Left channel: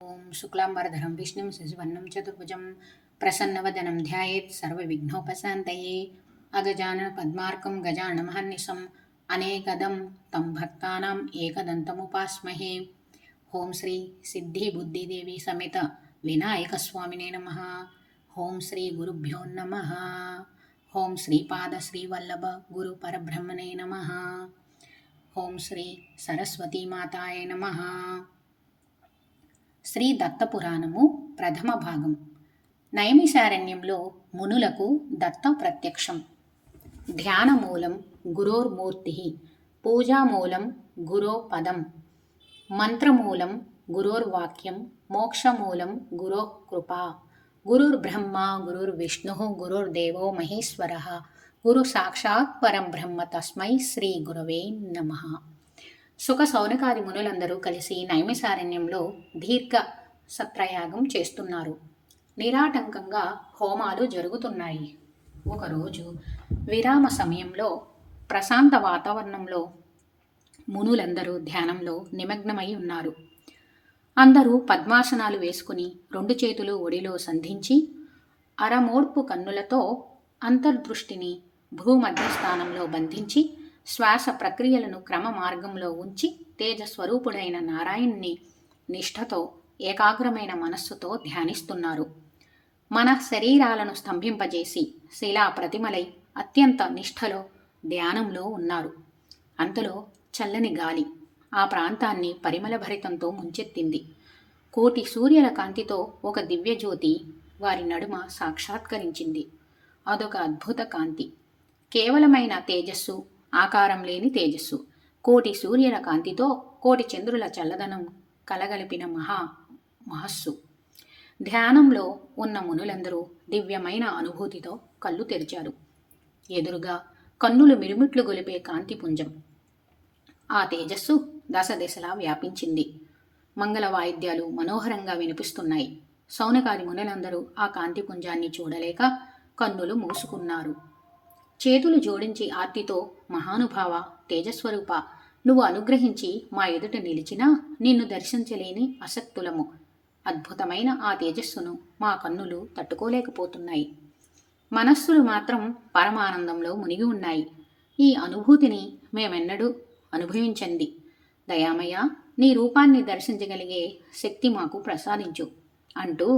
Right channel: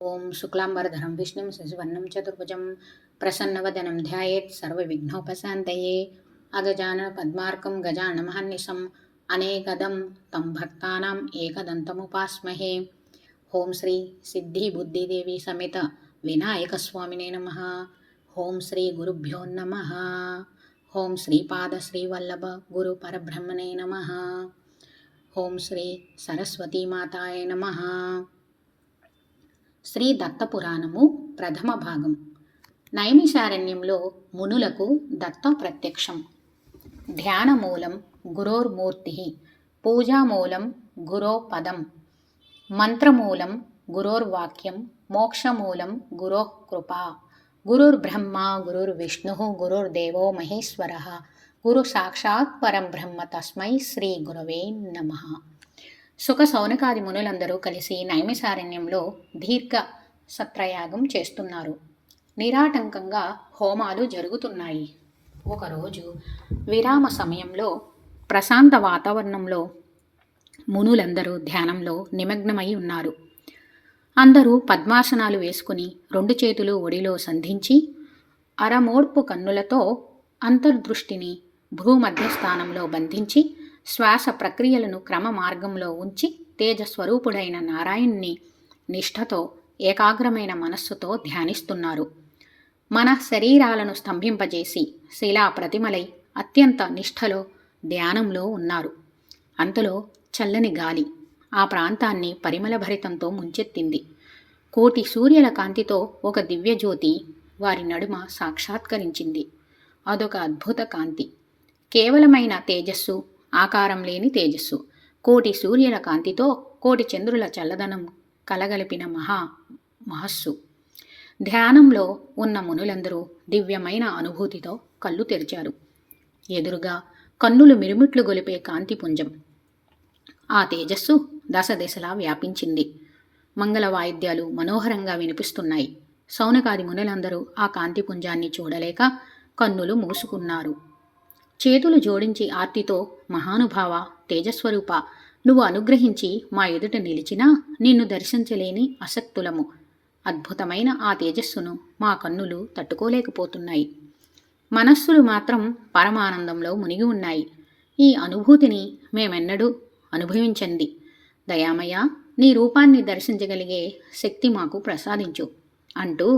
ఓం శుక్లాంబరధరం విష్ణుం శశివర్ణం చతుర్భుజం ప్రసన్నవదనం ధ్యాయేత్ సర్వవిఘ్నోపశాంతయే అగజానన పద్మార్కం గజాననమహర్నిశం అనేకదం తం భక్తానాం ఏకదంతముపాస్మహే. ఓం శ్రీ సిద్ధి బుద్ధిదేవి సమేత వినాయకస్వామినే నమః. ఓం శ్రీ గురుభ్యో నమః. ఓం శ్రీపాద శ్రీవల్లభ గురు పరబ్రహ్మణే నమః. ఓం శ్రీ సరస్వతీమాతాయ నమః. శ్రీ దత్తపురాణము ప్రథమ భాగం. నైమిషారణ్యంలో మునులకు దత్త ప్రత్యక్షం. ధ్యానమూలం గురోర్మూర్తి, పూజామూలం గురో పదం, మంత్రమూలం గురోర్వాక్యం, మోక్షమూలం గురో కృపా. గురుర్బ్రహ్మ గురుర్విష్ణు గురుర్దేవో మహేశ్వర, గురు సాక్షాత్ పరం బ్రహ్మ తస్మై శ్రీ గురవే నమః. సుఖ సౌనకాది మునులందరూ కలిసి నైమిషారణ్యంలో దీర్ఘ సత్రయాగం చేస్తున్నారు. నిరాటంకంగా హోమాలు జరుగుతున్నాయి. ఒకరోజు విరామ సమయంలో ప్రశాంత వాతావరణంలో మునులందరూ ధ్యానంలో నిమగ్నమై ఉన్నారు. అందరూ పద్మాసనాలు వేసుకుని రెండు చేతులు ఒడిలో సంధించి అరమోడ్పు కన్నులతో అంతర్దృష్టిని భూమధ్యస్థానంలో బంధించి శ్వాస ప్రక్రియలను క్రమ మార్గంలో ఉంచి తేజస్వరూపుడైన నారాయణుని నిష్ఠతో ఏకాగ్రమైన మనస్సుతో ధ్యానిస్తున్నారు. మన శరీరాలను స్తంభింపజేసి శిలా ప్రతిమలై అత్యంత నిష్ఠలో ధ్యానంలో ఉన్నారు. అంతలో చల్లని గాలి ఆ ప్రాంతాన్ని పరిమళభరితంతో ముంచెత్తింది. కోటి సూర్యుల కాంతితో ఒక దివ్యజ్యోతి వారి నడుమ సాక్షాత్కరించింది. అదొక అద్భుత కాంతి, కేవలమైన తేజస్సు, ఆకారం లేని తేజస్సు. కోటి సూర్యుల కాంతితో కోటి చంద్రుల చల్లదనం కలగలిపిన మహస్సు. ధ్యానంలో ఉన్న మునులందరూ దివ్యమైన అనుభూతితో కళ్ళు తెరిచారు. ఎదురుగా కన్నులు మిరుమిట్లు గొలిపే కాంతిపుంజం. ఆ తేజస్సు దశ దిశలా వ్యాపించింది. మంగళ వాయిద్యాలు మనోహరంగా వినిపిస్తున్నాయి. సౌనకాది మునులందరూ ఆ కాంతిపుంజాన్ని చూడలేక కన్నులు మూసుకున్నారు. చేతులు జోడించి ఆర్తితో, మహానుభావ తేజస్వరూప, నువ్వు అనుగ్రహించి మా ఎదుట నిలిచినా నిన్ను దర్శించలేని అసక్తులము. అద్భుతమైన ఆ తేజస్సును మా కన్నులు తట్టుకోలేకపోతున్నాయి. మనస్సులు మాత్రం పరమానందంలో మునిగి ఉన్నాయి. ఈ అనుభూతిని మేమెన్నడూ అనుభవించండి. దయామయ, నీ రూపాన్ని దర్శించగలిగే శక్తి మాకు ప్రసాదించు అంటూ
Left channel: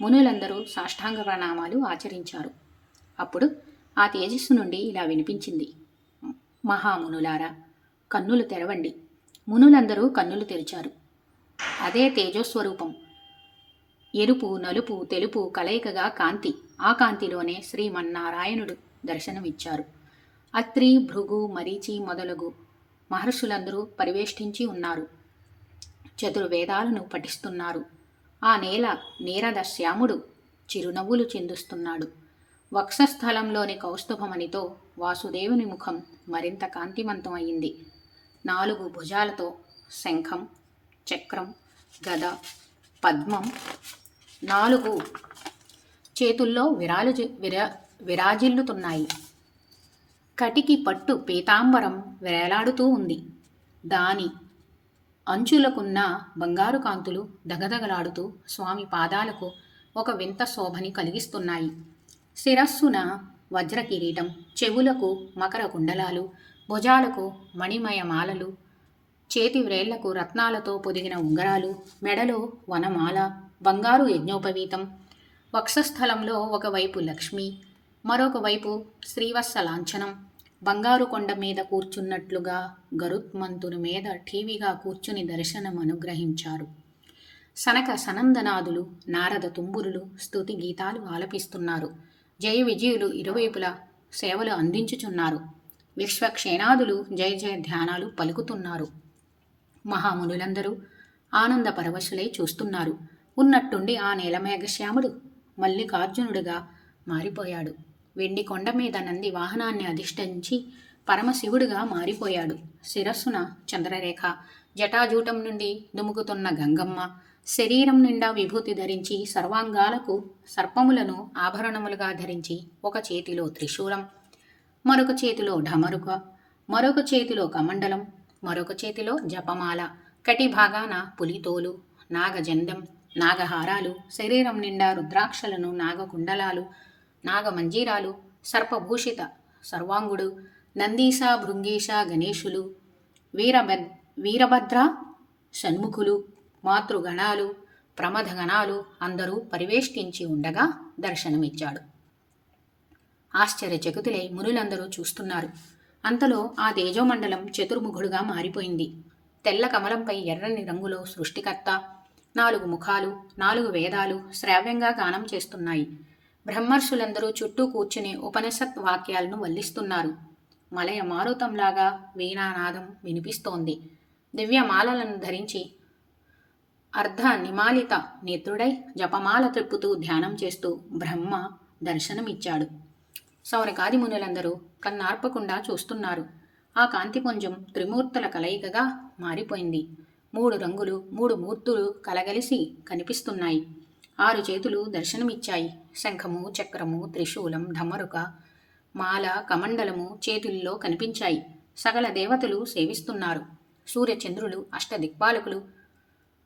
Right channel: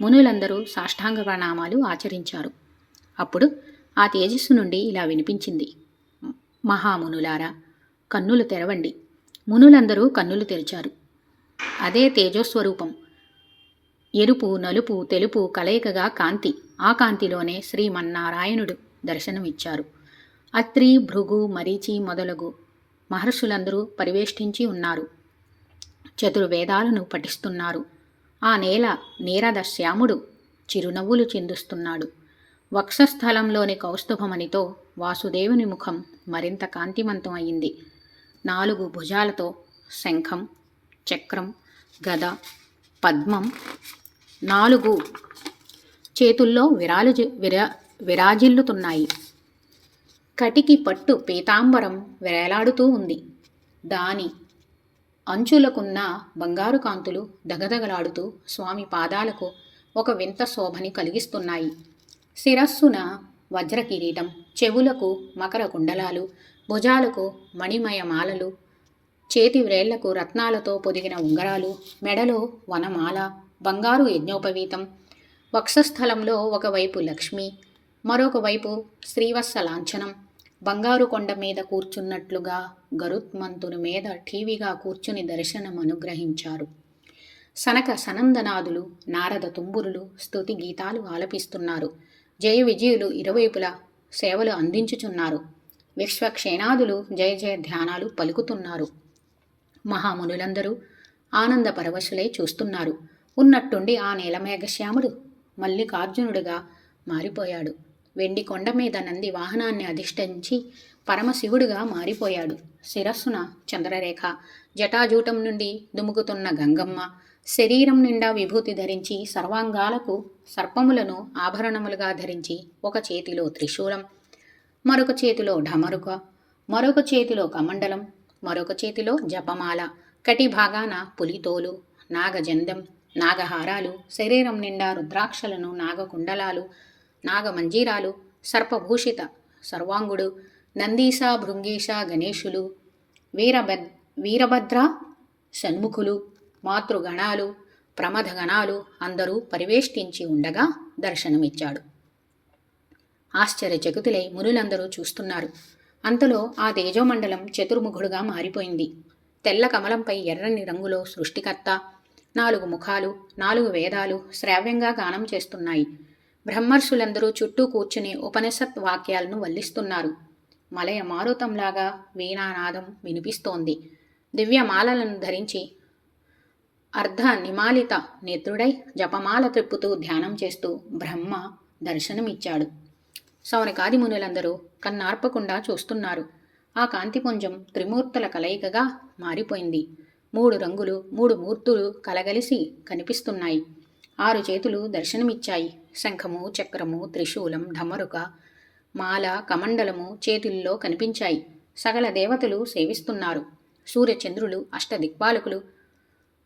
మునులందరూ సాష్టాంగ ప్రణామాలు ఆచరించారు. అప్పుడు ఆ తేజస్సు నుండి ఇలా వినిపించింది: మహామునులారా, కన్నులు తెరవండి. మునులందరూ కన్నులు తెరిచారు. అదే తేజస్వరూపం. ఎరుపు, నలుపు, తెలుపు కలయికగా కాంతి. ఆ కాంతిలోనే శ్రీమన్నారాయణుడు దర్శనమిచ్చారు. అత్రి, భృగు, మరీచి మొదలగు మహర్షులందరూ పరివేష్టించి ఉన్నారు. చతుర్వేదాలను పఠిస్తున్నారు. ఆ నేల నీరద శ్యాముడు చిరునవ్వులు చిందుస్తున్నాడు. వక్షస్థలంలోని కౌస్తుభమణితో వాసుదేవుని ముఖం మరింత కాంతిమంతం అయింది. 4 భుజాలతో శంఖం, చక్రం, గద, పద్మం, 4 చేతుల్లో విరాజిల్లుతున్నాయి. కటికి పట్టు పీతాంబరం వేలాడుతూ ఉంది. దాని అంచులకున్న బంగారు కాంతులు దగదగలాడుతూ స్వామి పాదాలకు ఒక వింత శోభని కలిగిస్తున్నాయి. శిరస్సున వజ్ర కిరీటం, చెవులకు మకర కుండలాలు, భుజాలకు మణిమయ మాలలు, చేతి వ్రేళ్లకు రత్నాలతో పొదిగిన ఉంగరాలు, మెడలో వనమాల, బంగారు యజ్ఞోపవీతం. వక్షస్థలంలో ఒకవైపు లక్ష్మి, మరొక వైపు శ్రీవత్స లాంఛనం. బంగారు కొండ మీద కూర్చున్నట్లుగా గరుత్మంతుని మీద ఠీవిగా కూర్చుని దర్శనం అనుగ్రహించారు. సనక సనందనాదులు, నారద తుంబురులు స్తుతి గీతాలు ఆలపిస్తున్నారు. జయ విజయులు ఇరువైపులా సేవలు అందించుచున్నారు. విశ్వక్షేణాదులు జయ జయ ధ్యానాలు పలుకుతున్నారు. మహామునులందరూ ఆనంద పరవశులై చూస్తున్నారు. ఉన్నట్టుండి ఆ నీలమేఘశ్యాముడు మల్లికార్జునుడిగా మారిపోయాడు. వెండి కొండ మీద నంది వాహనాన్ని అధిష్ఠించి పరమశివుడిగా మారిపోయాడు. శిరస్సున చంద్రరేఖ, జటాజూటం నుండి దుముకుతున్న గంగమ్మ, శరీరం నిండా విభూతి ధరించి సర్వాంగాలకు సర్పములను ఆభరణములుగా ధరించి ఒక చేతిలో త్రిశూలం, మరొక చేతిలో ఢమరుక, మరొక చేతిలో కమండలం, మరొక చేతిలో జపమాల, కటి భాగాన పులితోలు, నాగజందెం, నాగహారాలు, శరీరం నిండా రుద్రాక్షలను, నాగకుండలాలు, నాగమంజీరాలు, సర్పభూషిత సర్వాంగుడు, నందీశ, భృంగీశ, గణేశులు, వీరభద్ర, షణ్ముఖులు, మాతృగణాలు, ప్రమథగణాలు అందరూ పరివేష్టించి ఉండగా దర్శనమిచ్చాడు. ఆశ్చర్యచకితులై మునులందరూ చూస్తున్నారు. అంతలో ఆ తేజోమండలం చతుర్ముఖుడుగా మారిపోయింది. తెల్ల కమలంపై ఎర్రని రంగులో సృష్టికర్త, 4 ముఖాలు, 4 వేదాలు శ్రావ్యంగా గానం చేస్తున్నాయి. బ్రహ్మర్షులందరూ చుట్టూ కూర్చుని ఉపనిషత్ వాక్యాలను వల్లిస్తున్నారు. మలయ మారుతంలాగా వీణానాదం వినిపిస్తోంది. దివ్యమాలలను ధరించి అర్ధ నిమాలిత నేత్రుడై జపమాల త్రిప్పుతూ ధ్యానం చేస్తూ బ్రహ్మ దర్శనమిచ్చాడు. సౌనకాది మునులందరూ కన్నార్పకుండా చూస్తున్నారు. ఆ కాంతిపుంజం త్రిమూర్తుల కలయికగా మారిపోయింది. 3 రంగులు, 3 మూర్తులు కలగలిసి కనిపిస్తున్నాయి. 6 చేతులు దర్శనమిచ్చాయి. శంఖము, చక్రము, త్రిశూలం, ఢమరుక, మాల, కమండలము చేతుల్లో కనిపించాయి. సకల దేవతలు సేవిస్తున్నారు. సూర్యచంద్రులు, అష్టదిక్పాలకులు,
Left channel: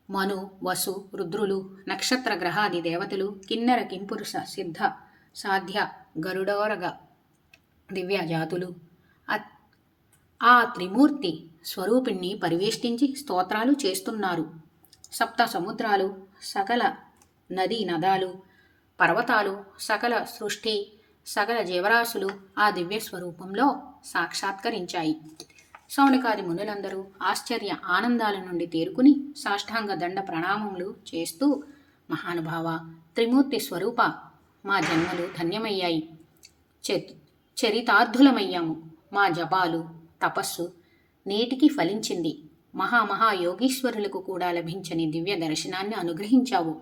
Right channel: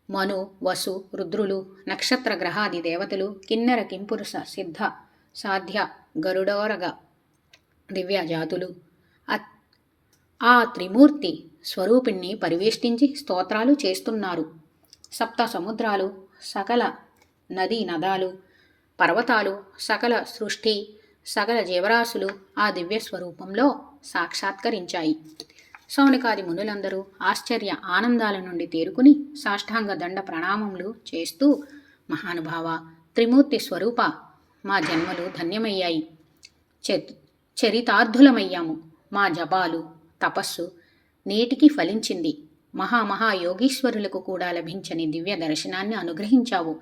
మను, వసు, రుద్రులు, నక్షత్ర గ్రహాది దేవతలు, కిన్నెర, కింపురుష, సిద్ధ, సాధ్య, గరుడోరగ దివ్యజాతులు ఆ త్రిమూర్తి స్వరూపిణ్ణి పరివేష్టించి స్తోత్రాలు చేస్తున్నారు. 7 సముద్రాలు, సకల నదీ నదాలు, పర్వతాలు, సకల సృష్టి, సకల జీవరాశులు ఆ దివ్య స్వరూపంలో సాక్షాత్కరించాయి. సౌనకాది మునులందరూ ఆశ్చర్య ఆనందాల నుండి తేరుకుని సాష్టాంగ దండ ప్రణామములు చేస్తూ, మహానుభావ, త్రిమూర్తి స్వరూప, మా జన్మలు ధన్యమయ్యాయి, చరితార్థులమయ్యాము. మా జపాలు, తపస్సు నేటికి ఫలించింది. మహాయోగీశ్వరులకు కూడా లభించని దివ్య దర్శనాన్ని అనుగ్రహించావు.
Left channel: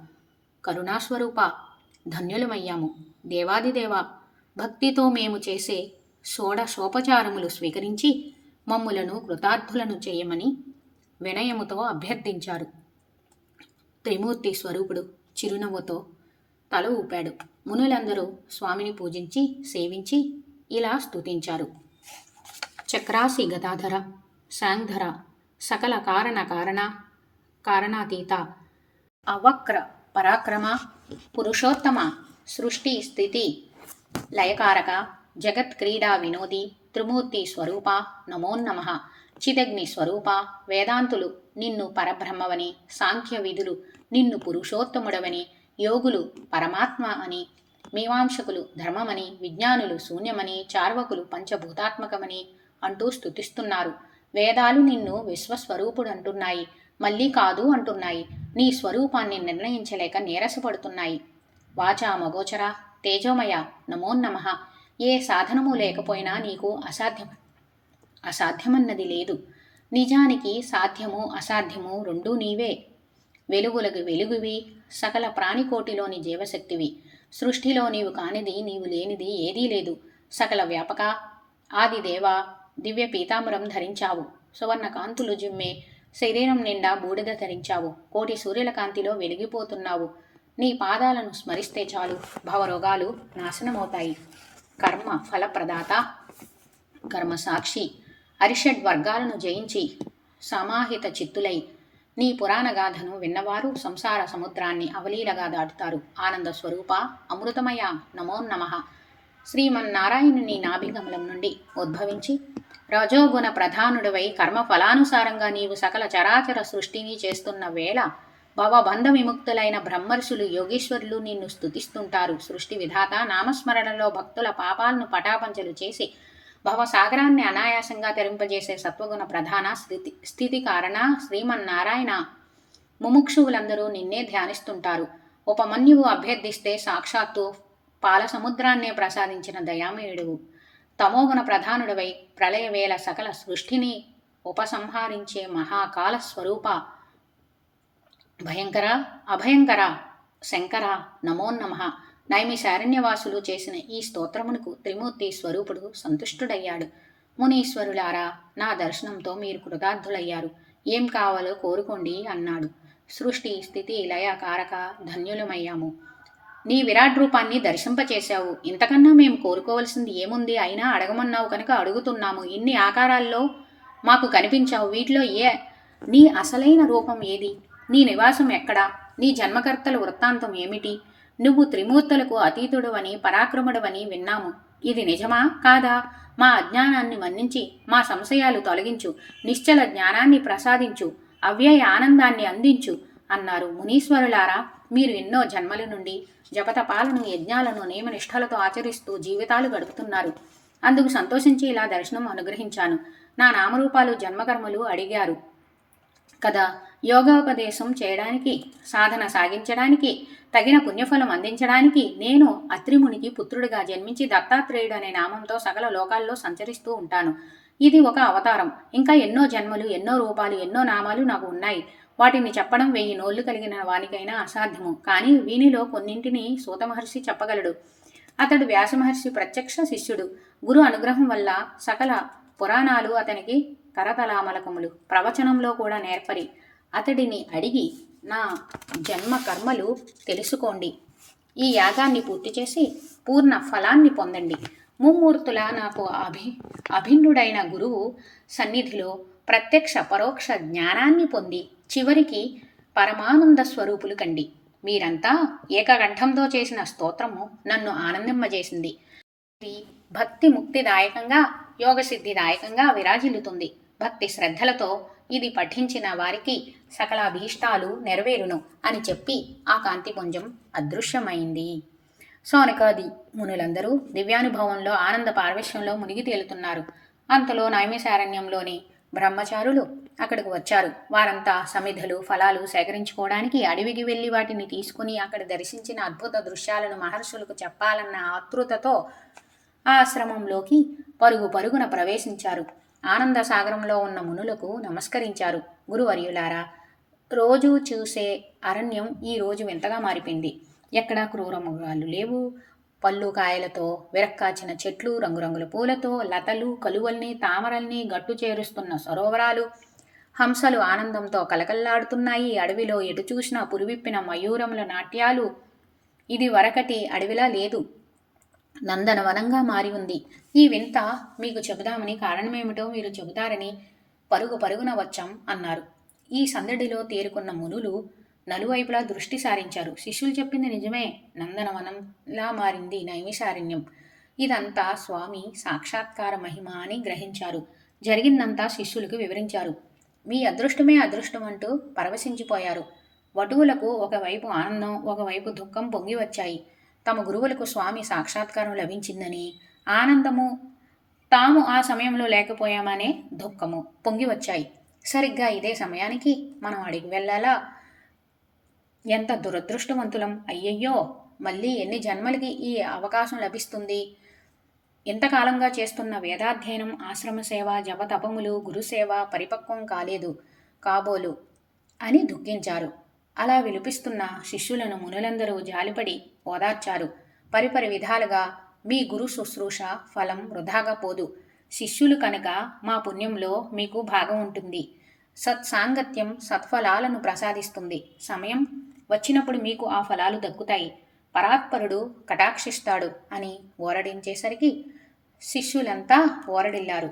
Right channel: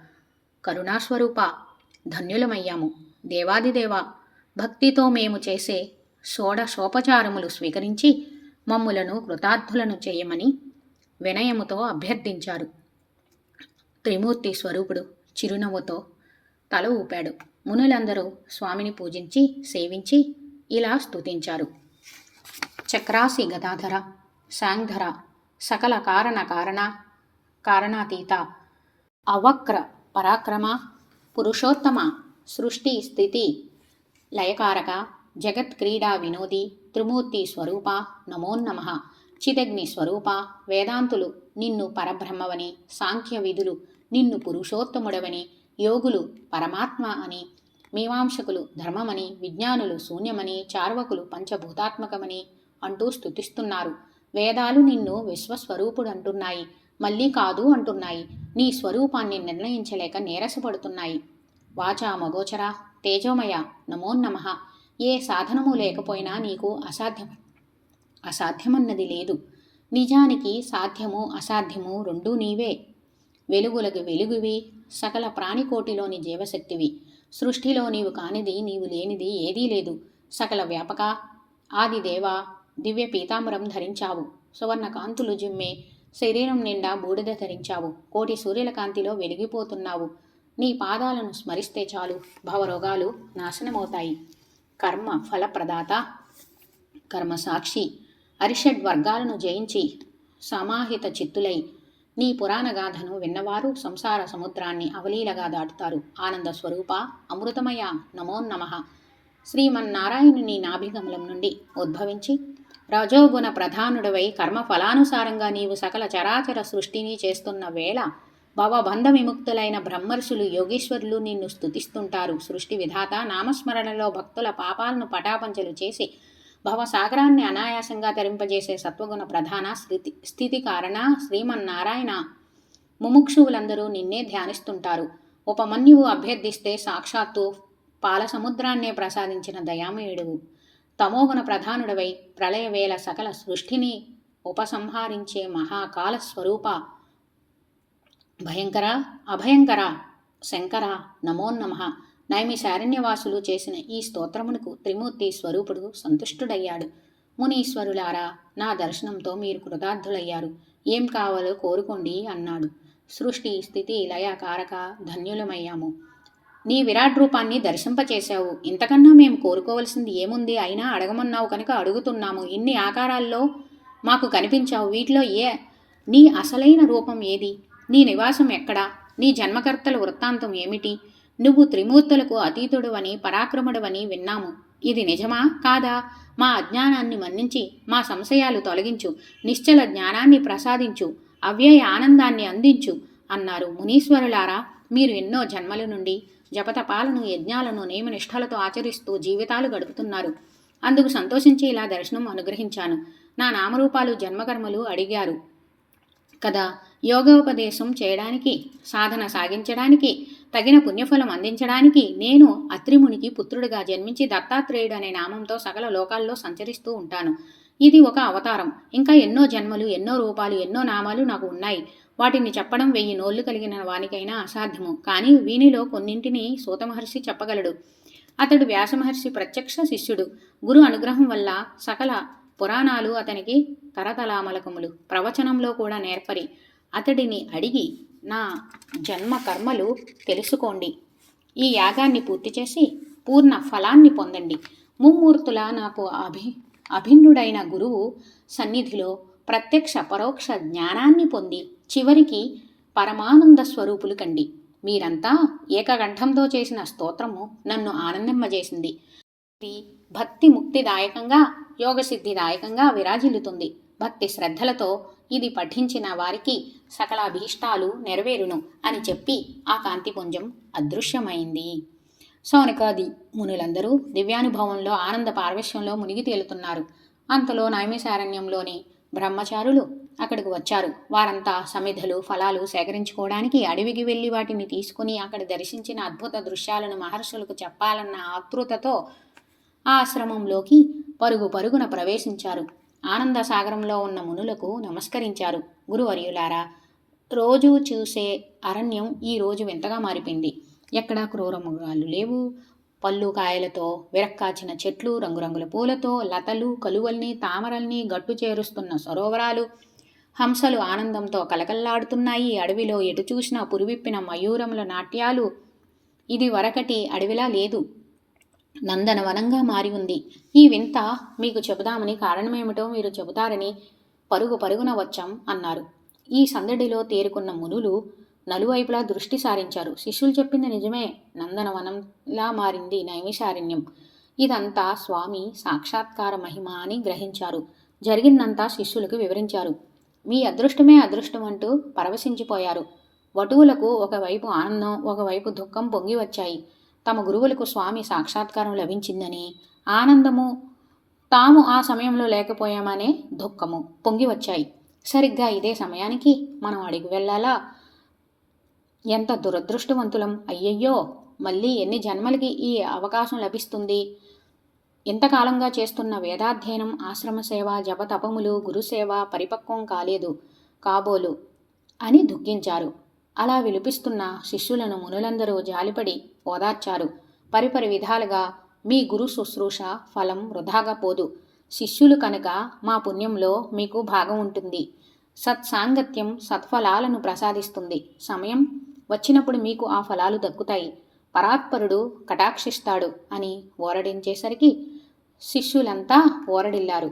కరుణాస్వరూప, ధన్యులమయ్యాము. దేవాదిదేవ, భక్తితో మేము చేసే షోడశోపచారములు స్వీకరించి మమ్ములను కృతార్థులను చేయమని వినయముతో అభ్యర్థించారు. త్రిమూర్తి స్వరూపుడు చిరునవ్వుతో తల ఊపాడు. మునులందరూ స్వామిని పూజించి సేవించి ఇలా స్తుతించారు. చక్రాసి గదాధర, శాంధర, సకల కారణాతీత, అవక్ర పరాక్రమ, పురుషోత్తమ, సృష్టి స్థితి లయకారక, జగత్ క్రీడా వినోది, త్రిమూర్తి స్వరూప, నమోన్నమః. చిదగ్ని స్వరూప, వేదాంతులు నిన్ను పరబ్రహ్మవని, సాంఖ్య విధులు నిన్ను పురుషోత్తముడవని, యోగులు పరమాత్మ అని, మీమాంసకులు ధర్మమని, విజ్ఞానులు శూన్యమని, చార్వకులు పంచభూతాత్మకమని అంటూ స్తుతిస్తున్నారు. వేదాలు నిన్ను విశ్వస్వరూపుడంటున్నాయి, మళ్ళీ కాదు అంటున్నాయి. నీ స్వరూపాన్ని నిర్ణయించలేక నీరసపడుతున్నాయి. వాచా మగోచర, తేజోమయ, నమోన్నమః. ఏ సాధనము లేకపోయినా నీకు అసాధ్యమన్నది లేదు. నిజానికి సాధ్యము అసాధ్యము రెండూ నీవే. వెలుగులకు వెలుగువి, సకల ప్రాణికోటిలోని జీవశక్తివి. సృష్టిలో నీవు కానిది, నీవు లేనిది ఏదీ లేదు. సకల వ్యాపక, ఆదిదేవ, దివ్య పీతాంబరం ధరించావు. సువర్ణ కాంతులు జిమ్మే శరీరం నిండా బూడిద ధరించావు. కోటి సూర్యుల కాంతిలో వెలిగిపోతున్నావు. నీ పాదాలను స్మరిస్తే చాలు భవరోగాలు నాశనమవుతాయి. కర్మ ఫలప్రదాత, కర్మసాక్షి, అరిషడ్ వర్గాలను జయించి సమాహిత చిత్తులై నీ పురాణగాథను విన్నవారు సంసార సముద్రాన్ని అవలీలగా దాటుతారు. ఆనంద స్వరూప, అమృతమయ, నమోన్నమః. శ్రీమన్నారాయణుని నాభిగమలం నుండి ఉద్భవించి రజోగుణ ప్రధానుడివై కర్మ ఫలానుసారంగా నీవు సకల చరాచర సృష్టిని చేస్తున్న వేళ భవబంధ విముక్తులైన బ్రహ్మర్షులు, యోగీశ్వరులు నిన్ను స్తుతిస్తుంటారు. సృష్టి విధాత నామస్మరణలో భక్తుల పాపాలను పటాపంచలు చేసి భవసాగరాన్ని అనాయాసంగా తరింపజేసే సత్వగుణ ప్రధాన స్థితి కారణ శ్రీమన్నారాయణ, ముముక్షువులందరూ నిన్నే ధ్యానిస్తుంటారు. ఉపమన్యువు అభ్యర్థిస్తే సాక్షాత్తు పాలసముద్రాన్నే ప్రసాదించిన దయామయుడువు. తమోగుణ ప్రధానుడివై ప్రళయవేళ సకల సృష్టిని ఉపసంహరించే మహాకాల స్వరూప, భయంకర, అభయంకర, శంకర, నమోన్నమః. నైమిశారణ్యవాసులు చేసిన ఈ స్తోత్రమునకు త్రిమూర్తి స్వరూపుడు సంతుష్టుడయ్యాడు. మునీశ్వరులారా, నా దర్శనంతో మీరు కృతార్థులయ్యారు. ఏం కావాలో కోరుకోండి అన్నాడు. సృష్టి స్థితి లయ కారక ధన్యులమయ్యాము. నీ విరాట్ రూపాన్ని దర్శింపచేశావు. ఇంతకన్నా మేము కోరుకోవలసింది ఏముంది? అయినా అడగమన్నావు కనుక అడుగుతున్నాము. ఇన్ని ఆకారాల్లో మాకు కనిపించావు. వీటిలో నీ అసలైన రూపం ఏది? నీ నివాసం ఎక్కడా? నీ జన్మకర్తల వృత్తాంతం ఏమిటి? నువ్వు త్రిమూర్తులకు అతీతుడవని పరాక్రముడవని విన్నాము. ఇది నిజమా కాదా? మా అజ్ఞానాన్ని మన్నించి మా సంశయాలు తొలగించు, నిశ్చల జ్ఞానాన్ని ప్రసాదించు, అవ్యయ ఆనందాన్ని అందించు అన్నారు. మునీశ్వరులారా, మీరు ఎన్నో జన్మల నుండి జపతపాలను యజ్ఞాలను నియమనిష్టలతో ఆచరిస్తూ జీవితాలు గడుపుతున్నారు. అందుకు సంతోషించి ఇలా దర్శనం అనుగ్రహించాను. నా నామరూపాలు జన్మకర్మలు అడిగారు కదా. యోగోపదేశం చేయడానికి, సాధన సాగించడానికి, తగిన పుణ్యఫలం అందించడానికి నేను అత్రిమునికి పుత్రుడిగా జన్మించి దత్తాత్రేయుడు అనే నామంతో సకల లోకాల్లో సంచరిస్తూ ఉంటాను. ఇది ఒక అవతారం. ఇంకా ఎన్నో జన్మలు, ఎన్నో రూపాలు, ఎన్నో నామాలు నాకు ఉన్నాయి. వాటిని చెప్పడం 1000 నోళ్లు కలిగిన వానికైనా అసాధ్యము. కానీ వీనిలో కొన్నింటిని సూతమహర్షి చెప్పగలడు. అతడు వ్యాసమహర్షి ప్రత్యక్ష శిష్యుడు. గురు అనుగ్రహం వల్ల సకల పురాణాలు అతనికి కరతలామలకములు. ప్రవచనంలో కూడా నేర్పరి. అతడిని అడిగి నా జన్మ కర్మలు తెలుసుకోండి. ఈ యాగాన్ని పూర్తి చేసి పూర్ణ ఫలాన్ని పొందండి. ముమ్మూర్తుల నాకు అభిన్నుడైన గురువు సన్నిధిలో ప్రత్యక్ష పరోక్ష జ్ఞానాన్ని పొంది చివరికి పరమానంద స్వరూపులు కండి. మీరంతా ఏకకంఠంతో చేసిన స్తోత్రము నన్ను ఆనందింపజేసింది. ఇది భక్తి ముక్తిదాయకంగా, యోగసిద్ధిదాయకంగా విరాజిల్లుతుంది. భక్తి శ్రద్ధలతో ఇది పఠించిన వారికి సకల అభీష్టాలు నెరవేరును అని చెప్పి ఆ కాంతిపుంజం అదృశ్యమైంది. సౌనకాది మునులందరూ దివ్యానుభవంలో ఆనంద పారవశ్యంలో మునిగి తేలుతున్నారు. అంతలో నైమిషారణ్యంలోని బ్రహ్మచారులు అక్కడికి వచ్చారు. వారంతా సమిధలు, ఫలాలు సేకరించుకోవడానికి అడవికి వెళ్ళి వాటిని తీసుకుని అక్కడ దర్శించిన అద్భుత దృశ్యాలను మహర్షులకు చెప్పాలన్న ఆతృతతో ఆశ్రమంలోకి పరుగు పరుగున ప్రవేశించారు. ఆనంద సాగరంలో ఉన్న మునులకు నమస్కరించారు. గురువర్యులారా, రోజు చూసే అరణ్యం ఈ రోజు వింతగా మారిపోయింది. ఎక్కడా క్రూర మృగాలు లేవు. పళ్ళు కాయలతో విరక్కాచిన చెట్లు, రంగురంగుల పూలతో, లతలు, కలువల్ని, తామరల్ని గట్టు చేరుస్తున్న సరోవరాలు, హంసలు ఆనందంతో కలకల్లాడుతున్నాయి. అడవిలో ఎటు చూసినా పురివిప్పిన మయూరముల నాట్యాలు. ఇది వరకటి అడవిలా లేదు, నందనవనంగా మారి ఉంది. ఈ వింత మీకు చెబుదామని, కారణమేమిటో మీరు చెబుతారని పరుగు పరుగున వచ్చాం అన్నారు. ఈ సందడిలో తేరుకున్న మునులు నలువైపులా దృష్టి సారించారు. శిష్యులు చెప్పింది నిజమే. నందనవనంలా మారింది నైమిషారణ్యం. ఇదంతా స్వామి సాక్షాత్కార మహిమ అని గ్రహించారు. జరిగిందంతా శిష్యులకు వివరించారు. మీ అదృష్టమే అదృష్టం అంటూ పరవశించిపోయారు. వటువులకు ఒకవైపు ఆనందం, ఒకవైపు దుఃఖం పొంగి వచ్చాయి. తమ గురువులకు స్వామి సాక్షాత్కారం లభించిందని ఆనందము, తాము ఆ సమయంలో లేకపోయామనే దుఃఖము పొంగి వచ్చాయి. సరిగ్గా ఇదే సమయానికి మనం అడిగి వెళ్ళాలా? ఎంత దురదృష్టవంతులం! అయ్యయ్యో, మళ్ళీ ఎన్ని జన్మలకి ఈ అవకాశం లభిస్తుంది? ఇంతకాలంగా చేస్తున్న వేదాధ్యయనం, ఆశ్రమసేవ, జపతపములు, గురుసేవ పరిపక్వం కాలేదు కాబోలు అని దుఃఖించారు. అలా విలిపిస్తున్న శిష్యులను మునులందరూ జాలిపడి ఓదార్చారు. పరిపరి విధాలుగా మీ గురు శుశ్రూష ఫలం వృధాగా పోదు. శిష్యులు కనుక మా పుణ్యంలో మీకు భాగం ఉంటుంది. సత్సాంగత్యం సత్ఫలాలను ప్రసాదిస్తుంది. సమయం వచ్చినప్పుడు మీకు ఆ ఫలాలు దక్కుతాయి. పరాత్పరుడు కటాక్షిస్తాడు అని ఓరడించేసరికి శిష్యులంతా ఓరడిల్లారు.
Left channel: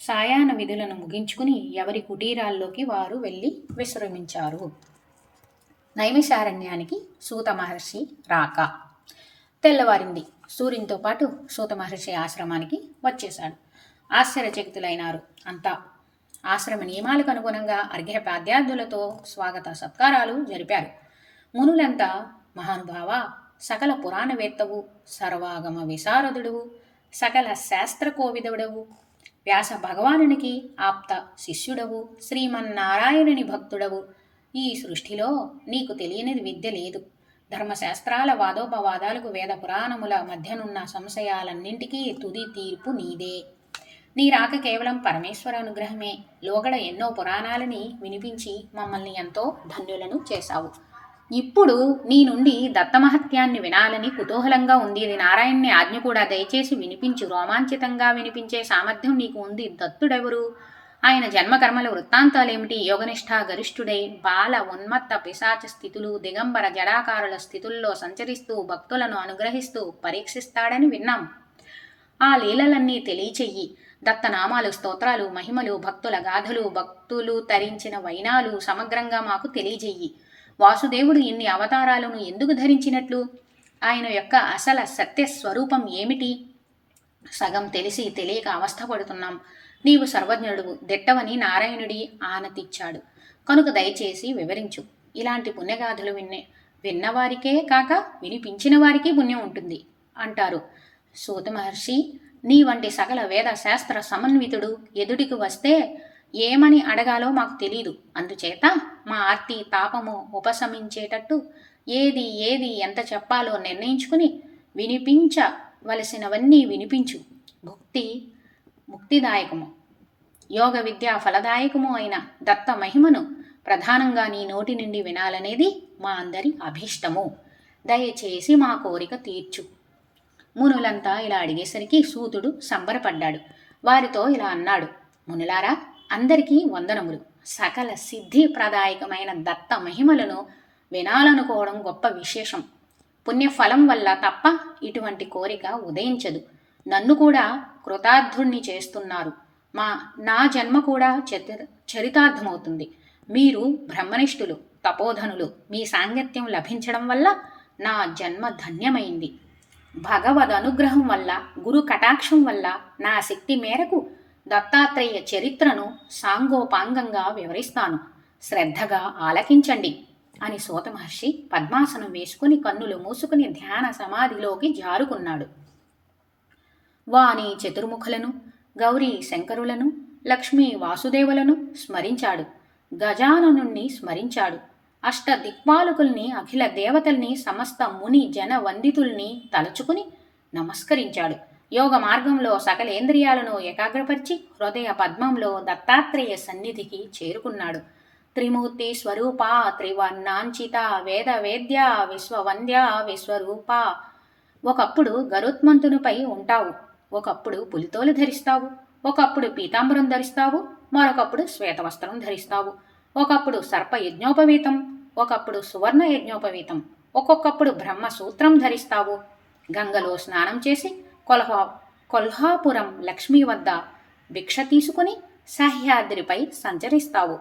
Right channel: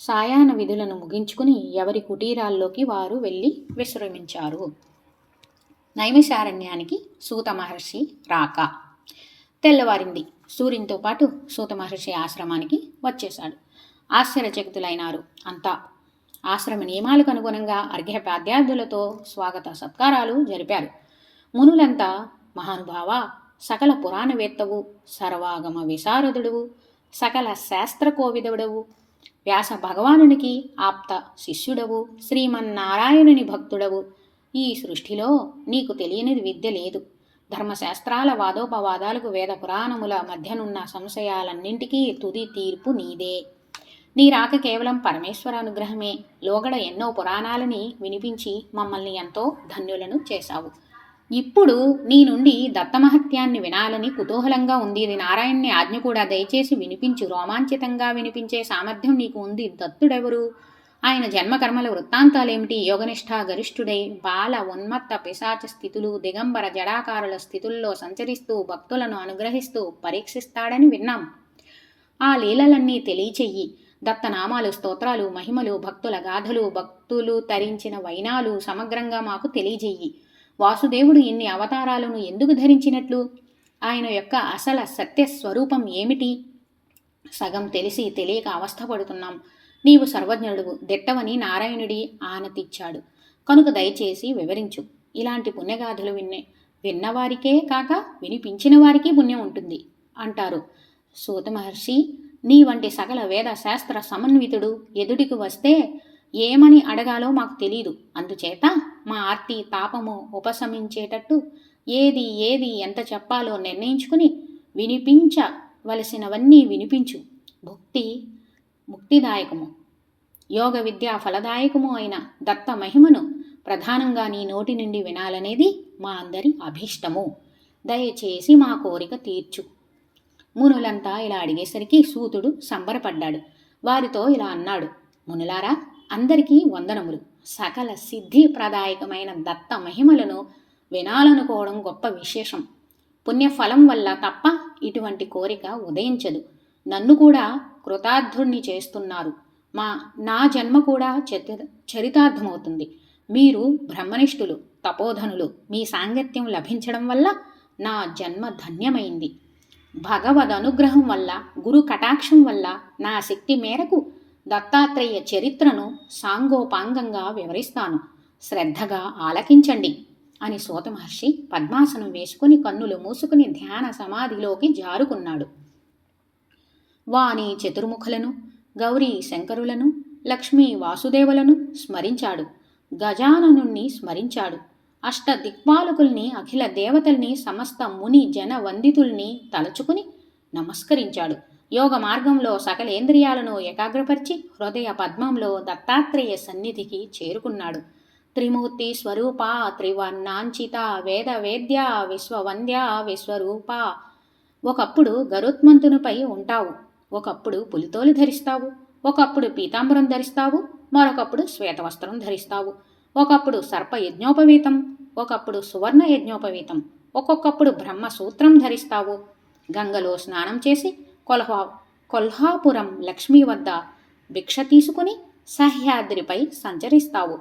సాయాహ్న విధులను ముగించుకుని ఎవరి కుటీరాల్లోకి వారు వెళ్ళి విశ్రమించారు. నైమిషారణ్యానికి సూత మహర్షి రాక. తెల్లవారింది. సూర్యునితో పాటు సూత మహర్షి ఆశ్రమానికి వచ్చేశాడు. ఆశ్చర్యచకితులైనారు అంతా. ఆశ్రమ నియమాలకు అనుగుణంగా అర్ఘ్యపాద్యాదులతో స్వాగత సత్కారాలు జరిపారు. మునులంతా, మహానుభావ, సకల పురాణవేత్తవు, సర్వాగమ విశారదుడువు, సకల శాస్త్రకోవిదుడవు, వ్యాస భగవానునికి ఆప్త శిష్యుడవు, శ్రీమన్నారాయణుని భక్తుడవు, ఈ సృష్టిలో నీకు తెలియనిది విద్య లేదు. ధర్మశాస్త్రాల వాదోపవాదాలకు, వేద పురాణముల మధ్యనున్న సంశయాలన్నింటికీ తుది తీర్పు నీదే. నీ రాక కేవలం పరమేశ్వర అనుగ్రహమే. లోగడ ఎన్నో పురాణాలని వినిపించి మమ్మల్ని ఎంతో ధన్యులను చేశావు. ఇప్పుడు నీ నుండి దత్తమహత్యాన్ని వినాలని కుతూహలంగా ఉంది. ఇది నారాయణ్ణి ఆజ్ఞ కూడా దయచేసి వినిపించు. రోమాంచితంగా వినిపించే సామర్థ్యం నీకు ఉంది. దత్తుడెవరు? ఆయన జన్మకర్మల వృత్తాంతాలేమిటి? యోగనిష్ఠ గరిష్ఠుడై బాల ఉన్మత్త పిశాచ స్థితులు, దిగంబర జడాకారుల స్థితుల్లో సంచరిస్తూ భక్తులను అనుగ్రహిస్తూ పరీక్షిస్తాడని విన్నాం. ఆ లీలలన్నీ తెలియచెయ్యి. దత్తనామాలు, స్తోత్రాలు, మహిమలు, భక్తుల గాథలు, భక్తులు తరించిన వైనాలు సమగ్రంగా మాకు తెలియజెయ్యి. వాసుదేవుడు ఇన్ని అవతారాలను ఎందుకు ధరించినట్లు? ఆయన యొక్క అసలు సత్యస్వరూపం ఏమిటి? సగం తెలిసి తెలియక అవస్థపడుతున్నాం. నీవు సర్వజ్ఞుడు దిట్టవని నారాయణుడి ఆనతిచ్చాడు కనుక దయచేసి వివరించు. ఇలాంటి పుణ్యగాథలు విన్నవారికే కాక వినిపించిన వారికి పుణ్యం ఉంటుంది అంటారు. సూత మహర్షి, నీ వంటి సకల వేద శాస్త్ర సమన్వితుడు ఎదుటికి వస్తే ఏమని అడగాలో మాకు తెలీదు. అందుచేత మా ఆర్తి తాపము ఉపశమించేటట్టు ఏది ఏది ఎంత చెప్పాలో నిర్ణయించుకుని వినిపించవలసినవన్నీ వినిపించు. ముక్తిదాయకము యోగ విద్యా ఫలదాయకము అయిన దత్త మహిమను ప్రధానంగా నీ నోటి నుండి వినాలనేది మా అందరి అభీష్టము. దయచేసి మా కోరిక తీర్చు. మునులంతా ఇలా అడిగేసరికి సూతుడు సంబరపడ్డాడు. వారితో ఇలా అన్నాడు. మునులారా, అందరికీ వందనములు. సకల సిద్ధిప్రదాయకమైన దత్త మహిమలను వినాలనుకోవడం గొప్ప విశేషం. పుణ్యఫలం వల్ల తప్ప ఇటువంటి కోరిక ఉదయించదు. నన్ను కూడా కృతార్థుణ్ణి చేస్తున్నారు. నా జన్మ కూడా చరితార్థమవుతుంది. మీరు బ్రహ్మనిష్ఠులు, తపోధనులు. మీ సాంగత్యం లభించడం వల్ల నా జన్మ ధన్యమైంది. భగవద్ అనుగ్రహం వల్ల, గురు కటాక్షం వల్ల నా శక్తి మేరకు దత్తాత్రేయ చరిత్రను సాంగోపాంగంగా వివరిస్తాను. శ్రద్ధగా ఆలకించండి అని సూత మహర్షి పద్మాసనం వేసుకుని కన్నులు మూసుకుని ధ్యాన సమాధిలోకి జారుకున్నాడు. వాణి చతుర్ముఖులను, గౌరీ శంకరులను, లక్ష్మీ వాసుదేవులను స్మరించాడు. గజాననుణ్ణి స్మరించాడు. అష్టదిక్పాలకుల్ని, అఖిల దేవతల్ని, సమస్త ముని జన వందితుల్ని తలుచుకుని నమస్కరించాడు. యోగ మార్గంలో సకలేంద్రియాలను ఏకాగ్రపరిచి హృదయ పద్మంలో దత్తాత్రేయ సన్నిధికి చేరుకున్నాడు. త్రిమూర్తి స్వరూప, త్రివర్ణాంచిత, వేద వేద్య, విశ్వవంద్య, విశ్వరూప. ఒకప్పుడు గరుత్మంతునిపై ఉంటావు, ఒకప్పుడు పులితోలు ధరిస్తావు, ఒకప్పుడు పీతాంబరం ధరిస్తావు, మరొకప్పుడు శ్వేతవస్త్రం ధరిస్తావు. ఒకప్పుడు సర్ప యజ్ఞోపవీతం, ఒకప్పుడు సువర్ణ యజ్ఞోపవీతం, ఒక్కొక్కప్పుడు బ్రహ్మసూత్రం ధరిస్తావు. గంగలో స్నానం చేసి కొల్హాపురం లక్ష్మీ వద్ద భిక్ష తీసుకుని సహ్యాద్రిపై సంచరిస్తావు.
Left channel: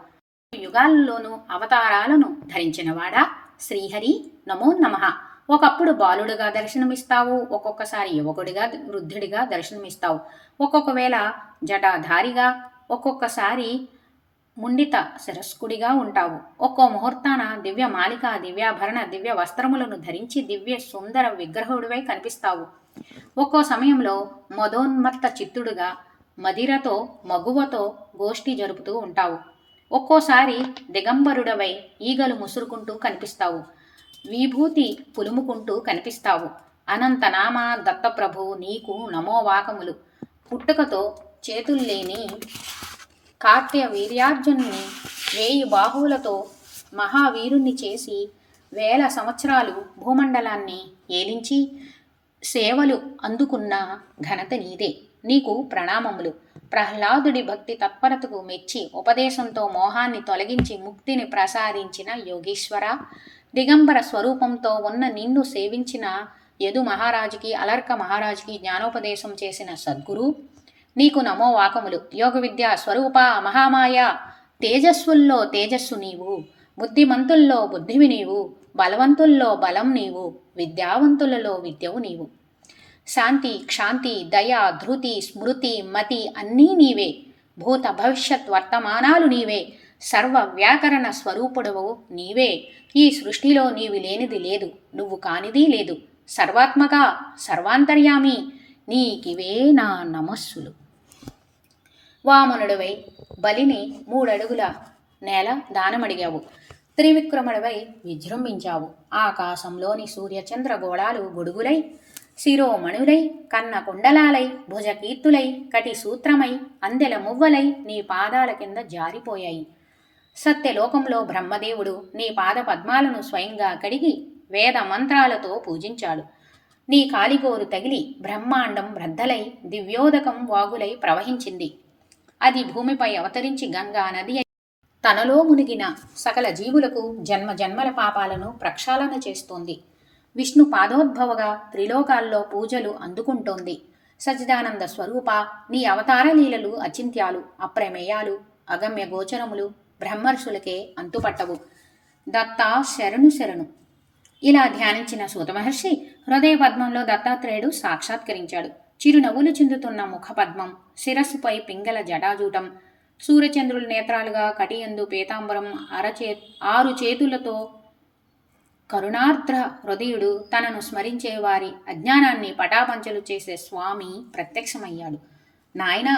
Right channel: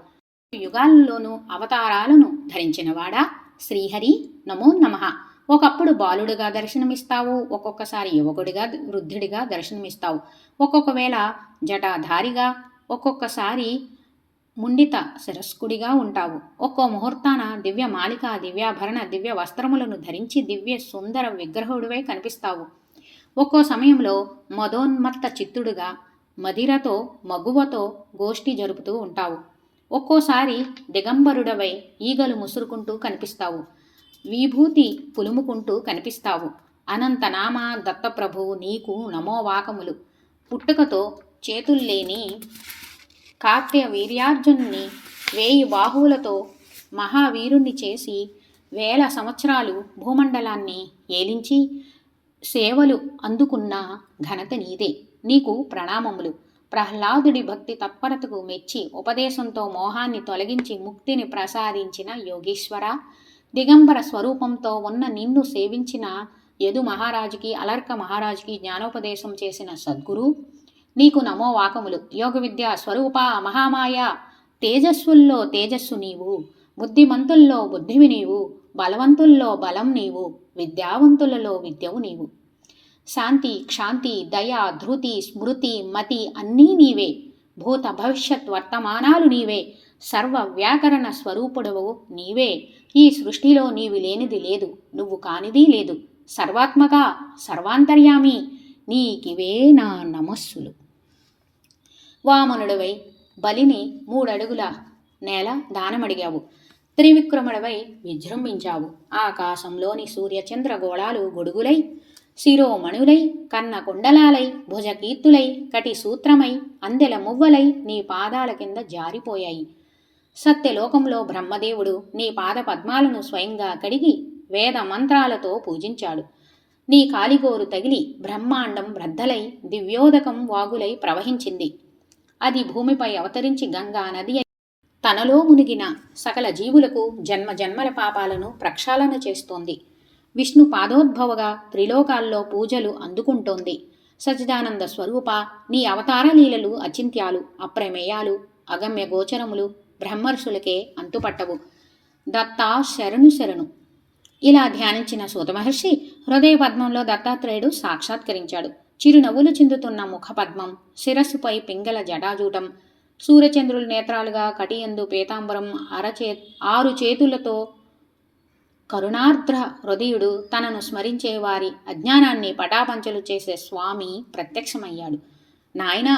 యుగాల్లోనూ అవతారాలను ధరించినవాడా శ్రీహరి నమో నమః. ఒకప్పుడు బాలుడిగా దర్శనమిస్తావు, ఒక్కొక్కసారి యువకుడిగా వృద్ధుడిగా దర్శనమిస్తావు, ఒక్కొక్క వేళ జటాధారిగా, ఒక్కొక్కసారి ముండిత శిరస్కుడిగా ఉంటావు. ఒక్కో ముహూర్తాన దివ్య మాలిక, దివ్యాభరణ, దివ్య వస్త్రములను ధరించి దివ్య సుందర విగ్రహుడివై కనిపిస్తావు. ఒక్కో సమయంలో మదోన్మత్త చిత్తుడుగా మదిరతో మగువతో గోష్ఠి జరుపుతూ ఉంటావు. ఒక్కోసారి దిగంబరుడవై ఈగలు ముసురుకుంటూ కనిపిస్తావు, విభూతి పులుముకుంటూ కనిపిస్తావు. అనంతనామ దత్తప్రభు నీకు నమోవాకములు. పుట్టుకతో చేతుల్లేని కాట్య వీర్యార్జునుని 1000 బాహువులతో మహావీరుణ్ణి చేసి 1000 సంవత్సరాలు భూమండలాన్ని ఏలించి సేవలు అందుకున్న ఘనత నీదే. నీకు ప్రణామములు. ప్రహ్లాదుడి భక్తి తత్పరతకు మెచ్చి ఉపదేశంతో మోహాన్ని తొలగించి ముక్తిని ప్రసాదించిన యోగీశ్వర, దిగంబర స్వరూపంతో ఉన్న నిన్ను సేవించిన యదు మహారాజుకి, అలర్క మహారాజుకి జ్ఞానోపదేశం చేసిన సద్గురు, నీకు నమో వాకములు. యోగ విద్యా స్వరూప మహామాయ, తేజస్సుల్లో తేజస్సు నీవు, బుద్ధిమంతుల్లో బుద్ధివి నీవు, బలవంతుల్లో బలం నీవు, విద్యావంతులలో విద్యవు నీవు. శాంతి, క్షాంతి, దయ, ధృతి, స్మృతి, మతి అన్నీ నీవే. భూత భవిష్యత్ వర్తమానాలు నీవే. సర్వ వ్యాకరణ స్వరూపుడవు నీవే. ఈ సృష్టిలో నీవు లేనిది లేదు, నువ్వు కానిది లేదు. సర్వాత్మక, సర్వాంతర్యామి, నీకివే నా నమస్సులు. వామనుడివై బలిని 3 అడుగుల నేల దానమడిగావు. త్రివిక్రముడివై విజృంభించావు. ఆకాశంలోని సూర్యచంద్ర గోళాలు గొడుగులై, శిరోమణులై, కన్న కుండలాలై, భుజకీర్తులై, కటి సూత్రమై, అందెల మువ్వలై నీ పాదాల కింద జారిపోయాయి. సత్యలోకంలో బ్రహ్మదేవుడు నీ పాద పద్మాలను స్వయంగా కడిగి వేద మంత్రాలతో పూజించాడు. నీ కాలిగోరు తగిలి బ్రహ్మాండం బ్రద్దలై దివ్యోదకం వాగులై ప్రవహించింది. అది భూమిపై అవతరించి గంగా నది తనలో మునిగిన సకల జీవులకు జన్మ జన్మల పాపాలను ప్రక్షాళన చేస్తోంది. విష్ణు పాదోద్భవగా త్రిలోకాల్లో పూజలు అందుకుంటోంది. సచ్చిదానంద స్వరూప, నీ అవతార లీలలు అచింత్యాలు, అప్రమేయాలు, అగమ్య గోచరములు, బ్రహ్మర్షులకే అంతుపట్టవు. దత్తా శరణు శరణు. ఇలా ధ్యానించిన సూత మహర్షి హృదయ పద్మంలో దత్తాత్రేయుడు సాక్షాత్కరించాడు. చిరునవ్వులు చిందుతున్న ముఖపద్మం, శిరస్సుపై పింగళ జటాజూటం, సూర్యచంద్రుల నేత్రాలుగా కటియందు పీతాంబరం, 6 చేతులతో కరుణార్ద్ర హృదయుడు, తనను స్మరించే వారి అజ్ఞానాన్ని పటాపంచలు చేసే స్వామి ప్రత్యక్షమయ్యాడు. నాయనా,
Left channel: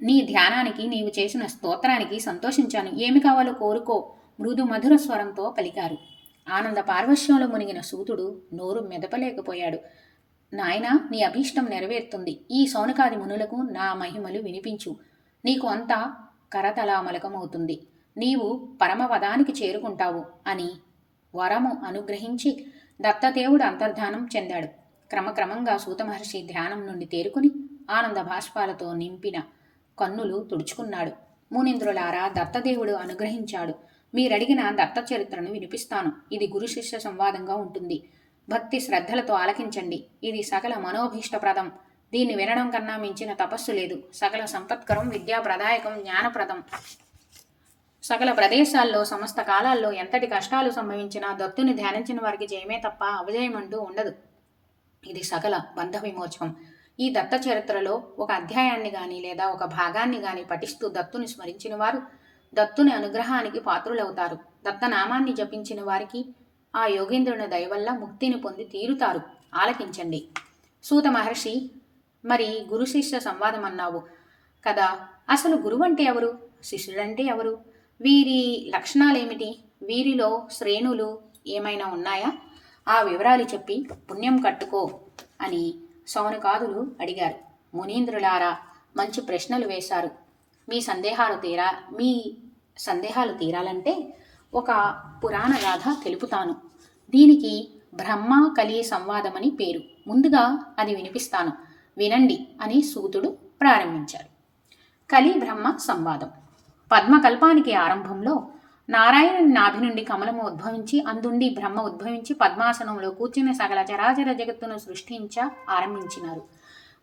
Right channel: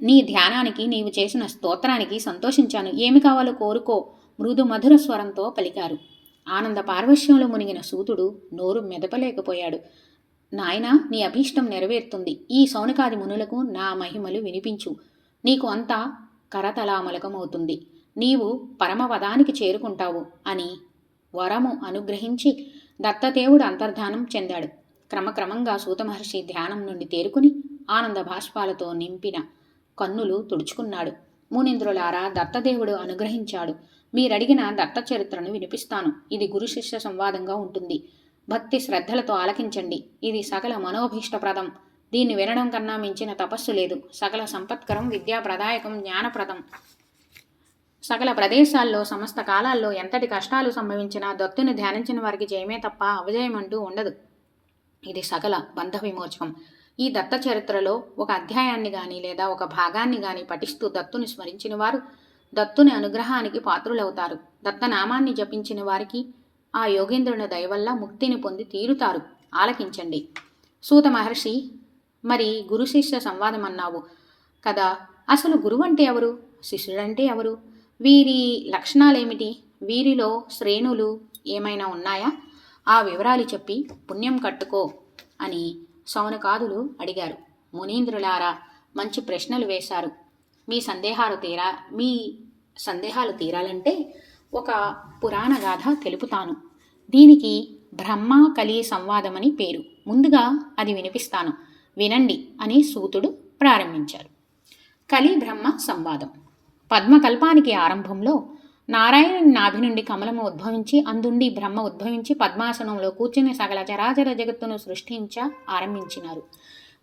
నీ ధ్యానానికి, నీవు చేసిన స్తోత్రానికి సంతోషించాను. ఏమి కావాలో కోరుకో, మృదు మధుర స్వరంతో పలికారు. ఆనంద పార్వశ్యంలో మునిగిన సూతుడు నోరు మెదపలేకపోయాడు. నాయనా, నీ అభీష్టం నెరవేరుతుంది. ఈ సౌనకాది మునులకు నా మహిమలు వినిపించు. నీకు అంతా కరతలామలకమవుతుంది. నీవు పరమపదానికి చేరుకుంటావు అని వరము అనుగ్రహించి దత్తదేవుడు అంతర్ధానం చెందాడు. క్రమక్రమంగా సూతమహర్షి ధ్యానం నుండి తేరుకుని ఆనంద భాష్పాలతో నింపిన కన్నులు తుడుచుకున్నాడు. మునీంద్రులారా, దత్తదేవుడు అనుగ్రహించాడు. మీరడిగిన దత్త చరిత్రను వినిపిస్తాను. ఇది గురు శిష్య సంవాదంగా ఉంటుంది. భక్తి శ్రద్ధలతో ఆలకించండి. ఇది సకల మనోభీష్టప్రదం. దీన్ని వినడం కన్నా మించిన తపస్సు లేదు. సకల సంపత్కరం, విద్యాప్రదాయకం, జ్ఞానప్రదం. సకల ప్రదేశాల్లో, సమస్త కాలాల్లో ఎంతటి కష్టాలు సంభవించినా దత్తుని ధ్యానించిన వారికి జయమే తప్ప అవజయమంటూ ఉండదు. ఇది సకల బంధ విమోచకం. ఈ దత్త చరిత్రలో ఒక అధ్యాయాన్ని గాని లేదా ఒక భాగాన్ని గాని పఠిస్తూ దత్తుని స్మరించిన వారు దత్తుని అనుగ్రహానికి పాత్రులవుతారు. దత్తనామాన్ని జపించిన వారికి ఆ యోగేంద్రుని దయవల్ల ముక్తిని పొంది తీరుతారు. ఆలకించండి. సూత మహర్షి, మరి గురు శిష్య సంవాదం అన్నావు కదా, అసలు గురువు అంటే ఎవరు, శిష్యుడంటే ఎవరు, వీరి లక్షణాలేమిటి, వీరిలో శ్రేణులు ఏమైనా ఉన్నాయా, ఆ వివరాలు చెప్పి పుణ్యం కట్టుకో అని సౌనకాదులు అడిగారు. మునీంద్రులారా, మంచి ప్రశ్నలు వేశారు. మీ సందేహాలు తీరాలంటే ఒక పురాణ గాథ తెలుపుతాను. దీనికి బ్రహ్మ కలి సంవాదమని పేరు. ముందుగా అది వినిపిస్తాను, వినండి అని సూతుడు ప్రారంభించారు. కలి బ్రహ్మ సంవాదం. పద్మకల్పానికి ఆరంభంలో నారాయణుని నాభి నుండి కమలము ఉద్భవించి, అందుండి బ్రహ్మ ఉద్భవించి పద్మాసనంలో కూర్చుని సకల చరాచర జగత్తును ఆరంభించినారు.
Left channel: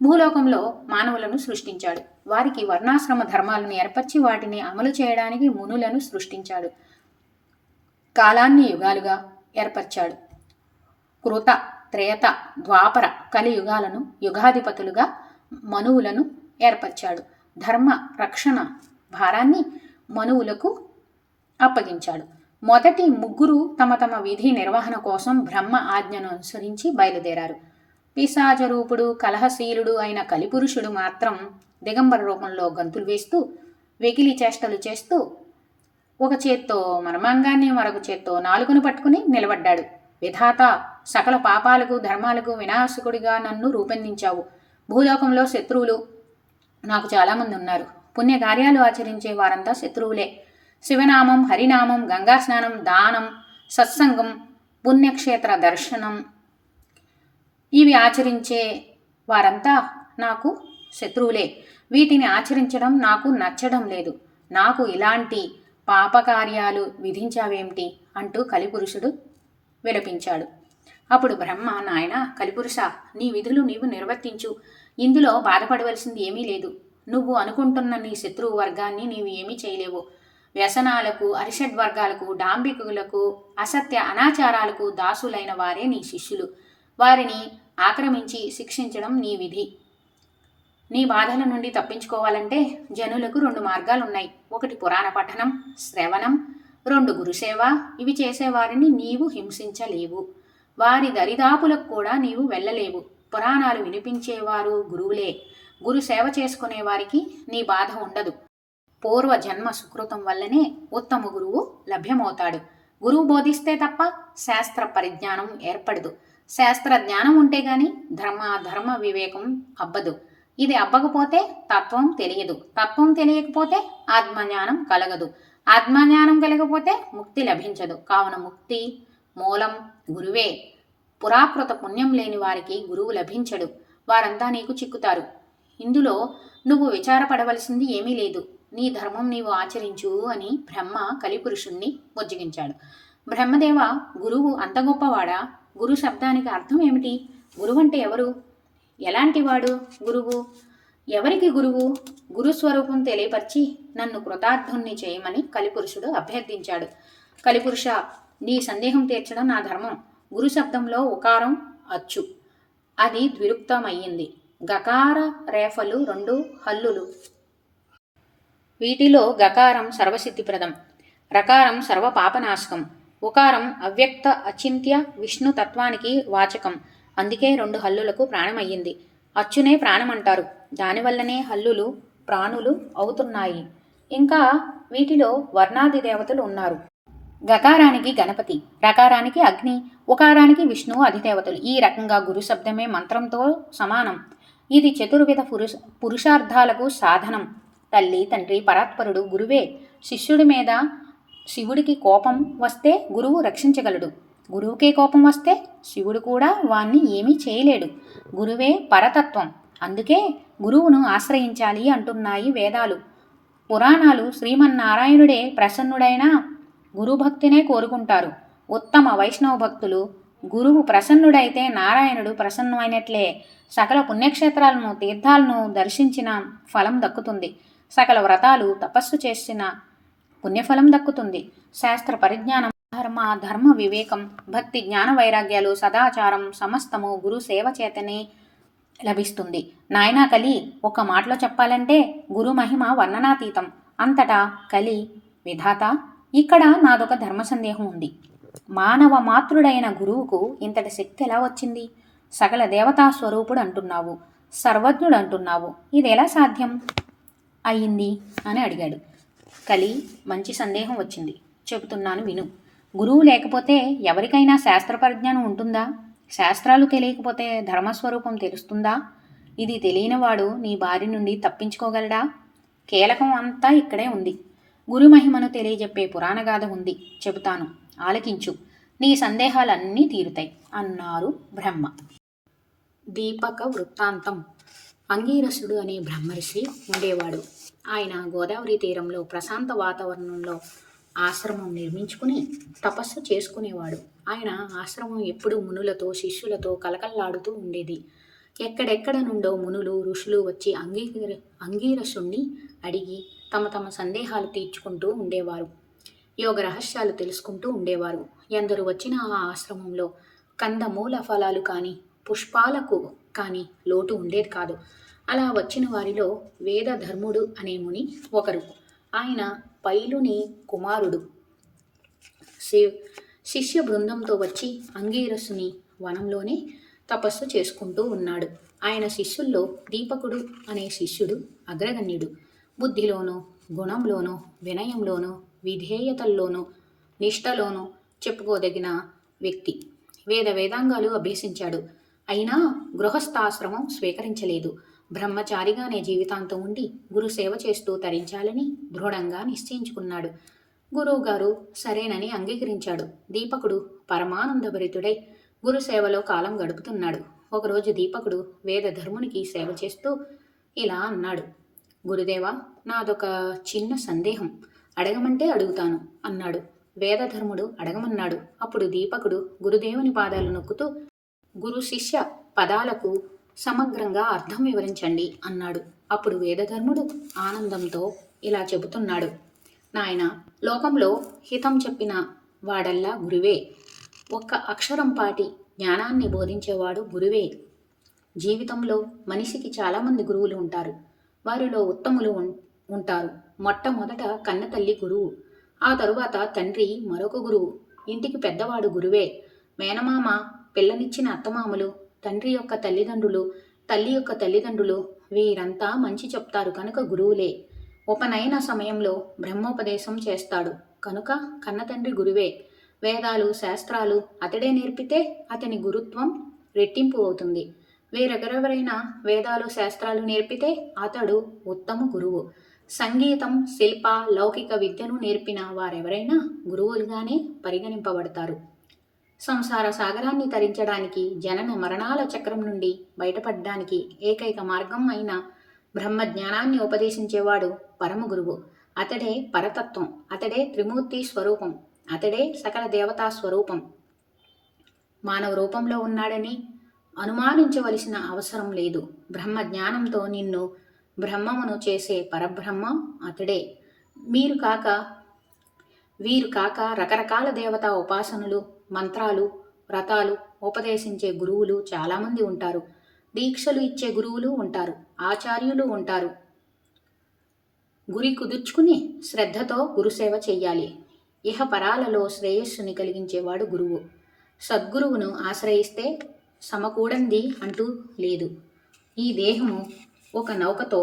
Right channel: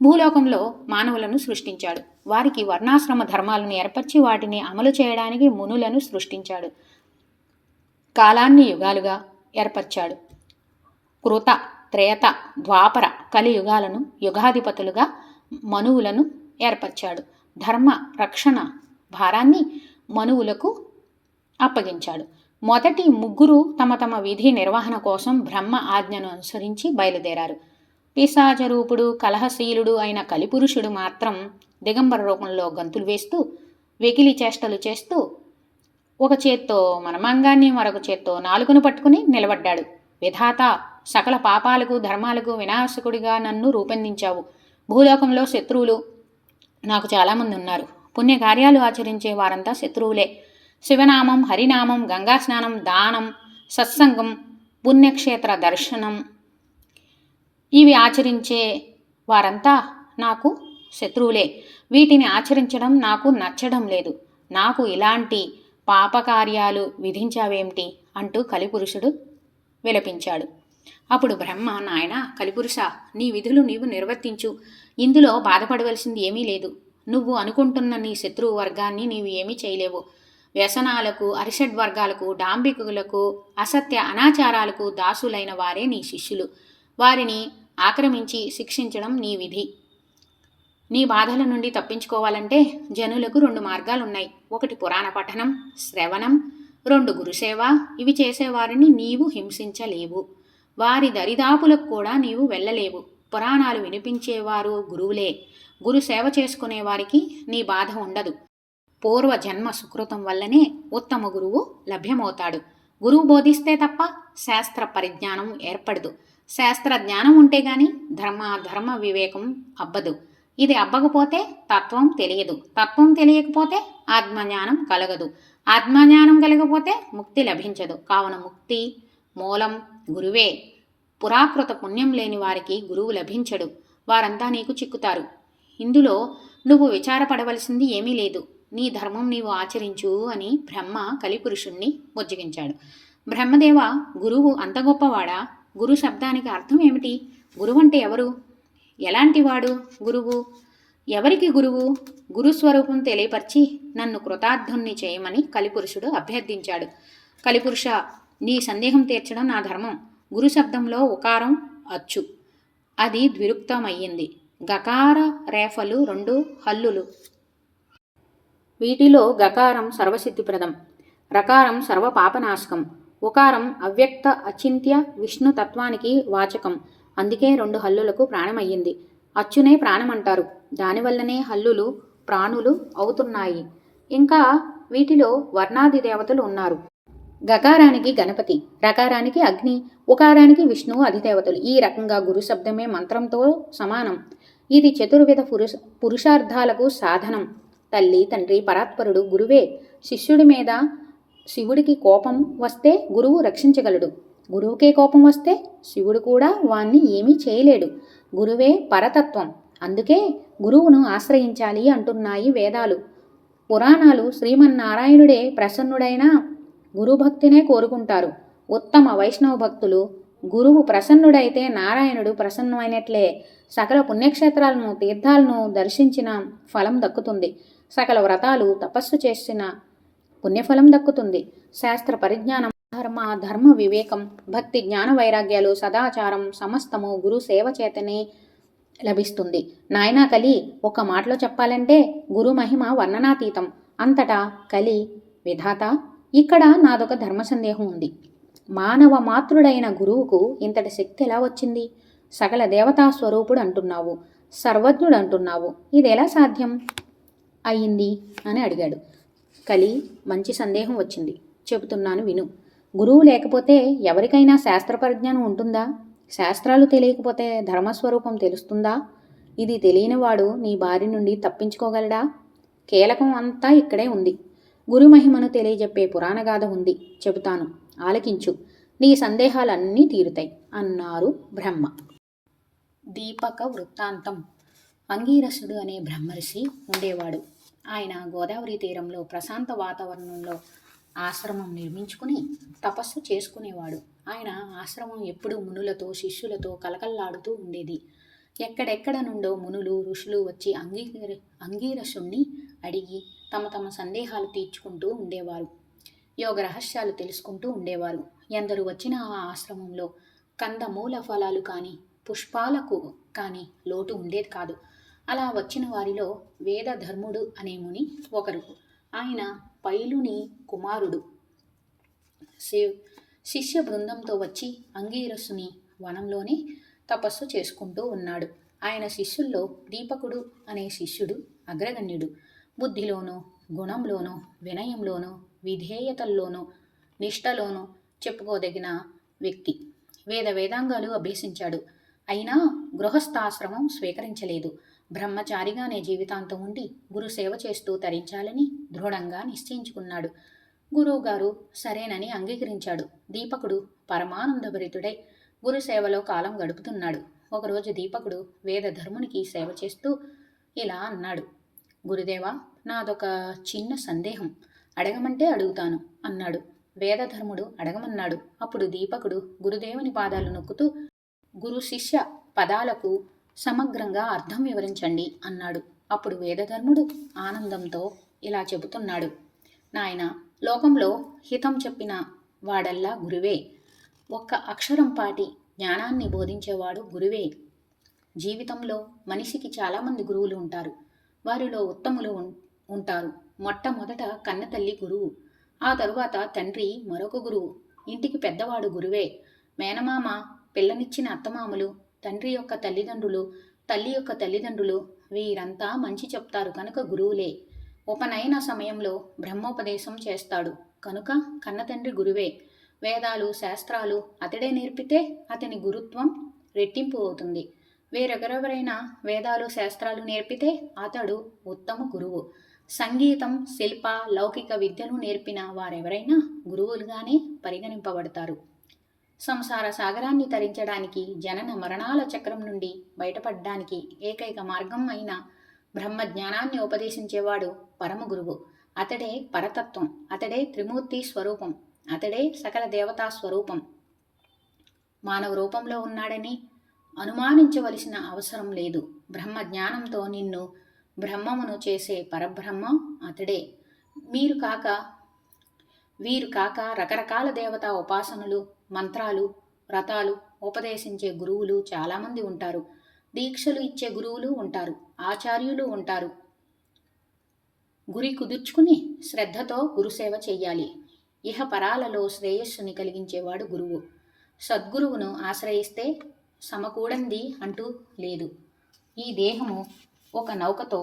భూలోకంలో మానవులను సృష్టించాడు. వారికి వర్ణాశ్రమ ధర్మాలను ఏర్పరిచి వాటిని అమలు చేయడానికి మునులను సృష్టించాడు. కాలాన్ని యుగాలుగా ఏర్పరిచాడు. కృత, త్రేత, ద్వాపర, కలియుగాలను యుగాధిపతులుగా మనువులను ఏర్పరిచాడు. ధర్మ రక్షణ భారాన్ని మనువులకు అప్పగించాడు. మొదటి ముగ్గురు తమ తమ విధి నిర్వహణ కోసం బ్రహ్మ ఆజ్ఞను అనుసరించి బయలుదేరారు. పిశాచరూపుడు, కలహశీలుడు అయిన కలిపురుషుడు మాత్రం దిగంబర రూపంలో గంతులు వేస్తూ, వెకిలి చేష్టలు చేస్తూ, ఒక చేత్తో మనమాంగాన్ని మరొక చేత్తో నాలుకను పట్టుకుని నిలబడ్డాడు. విధాత, సకల పాపాలకు ధర్మాలకు వినాశకుడిగా నన్ను రూపొందించావు. భూలోకంలో శత్రువులు నాకు చాలామంది ఉన్నారు. పుణ్యకార్యాలు ఆచరించే వారంతా శత్రువులే. శివనామం, హరినామం, గంగా స్నానం, దానం, సత్సంగం, పుణ్యక్షేత్ర దర్శనం ఇవి ఆచరించే వారంతా నాకు శత్రువులే. వీటిని ఆచరించడం నాకు నచ్చడం లేదు. నాకు ఇలాంటి పాపకార్యాలు విధించావేమిటి అంటూ కలిపురుషుడు విలపించాడు. అప్పుడు బ్రహ్మ, నాయన కలిపురుష, నీ విధులు నీవు నిర్వర్తించు. ఇందులో బాధపడవలసింది ఏమీ లేదు. నువ్వు అనుకుంటున్న నీ శత్రువు వర్గాన్ని నీవు ఏమీ చేయలేవు. వ్యసనాలకు, అరిషడ్వర్గాలకు, డాంబికులకు, అసత్య అనాచారాలకు దాసులైన వారే నీ శిష్యులు. వారిని ఆక్రమించి శిక్షించడం నీ విధి. నీ బాధల నుండి తప్పించుకోవాలంటే జనులకు 2 మార్గాలున్నాయి. ఒకటి పురాణ పఠనం, శ్రవణం. 2 గురుసేవ. ఇవి చేసేవారిని నీవు హింసించలేవు. వారి దరిదాపులకు కూడా నీవు వెళ్ళలేవు. పురాణాలు వినిపించేవారు గురువులే. గురు సేవ చేసుకునే వారికి నీ బాధ ఉండదు. పూర్వ జన్మ సుకృతం వల్లనే ఉత్తమ గురువు లభ్యమవుతాడు. గురువు బోధిస్తే తప్ప శాస్త్ర పరిజ్ఞానం ఏర్పడదు. శాస్త్ర జ్ఞానం ఉంటే గాని ధర్మ వివేకం అబ్బదు. ఇది అబ్బకపోతే తత్వం తెలియదు. తత్వం తెలియకపోతే ఆత్మజ్ఞానం కలగదు. ఆత్మజ్ఞానం కలగకపోతే ముక్తి లభించదు. కావున ముక్తి మూలం గురువే. పురాకృత పుణ్యం లేని వారికి గురువు లభించడు. వారంతా నీకు చిక్కుతారు. ఇందులో నువ్వు విచారపడవలసింది ఏమీ లేదు. నీ ధర్మం నీవు ఆచరించు అని బ్రహ్మ కలిపురుషుణ్ణి బుజ్జగించాడు. బ్రహ్మదేవ, గురువు అంత గొప్పవాడా? గురు శబ్దానికి అర్థం ఏమిటి? గురువు అంటే ఎవరు? ఎలాంటివాడు గురువు? ఎవరికి గురువు? గురుస్వరూపం తెలియపరిచి నన్ను కృతార్థుణ్ణి చేయమని కలిపురుషుడు అభ్యర్థించాడు. కలిపురుష, నీ సందేహం తీర్చడం నా ధర్మం. గురు శబ్దంలో ఉకారం అచ్చు, అది ద్విరుక్తమయ్యింది. గకార రేఫలు రెండు హల్లులు. వీటిలో గకారం సర్వసిద్ధిప్రదం, రకారం సర్వపాపనాశకం, ఉకారం అవ్యక్త అచింత్య విష్ణు తత్వానికి వాచకం. అందుకే రెండు హల్లులకు ప్రాణమయ్యింది. అచ్చునే ప్రాణమంటారు. దానివల్లనే హల్లులు ప్రాణులు అవుతున్నాయి. ఇంకా వీటిలో వర్ణాది దేవతలు ఉన్నారు. గకారానికి గణపతి, రకారానికి అగ్ని, ఉకారానికి విష్ణువు అధిదేవతలు. ఈ రకంగా గురు శబ్దమే మంత్రంతో సమానం. ఇది చతుర్విధ పురుషార్థాలకు సాధనం. తల్లి, తండ్రి, పరాత్పరుడు గురువే. శిష్యుడి మీద శివుడికి కోపం వస్తే గురువు రక్షించగలడు. గురువుకే కోపం వస్తే శివుడు కూడా వాణ్ణి ఏమీ చేయలేడు. గురువే పరతత్వం. అందుకే గురువును ఆశ్రయించాలి అంటున్నాయి వేదాలు. పురాణాలు శ్రీమన్నారాయణుడే ప్రసన్నుడైన గురుభక్తినే కోరుకుంటారు. ఉత్తమ వైష్ణవ భక్తులు గురువు ప్రసన్నుడైతే నారాయణుడు ప్రసన్నమైనట్లే. సకల పుణ్యక్షేత్రాలను తీర్థాలను దర్శించిన ఫలం దక్కుతుంది. సకల వ్రతాలు తపస్సు చేసిన పుణ్యఫలం దక్కుతుంది. శాస్త్ర పరిజ్ఞానం, ధర్మ వివేకం, భక్తి, జ్ఞాన వైరాగ్యాలు, సదాచారం సమస్తము గురు సేవ చేతనే లభిస్తుంది. నాయనా కలి, ఒక మాటలో చెప్పాలంటే గురు మహిమ వర్ణనాతీతం. అంతటా కలి విధాత, ఇక్కడ నాదొక ధర్మ సందేహం ఉంది. మానవ మాతృడైన గురువుకు ఇంతటి శక్తి ఎలా వచ్చింది? సకల దేవతా స్వరూపుడు అంటున్నావు, సర్వజ్ఞుడు అంటున్నావు, ఇది ఎలా సాధ్యం అయ్యింది అని అడిగాడు. కలి, మంచి సందేహం వచ్చింది, చెబుతున్నాను విను. గురువు లేకపోతే ఎవరికైనా శాస్త్ర పరిజ్ఞానం ఉంటుందా? శాస్త్రాలు తెలియకపోతే ధర్మస్వరూపం తెలుస్తుందా? ఇది తెలియనివాడు నీ బారి నుండి తప్పించుకోగలడా? కీలకం అంతా ఇక్కడే ఉంది. గురు మహిమను తెలియజెప్పే పురాణగాథ ఉంది, చెబుతాను, ఆలకించు. నీ సందేహాలన్నీ తీరుతాయి అన్నారు బ్రహ్మ. దీపక వృత్తాంతం. అంగీరసుడు అనే బ్రహ్మర్షి ఉండేవాడు. ఆయన గోదావరి తీరంలో ప్రశాంత వాతావరణంలో ఆశ్రమం నిర్మించుకుని తపస్సు చేసుకునేవాడు. ఆయన ఆశ్రమం ఎప్పుడూ మునులతో శిష్యులతో కలకల్లాడుతూ ఉండేది. ఎక్కడెక్కడ నుండో మునులు ఋషులు వచ్చి అంగీరసుణ్ణి అడిగి తమ తమ సందేహాలు తీర్చుకుంటూ ఉండేవారు. యోగ రహస్యాలు తెలుసుకుంటూ ఉండేవారు. ఎందరు వచ్చిన ఆ ఆశ్రమంలో కందమూల ఫలాలు కానీ పుష్పాలకు కానీ లోటు ఉండేది కాదు. అలా వచ్చిన వారిలో వేదధర్ముడు అనే ముని ఒకరు. ఆయన పైలుని కుమారుడు. శిష్య బృందంతో వచ్చి అంగీరసుని వనంలోనే తపస్సు చేసుకుంటూ ఉన్నాడు. ఆయన శిష్యుల్లో దీపకుడు అనే శిష్యుడు అగ్రగణ్యుడు. బుద్ధిలోనూ గుణంలోనూ వినయంలోనూ విధేయతల్లోనూ నిష్టలోనూ చెప్పుకోదగిన వ్యక్తి. వేదాంగాలు అభ్యసించాడు. అయినా గృహస్థాశ్రమం స్వీకరించలేదు. బ్రహ్మచారిగానే జీవితాంతం ఉండి గురు సేవ చేస్తూ తరించాలని దృఢంగా నిశ్చయించుకున్నాడు. గురువుగారు సరేనని అంగీకరించాడు. దీపకుడు పరమానందభరితుడై గురు సేవలో కాలం గడుపుతున్నాడు. ఒకరోజు దీపకుడు వేదధర్మునికి సేవ చేస్తూ ఇలా అన్నాడు. గురుదేవా, నాదొక చిన్న సందేహం, అడగమంటే అడుగుతాను అన్నాడు. వేదధర్ముడు అడగమన్నాడు. అప్పుడు దీపకుడు గురుదేవుని పాదాలు నొక్కుతూ గురు శిష్య పదాలకు సమగ్రంగా అర్థం వివరించండి అన్నాడు. అప్పుడు వేదధర్ముడు ఆనందంతో ఇలా చెబుతున్నాడు. నాయన, లోకంలో హితం చెప్పిన వాడల్లా గురువే. ఒక్క అక్షరం పాటి జ్ఞానాన్ని బోధించేవాడు గురువే. జీవితంలో మనిషికి చాలామంది గురువులు ఉంటారు. వారిలో ఉత్తములు ఉంటారు. మొట్టమొదట కన్నతల్లి గురువు, ఆ తరువాత తండ్రి మరొక గురువు, ఇంటికి పెద్దవాడు గురువే. మేనమామ, పిల్లనిచ్చిన అత్తమామలు, తండ్రి యొక్క తల్లిదండ్రులు, తల్లి యొక్క తల్లిదండ్రులు, వీరంతా మంచి చెప్తారు కనుక గురువులే. ఉపనయన సమయంలో బ్రహ్మోపదేశం చేస్తాడు కనుక కన్నతండ్రి గురువే. వేదాలు శాస్త్రాలు అతడే నేర్పితే అతని గురుత్వం రెట్టింపు అవుతుంది. వేరెవరెవరైనా వేదాలు శాస్త్రాలు నేర్పితే అతడు ఉత్తమ గురువు. సంగీతం, శిల్ప, లౌకిక విద్యను నేర్పిన వారెవరైనా గురువులుగానే పరిగణింపబడతారు. సంసార సాగరాన్ని తరించడానికి, జనన మరణాల చక్రం నుండి బయటపడడానికి ఏకైక మార్గం అయిన బ్రహ్మజ్ఞానాన్ని ఉపదేశించేవాడు పరమ గురువు. అతడే పరతత్వం, అతడే త్రిమూర్తి స్వరూపం, అతడే సకల దేవతా స్వరూపం. మానవ రూపంలో ఉన్నాడని అనుమానించవలసిన అవసరం లేదు. బ్రహ్మజ్ఞానంతో నిన్ను బ్రహ్మమును చేసే పరబ్రహ్మ అతడే. మీరు కాక వీరు కాక రకరకాల దేవతా ఉపాసనలు, మంత్రాలు, వ్రతాలు ఉపదేశించే గురువులు చాలామంది ఉంటారు. దీక్షలు ఇచ్చే గురువులు ఉంటారు. ఆచార్యులు ఉంటారు. గురి కుదుర్చుకుని శ్రద్ధతో గురుసేవ చెయ్యాలి. ఇహపరాలలో శ్రేయస్సుని కలిగించేవాడు గురువు. సద్గురువును ఆశ్రయిస్తే సమకూడంది అంటూ లేదు. ఈ దేహము ఒక నౌకతో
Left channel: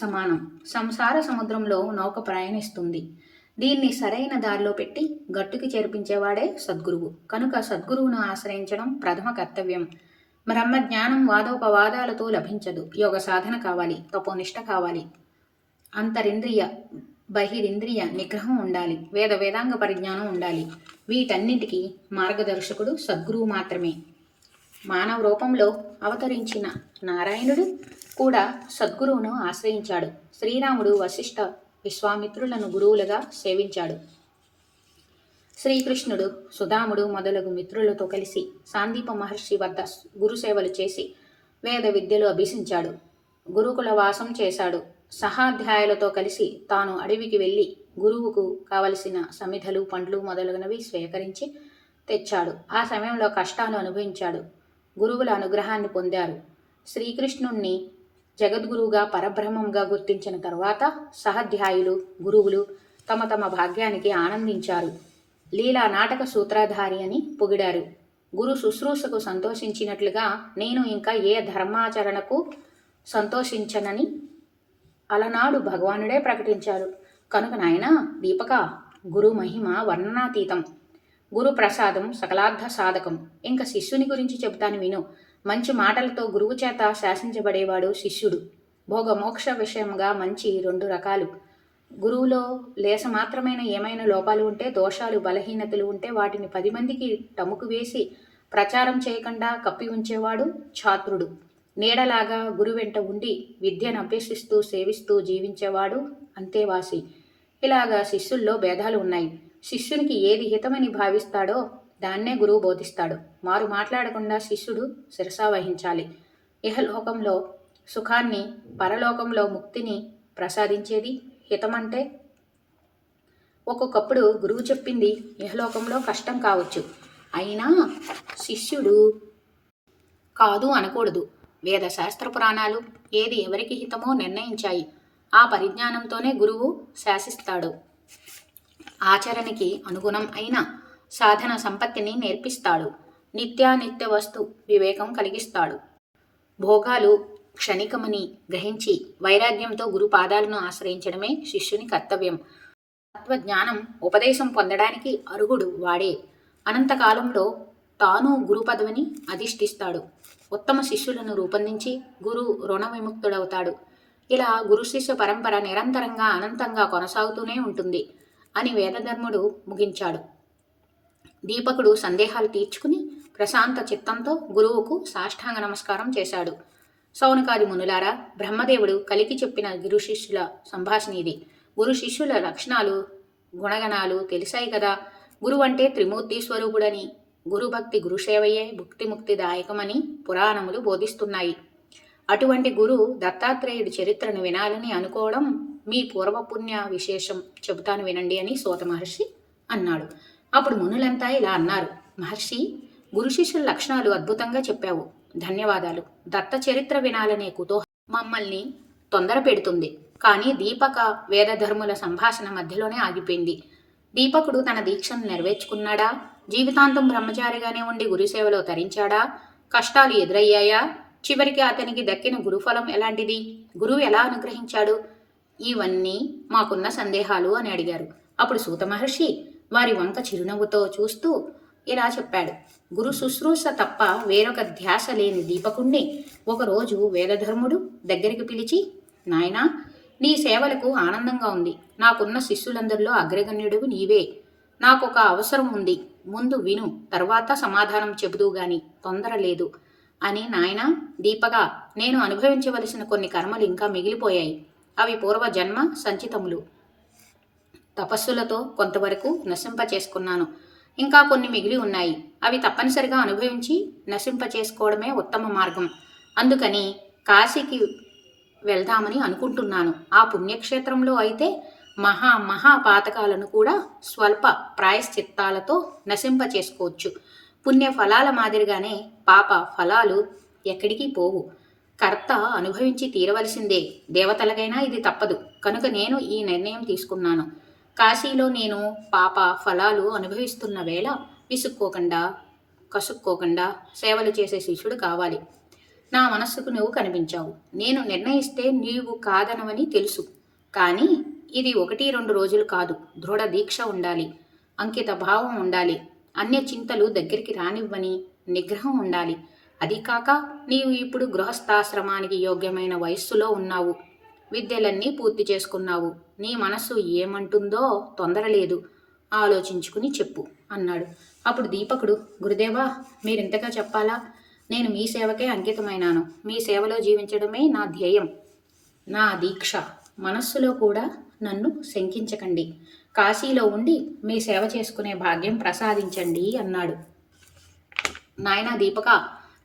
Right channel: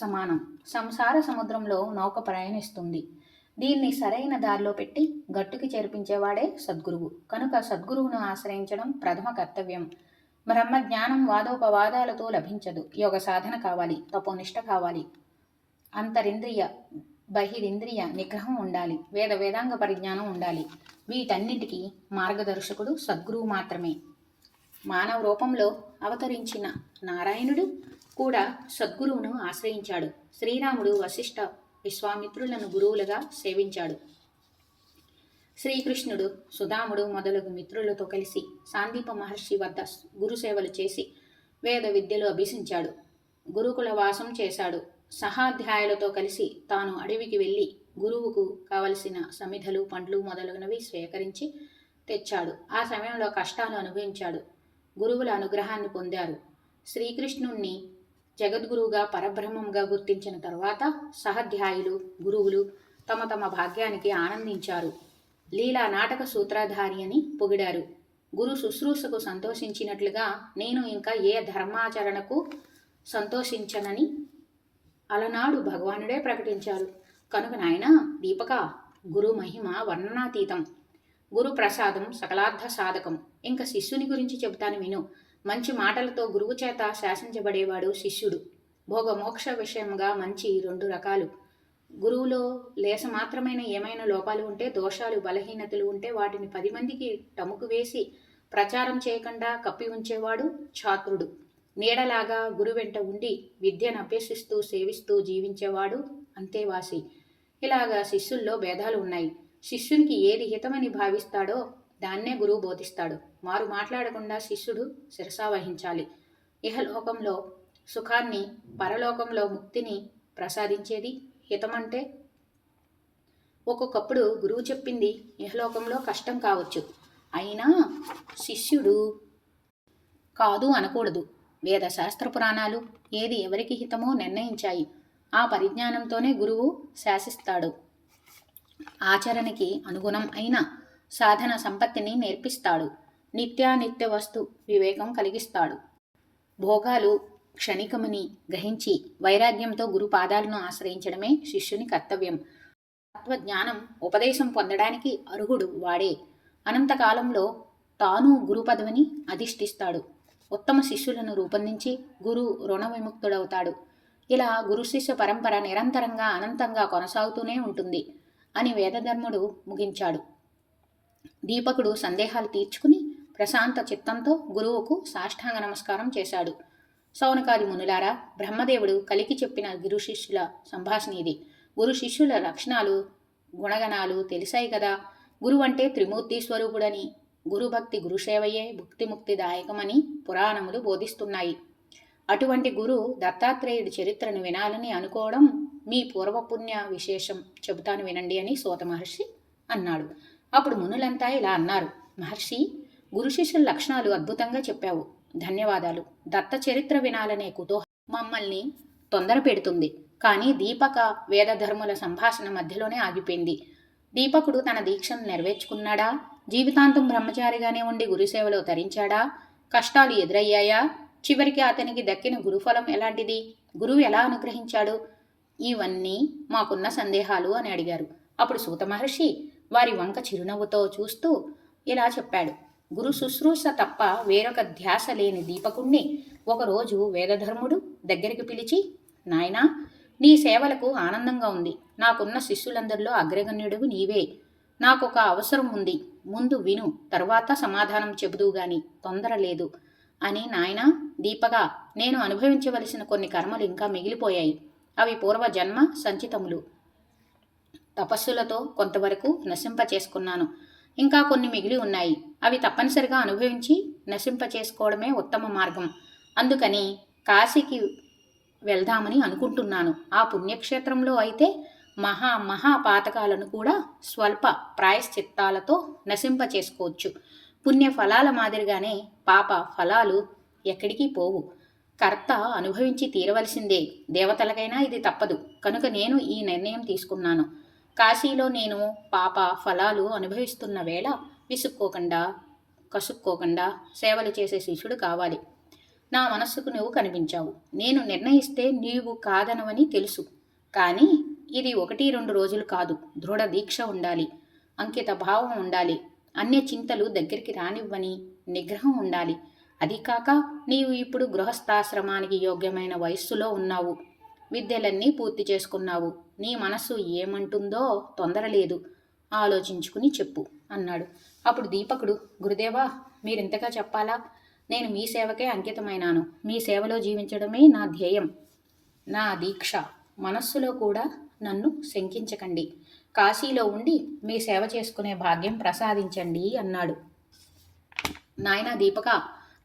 సమానం. సంసార సముద్రంలో నౌక ప్రయాణిస్తుంది. దీన్ని సరైన దారిలో పెట్టి గట్టుకి చేర్పించేవాడే సద్గురువు. కనుక సద్గురువును ఆశ్రయించడం ప్రథమ కర్తవ్యం. బ్రహ్మజ్ఞానం వాదోపవాదాలతో లభించదు. యోగ సాధన కావాలి, తపోనిష్ట కావాలి, అంతరింద్రియ బహిరింద్రియ నిగ్రహం ఉండాలి, వేదాంగ పరిజ్ఞానం ఉండాలి. వీటన్నిటికీ మార్గదర్శకుడు సద్గురువు మాత్రమే. మానవ రూపంలో అవతరించిన నారాయణుడు కూడా సద్గురువును ఆశ్రయించాడు. శ్రీరాముడు వశిష్ఠ విశ్వామిత్రులను గురువులుగా సేవించాడు. శ్రీకృష్ణుడు సుధాముడు మొదలగు మిత్రులతో కలిసి సాందీప మహర్షి వద్ద గురుసేవలు చేసి వేద విద్యలు అభ్యసించాడు. గురుకుల వాసం చేశాడు. సహాధ్యాయులతో కలిసి తాను అడవికి వెళ్ళి గురువుకు కావలసిన సమిధలు, పండ్లు మొదలగునవి స్వీకరించి తెచ్చాడు. ఆ సమయంలో కష్టాలు అనుభవించాడు. గురువుల అనుగ్రహాన్ని పొందారు. శ్రీకృష్ణుణ్ణి జగద్గురువుగా పరబ్రహ్మంగా గుర్తించిన తర్వాత సహాధ్యాయులు, గురువులు తమ తమ భాగ్యానికి ఆనందించారు. లీలా నాటక సూత్రధారి అని పొగిడారు. గురు శుశ్రూషకు సంతోషించినట్లుగా నేను ఇంకా ఏ ధర్మాచరణకు సంతోషించనని అలనాడు భగవానుడే ప్రకటించారు. కనుక నాయన దీపక, గురు మహిమ వర్ణనాతీతం. గురు ప్రసాదం సకలార్థ సాధకం. ఇంకా శిష్యుని గురించి చెబుతాను విను. మంచి మాటలతో గురువు చేత శాసించబడేవాడు శిష్యుడు. భోగమోక్ష విషయంగా మంచి 2 రకాలు. గురువులో లేస మాత్రమైన ఏమైనా లోపాలు ఉంటే, దోషాలు, బలహీనతలు ఉంటే వాటిని 10 మందికి టముకు వేసి ప్రచారం చేయకుండా కప్పి ఉంచేవాడు ఛాత్రుడు. నీడలాగా గురు వెంట ఉండి విద్యను అభ్యసిస్తూ సేవిస్తూ జీవించేవాడు అంతేవాసి. ఇలాగా శిష్యుల్లో భేదాలు ఉన్నాయి. శిష్యునికి ఏది హితమని భావిస్తాడో దాన్నే గురువు బోధిస్తాడు. మారు మాట్లాడకుండా శిష్యుడు శిరసావహించాలి. ఇహలోకంలో సుఖాన్ని, పరలోకంలో ముక్తిని ప్రసాదించేది హితమంటే. ఒక్కొక్కప్పుడు గురువు చెప్పింది ఇహలోకంలో కష్టం కావచ్చు, అయినా శిష్యుడు కాదు అనకూడదు. వేద శాస్త్ర పురాణాలు ఏది ఎవరికి హితమో నిర్ణయించాయి. ఆ పరిజ్ఞానంతోనే గురువు శాసిస్తాడు. ఆచరణకి అనుగుణం అయిన సాధన సంపత్తిని నేర్పిస్తాడు. నిత్యానిత్య వస్తు వివేకం కలిగిస్తాడు. భోగాలు క్షణికమని గ్రహించి వైరాగ్యంతో గురు పాదాలను ఆశ్రయించడమే శిష్యుని కర్తవ్యం. తత్వజ్ఞానం ఉపదేశం పొందడానికి అర్హుడు వాడే. అనంతకాలంలో తాను గురు పదవిని అధిష్ఠిస్తాడు. ఉత్తమ శిష్యులను రూపొందించి గురు రుణ విముక్తుడవుతాడు. ఇలా గురు శిష్య పరంపర నిరంతరంగా అనంతంగా కొనసాగుతూనే ఉంటుంది అని వేదధర్ముడు ముగించాడు. దీపకుడు సందేహాలు తీర్చుకుని ప్రశాంత చిత్తంతో గురువుకు సాష్టాంగ నమస్కారం చేశాడు. సౌనకాది మునులారా, బ్రహ్మదేవుడు కలికి చెప్పిన గురు శిష్యుల సంభాషణ ఇది. గురు శిష్యుల లక్షణాలు, గుణగణాలు తెలిసాయి కదా. గురువు అంటే త్రిమూర్తి స్వరూపుడని, గురుభక్తి గురుసేవయే భుక్తిముక్తిదాయకమని పురాణములు బోధిస్తున్నాయి. అటువంటి గురు దత్తాత్రేయుడి చరిత్రను వినాలని అనుకోవడం మీ పూర్వపుణ్య విశేషం. చెబుతాను వినండి అని సూత మహర్షి అన్నాడు. అప్పుడు మునులంతా ఇలా అన్నారు. మహర్షి, గురు శిష్యుల లక్షణాలు అద్భుతంగా చెప్పావు. ధన్యవాదాలు. దత్త చరిత్ర వినాలనే కుతూహలం మమ్మల్ని తొందర పెడుతుంది. కానీ దీపక వేదధర్ముల సంభాషణ మధ్యలోనే ఆగిపోయింది. దీపకుడు తన దీక్షను నెరవేర్చుకున్నాడా? జీవితాంతం బ్రహ్మచారిగానే ఉండి గురుసేవలో తరించాడా? కష్టాలు ఎదురయ్యాయా? చివరికి అతనికి దక్కిన గురుఫలం ఎలాంటిది? గురువు ఎలా అనుగ్రహించాడు? ఇవన్నీ మాకున్న సందేహాలు అని అడిగారు. అప్పుడు సూత మహర్షి వారి వంక చిరునవ్వుతో చూస్తూ ఇలా చెప్పాడు. గురు శుశ్రూష తప్ప వేరొక ధ్యాస లేని దీపకుణ్ణి ఒకరోజు వేదధర్ముడు దగ్గరికి పిలిచి, నాయనా, నీ సేవలకు ఆనందంగా ఉంది. నాకున్న శిష్యులందరిలో అగ్రగణ్యుడు నీవే. నాకొక అవసరం ఉంది, ముందు విను, తర్వాత సమాధానం చెబుదువు గాని, తొందర లేదు అని. నాయనా దీపగా, నేను అనుభవించవలసిన కొన్ని కర్మలు ఇంకా మిగిలిపోయాయి. అవి పూర్వజన్మ సంచితములు. తపస్సులతో కొంతవరకు నశింపచేసుకున్నాను. ఇంకా కొన్ని మిగిలి ఉన్నాయి. అవి తప్పనిసరిగా అనుభవించి నశింపచేసుకోవడమే ఉత్తమ మార్గం. అందుకని కాశీకి వెళ్దామని అనుకుంటున్నాను. ఆ పుణ్యక్షేత్రంలో అయితే మహాపాతకాలను కూడా స్వల్ప ప్రాయశ్చిత్తాలతో నశింపచేసుకోవచ్చు. పుణ్య ఫలాల మాదిరిగానే పాప ఫలాలు ఎక్కడికి పోవు. కర్త అనుభవించి తీరవలసిందే. దేవతలకైనా ఇది తప్పదు. కనుక నేను ఈ నిర్ణయం తీసుకున్నాను. కాశీలో నేను పాప ఫలాలు అనుభవిస్తున్న వేళ విసుక్కోకుండా కసుక్కోకుండా సేవలు చేసే శిష్యుడు కావాలి. నా మనస్సుకు నువ్వు కనిపించావు. నేను నిర్ణయిస్తే నీవు కాదనవని తెలుసు. కానీ ఇది 1-2 రోజులు కాదు. దృఢ దీక్ష ఉండాలి. అంకిత భావం ఉండాలి. అన్య చింతలు దగ్గరికి రానివ్వని నిగ్రహం ఉండాలి. అది కాక నీవు ఇప్పుడు గృహస్థాశ్రమానికి యోగ్యమైన వయస్సులో ఉన్నావు. విద్యలన్నీ పూర్తి చేసుకున్నావు. నీ మనస్సు ఏమంటుందో తొందర లేదు. ఆలోచించుకుని చెప్పు అన్నాడు. అప్పుడు దీపకుడు, గురుదేవా, మీరింతగా చెప్పాలా? నేను మీ సేవకే అంకితమైనాను. మీ సేవలో జీవించడమే నా ధ్యేయం, నా దీక్ష. మనస్సులో కూడా నన్ను శంకించకండి. కాశీలో ఉండి మీ సేవ చేసుకునే భాగ్యం ప్రసాదించండి అన్నాడు. నాయనా దీపక,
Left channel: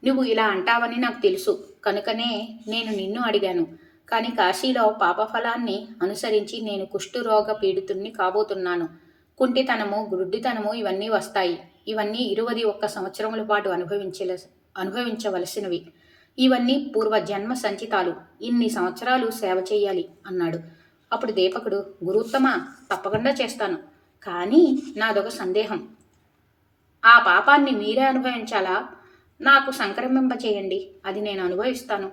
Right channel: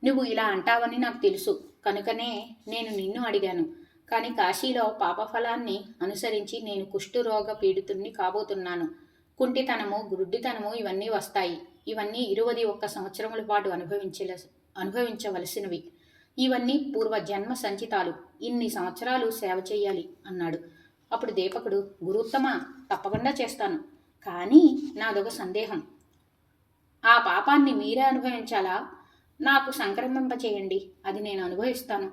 నువ్వు ఇలా అంటావని నాకు తెలుసు. కనుకనే నేను నిన్ను అడిగాను. కానీ కాశీలో పాపఫలాన్ని అనుసరించి నేను కుష్ఠరోగ పీడితుణ్ణి కాబోతున్నాను. కుంటితనము, గుడ్డితనము ఇవన్నీ వస్తాయి. ఇవన్నీ 21 సంవత్సరముల పాటు అనుభవించవలసినవి. ఇవన్నీ పూర్వజన్మ సంచితాలు. ఇన్ని సంవత్సరాలు సేవ చేయాలి అన్నాడు. అప్పుడు దీపకుడు, గురుత్తమ, తప్పకుండా చేస్తాను. కానీ నాదొక సందేహం. ఆ పాపాన్ని మీరే అనుభవించాలా? నాకు సంక్రమింపచేయండి, అది నేను అనుభవిస్తాను.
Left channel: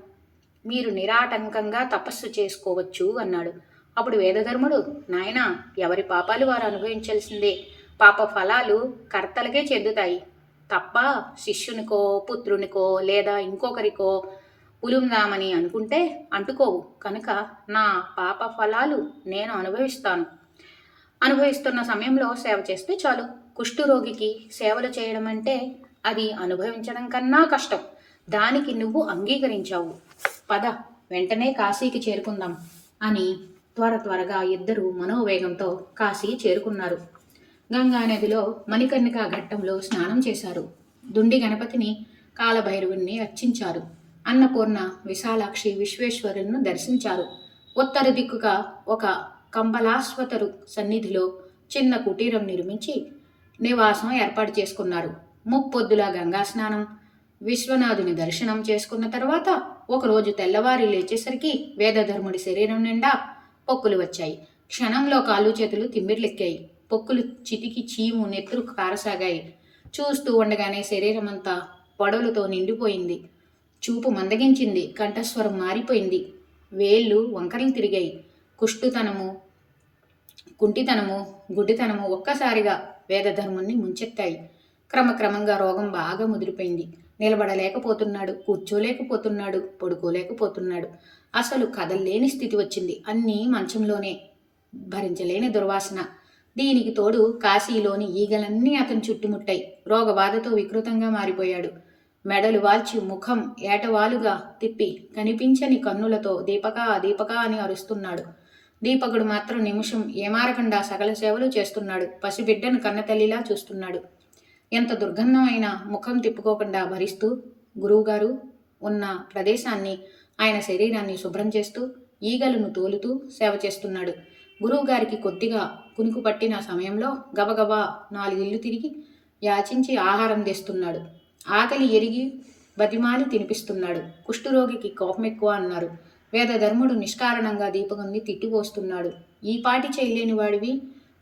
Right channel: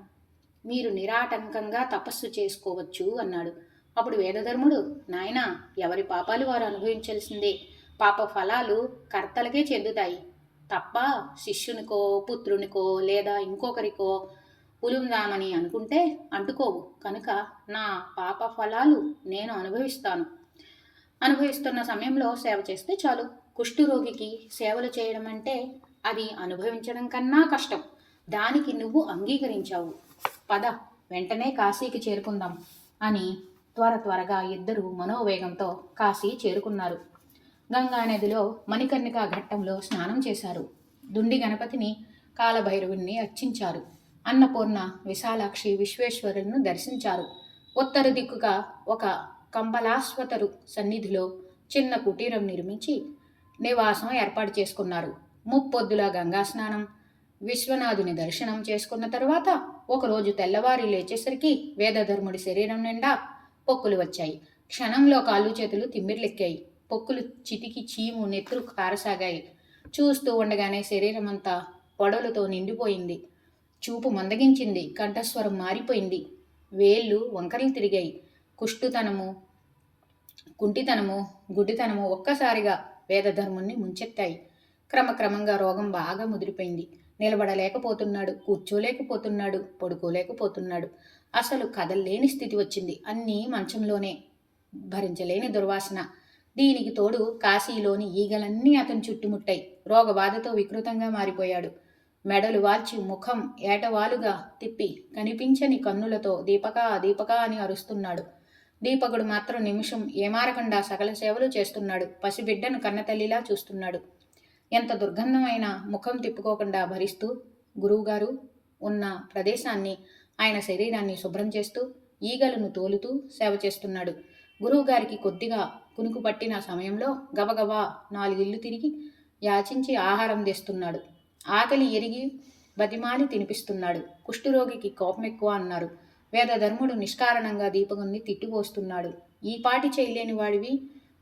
మీరు నిరాటంకంగా తపస్సు చేసుకోవచ్చు అన్నాడు. అప్పుడు వేదధర్ముడు, నాయనా, ఎవరి పాపాలు వారు అనుభవించాల్సిందే. పాప ఫలాలు కర్తలకే చెందుతాయి తప్ప శిష్యునికో పుత్రునికో లేదా ఇంకొకరికో పులుందామని అనుకుంటే అంటుకోవు. కనుక నా పాప ఫలాలు నేను అనుభవిస్తున్న సమయంలో సేవ చేస్తే చాలు. కుష్ఠరోగికి సేవలు చేయడం అంటే అది అనుభవించడం కన్నా కష్టం. దానికి నువ్వు అంగీకరించావు. పద, వెంటనే కాశీకి చేరుకుందాం అని త్వరగా ఇద్దరు మనోవేగంతో కాశీ చేరుకున్నారు. గంగానదిలో మణికర్ణికా ఘట్టంలో స్నానం చేశారు. దుండి గణపతిని, కాలభైరవుని అర్చించారు. అన్నపూర్ణ, విశాలాక్షి, విశ్వేశ్వరులను దర్శించారు. ఉత్తర దిక్కుగా ఒక కంబలాశ్వతరు సన్నిధిలో చిన్న కుటీరం నిర్మించి నివాసం ఏర్పాటు చేసుకున్నారు. ముప్పొద్దుల గంగా స్నానం, విశ్వనాథుని దర్శనం చేసుకున్న తర్వాత ఒకరోజు తెల్లవారి లేచేసరికి వేదధర్ముడి శరీరం నిండా పొక్కులు వచ్చాయి. క్షణంలో కాళ్ళు చేతులు తిమ్మిర్లెక్కాయి. పొక్కులు చితికి చీము నెత్తురు కారసాగాయి. చూస్తూ ఉండగానే శరీరమంతా పొడవులతో నిండిపోయింది. చూపు మందగించింది. కంఠస్వరం మారిపోయింది. వేళ్ళు వంకరలు తిరిగాయి. కుంటితనము, గుడ్డితనము ఒక్కసారిగా వేదధర్ముణ్ణి ముంచెత్తాయి. క్రమక్రమంగా రోగం బాగా ముదిరిపోయింది. నిలబడలేకపోతున్నాడు, కూర్చోలేకపోతున్నాడు, పడుకోలేకపోతున్నాడు. అసలు కదల్లేని స్థితి వచ్చింది. అన్నీ మంచంలోనే. భరించలేని దుర్వాసన. దీనికి తోడు కాశీలోని ఈగలన్నీ అతను చుట్టుముట్టాయి. రోగబాధతో వికృతంగా మారిపోయాడు. మెడలు వాల్చి ముఖం ఏటవాలుగా తిప్పి కనిపించని కన్నులతో దీపకా దీపకా అని అరుస్తున్నాడు. దీపకుడు మాత్రం నిమిషం ఏమారకుండా సకల సేవలు చేస్తున్నాడు. పసిబిడ్డను కన్నతల్లిలా చూస్తున్నాడు. ఎంత దుర్గంధమైన ముఖం తిప్పుకోకుండా భరిస్తూ గురువుగారు ఉన్న ప్రదేశాన్ని, ఆయన శరీరాన్ని శుభ్రం చేస్తూ ఈగలను తోలుతూ సేవ చేస్తున్నాడు. గురువుగారికి కొద్దిగా కునుకు పట్టిన సమయంలో గబగబా 4 ఇళ్ళు తిరిగి యాచించి ఆహారం తెస్తున్నాడు. ఆకలి ఎరిగి బతిమాలి తినిపిస్తున్నాడు. కుష్ఠరోగికి కోపం ఎక్కువ అన్నారు. వేదధర్ముడు నిష్కారణంగా దీపకుని తిట్టిపోస్తున్నాడు. ఈ పాటి చేయలేని వాడివి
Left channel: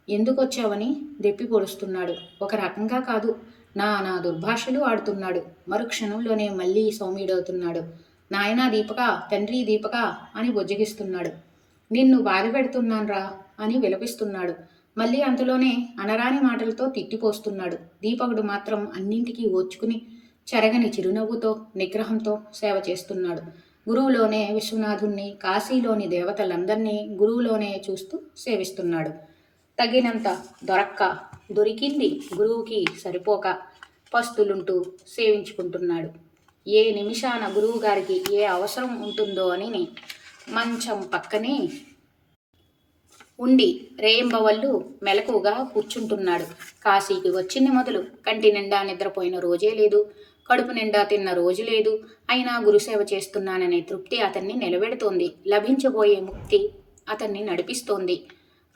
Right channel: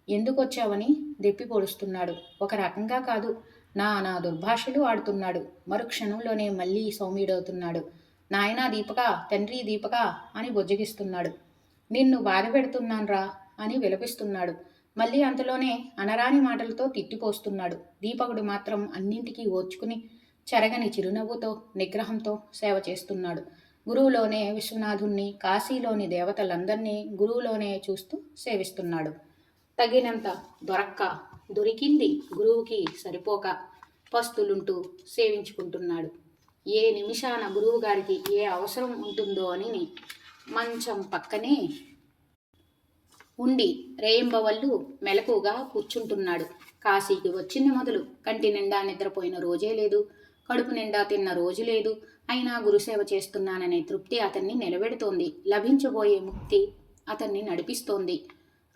ఎందుకొచ్చావని దెప్పి పొడుస్తున్నాడు. ఒక రకంగా కాదు, నా దుర్భాషలు ఆడుతున్నాడు. మరుక్షణంలోనే మళ్ళీ సౌమ్యుడవుతున్నాడు. నాయనా దీపక, తండ్రి దీపక అని బుజ్జగిస్తున్నాడు. నిన్ను బాధ పెడుతున్నాన్రా అని విలపిస్తున్నాడు. మళ్ళీ అంతలోనే అనరాని మాటలతో తిట్టిపోస్తున్నాడు. దీపకుడు మాత్రం అన్నింటికీ ఓర్చుకుని చెరగని చిరునవ్వుతో నిగ్రహంతో సేవ చేస్తున్నాడు. గురువులోనే విశ్వనాథుణ్ణి, కాశీలోని దేవతలందరినీ గురువులోనే చూస్తూ సేవిస్తున్నాడు. తగినంత దొరికింది గురువుకి సరిపోక పస్తులుంటూ సేవించుకుంటున్నాడు. ఏ నిమిషాన గురువు గారికి ఏ అవసరం ఉంటుందో అని మంచం పక్కనే ఉండి రేయింబవళ్ళు మెలకుగా కూర్చుంటున్నాడు. కాశీకి వచ్చింది మొదలు కంటి నిండా నిద్రపోయిన రోజే లేదు, కడుపు నిండా తిన్న రోజు లేదు. అయినా గురుసేవ చేస్తున్నాననే తృప్తి అతన్ని నిలబెడుతోంది. లభించబోయే ముక్తి అతన్ని నడిపిస్తోంది.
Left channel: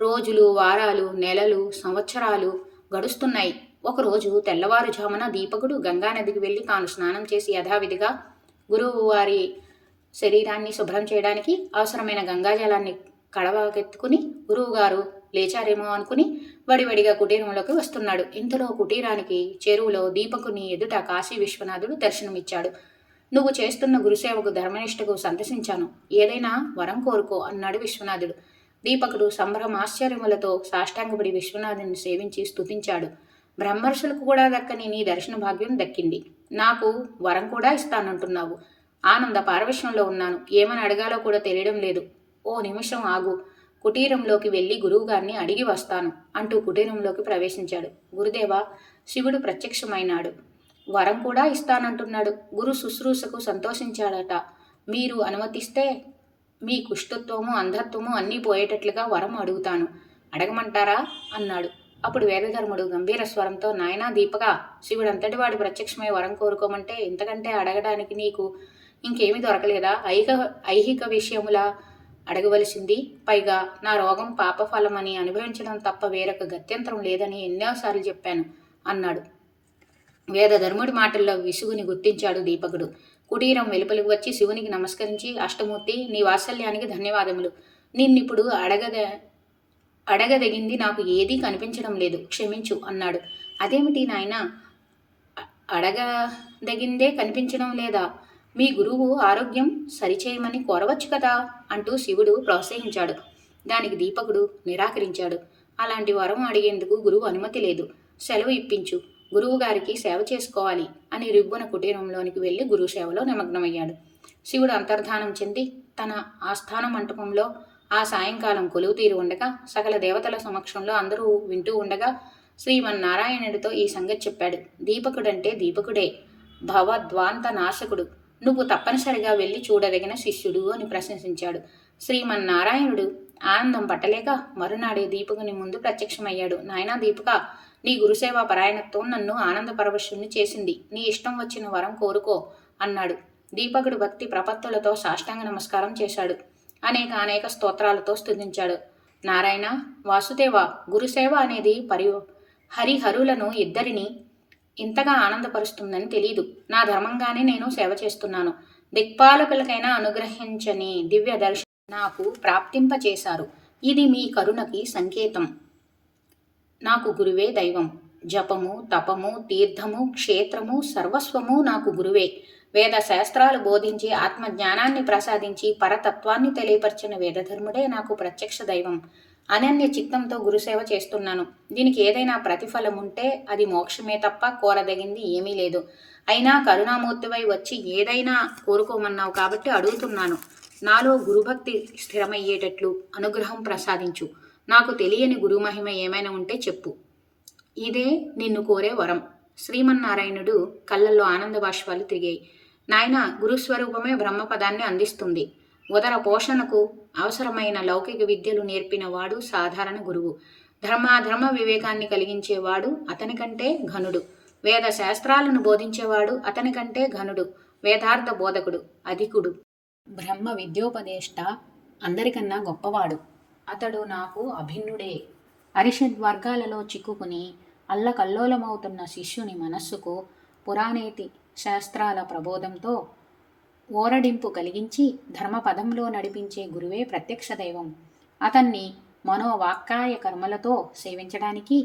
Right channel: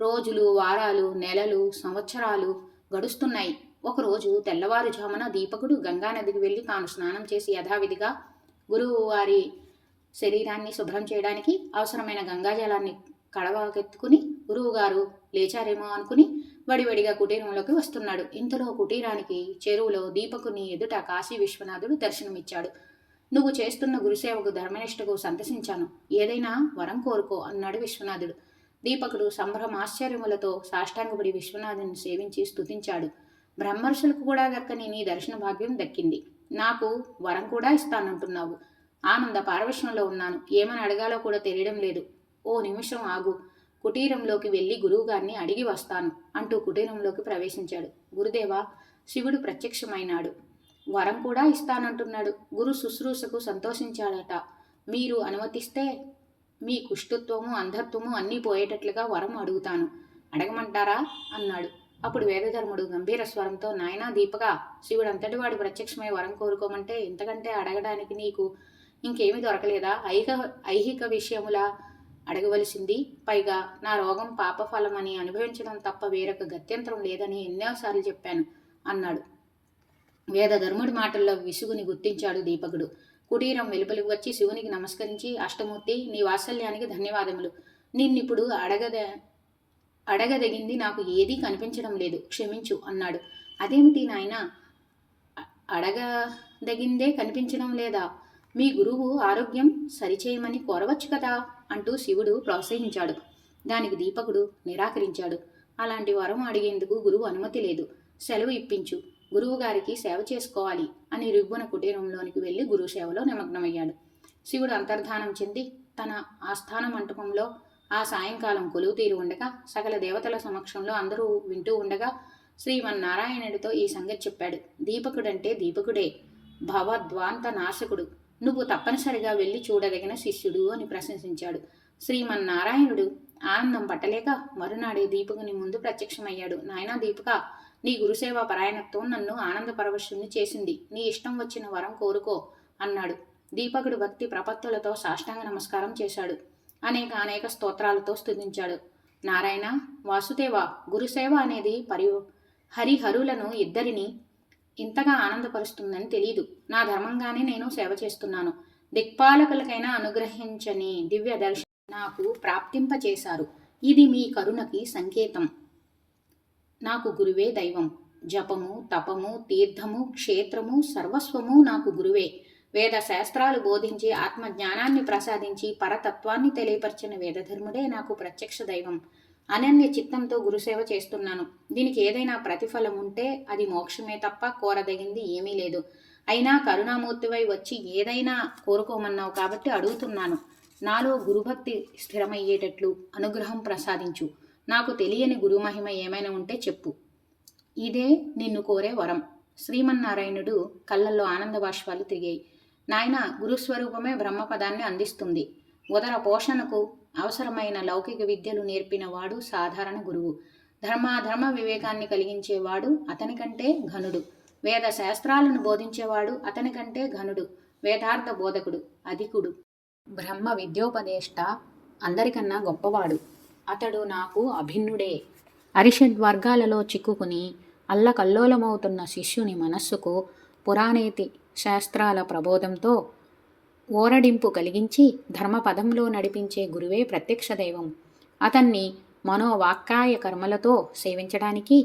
రోజులు, వారాలు, నెలలు, సంవత్సరాలు గడుస్తున్నాయి. ఒకరోజు తెల్లవారుజామున దీపకుడు గంగానదికి వెళ్ళి తాను స్నానం చేసి యథావిధిగా గురువు వారి శరీరాన్ని శుభ్రం చేయడానికి అవసరమైన గంగాజలాన్ని కడవకెత్తుకుని గురువుగారు లేచారేమో అనుకుని వడివడిగా కుటీరంలోకి వస్తున్నాడు. ఇంతలో కుటీరానికి చెరువులో దీపకుని ఎదుట కాశీ విశ్వనాథుడు దర్శనమిచ్చాడు. నువ్వు చేస్తున్న గురుసేవకు ధర్మనిష్టకు సంతసించాను. ఏదైనా వరం కోరుకో అన్నాడు విశ్వనాథుడు. దీపకుడు సంభ్రమాశ్చర్యములతో సాష్టాంగపడి విశ్వనాథుని సేవించి స్తుతించాడు. బ్రహ్మర్షులకు కూడా దక్కని నీ దర్శన భాగ్యం దక్కింది. నాకు వరం కూడా ఇస్తానంటున్నావు. ఆనంద పారవశ్యంలో ఉన్నాను. ఏమని అడగాలో కూడా తెలియడం లేదు. ఓ నిమిషం ఆగు. కుటీరంలోకి వెళ్ళి గురువుగారిని అడిగి వస్తాను అంటూ కుటీరంలోకి ప్రవేశించాడు. గురుదేవా, శివుడు ప్రత్యక్షమైనాడు. వరం కూడా ఇస్తానంటున్నాడు. గురు శుశ్రూషకు సంతోషించాడట. మీరు అనుమతిస్తే మీ కుష్ఠత్వము, అంధత్వము అన్నీ పోయేటట్లుగా వరం అడుగుతాను. అడగమంటారా అన్నాడు. అప్పుడు వేదధర్ముడు గంభీర స్వరంతో, నాయనా దీపక, శివుడంతటి వాడి ప్రత్యక్షమై వరం కోరుకోమంటే ఇంతకంటే అడగడానికి నీకు ఇంకేమీ దొరకలేదా? ఐహిక విషయముల అడగవలసింది. పైగా నా రోగం పాపఫలమని అనుభవించడం తప్ప వేరొక గత్యంతరం లేదని ఎన్నోసార్లు చెప్పాను అన్నాడు. వేదధర్ముడి మాటల్లో విసుగుని గుర్తించాడు దీపకుడు. కుటీరం వెలుపలికి వచ్చి శివునికి నమస్కరించి, అష్టమూర్తి, నీ వాత్సల్యానికి ధన్యవాదములు. నిన్నిప్పుడు అడగదగింది నాకు ఏదీ కనిపించడం లేదు, క్షమించు అన్నాడు. అదేమిటి నాయనా, అడగదగిందే కనిపించడం లేదా? మీ గురువు ఆరోగ్యం సరిచేయమని కోరవచ్చు కదా అంటూ శివుడు ప్రోత్సహించాడు. దానికి దీపకుడు నిరాకరించాడు. అలాంటి వరం అడిగేందుకు గురువు అనుమతి లేదు. సెలవు ఇప్పించు. గురువుగారికి సేవ చేసుకోవాలి అని రివ్వున కుటీరంలోనికి వెళ్ళి గురువు సేవలో నిమగ్నమయ్యాడు. శివుడు అంతర్ధానం చెంది తన ఆస్థాన మంటపంలో ఆ సాయంకాలం కొలువు తీరి ఉండగా, సకల దేవతల సమక్షంలో అందరూ వింటూ ఉండగా శ్రీమన్నారాయణుడితో ఈ సంగతి చెప్పాడు. దీపకుడంటే దీపకుడే, భవద్వాంత నాశకుడు. నువ్వు తప్పనిసరిగా వెళ్ళి చూడదగిన శిష్యుడు అని ప్రశంసించాడు. శ్రీమన్నారాయణుడు ఆనందం పట్టలేక మరునాడే దీపకుని ముందు ప్రత్యక్షమయ్యాడు. నాయనా దీపక, నీ గురుసేవా పరాయణత్వం నన్ను ఆనంద పరవశుణ్ణి చేసింది. నీ ఇష్టం వచ్చిన వరం కోరుకో అన్నాడు. దీపకుడు భక్తి ప్రపత్తులతో సాష్టాంగ నమస్కారం చేశాడు. అనేక స్తోత్రాలతో స్తుతించాడు. నారాయణ, వాసుదేవ, గురుసేవ అనేది హరిహరులను ఇద్దరిని ఇంతగా ఆనందపరుస్తుందని తెలీదు. నా ధర్మంగానే నేను సేవ చేస్తున్నాను. దిక్పాలకులకైనా అనుగ్రహించని దివ్య దర్శనం నాకు ప్రాప్తింపచేశారు. ఇది మీ కరుణకి సంకేతం. నాకు గురువే దైవం. జపము, తపము, తీర్థము, క్షేత్రము, సర్వస్వము నాకు గురువే. వేద శాస్త్రాలు బోధించి ఆత్మజ్ఞానాన్ని ప్రసాదించి పరతత్వాన్ని తెలియపరిచిన వేదధర్ముడే నాకు ప్రత్యక్ష దైవం. అనన్య చిత్తంతో గురుసేవ చేస్తున్నాను. దీనికి ఏదైనా ప్రతిఫలం ఉంటే అది మోక్షమే తప్ప కోరదగింది ఏమీ లేదు. అయినా కరుణామూర్తివై వచ్చి ఏదైనా కోరుకోమన్నావు కాబట్టి అడుగుతున్నాను. నాలో గురుభక్తి స్థిరమయ్యేటట్లు అనుగ్రహం ప్రసాదించు. నాకు తెలియని గురుమహిమ ఏమైనా ఉంటే చెప్పు. ఇదే నిన్ను కోరే వరం. శ్రీమన్నారాయణుడు కళ్ళల్లో ఆనంద బాష్పాలు తిరిగాయి. నాయన, గురుస్వరూపమే బ్రహ్మపదాన్ని అందిస్తుంది. ఉదర పోషణకు అవసరమైన లౌకిక విద్యలు నేర్పినవాడు సాధారణ గురువు. ధర్మాధర్మ వివేకాన్ని కలిగించేవాడు అతనికంటే ఘనుడు. వేద శాస్త్రాలను బోధించేవాడు అతనికంటే ఘనుడు. వేదార్థ బోధకుడు అధికుడు. బ్రహ్మ విద్యోపదేష్ట అందరికన్నా గొప్పవాడు. అతడు నాకు అభిన్నుడే. అరిషడ్వర్గాలలో చిక్కుకుని అల్లకల్లోలమవుతున్న శిష్యుని మనస్సుకు పురాణేతి శాస్త్రాల ప్రబోధంతో ఓరడింపు కలిగించి ధర్మపదంలో నడిపించే గురువే ప్రత్యక్ష దైవం. అతన్ని మనోవాక్కాయ కర్మలతో సేవించడానికి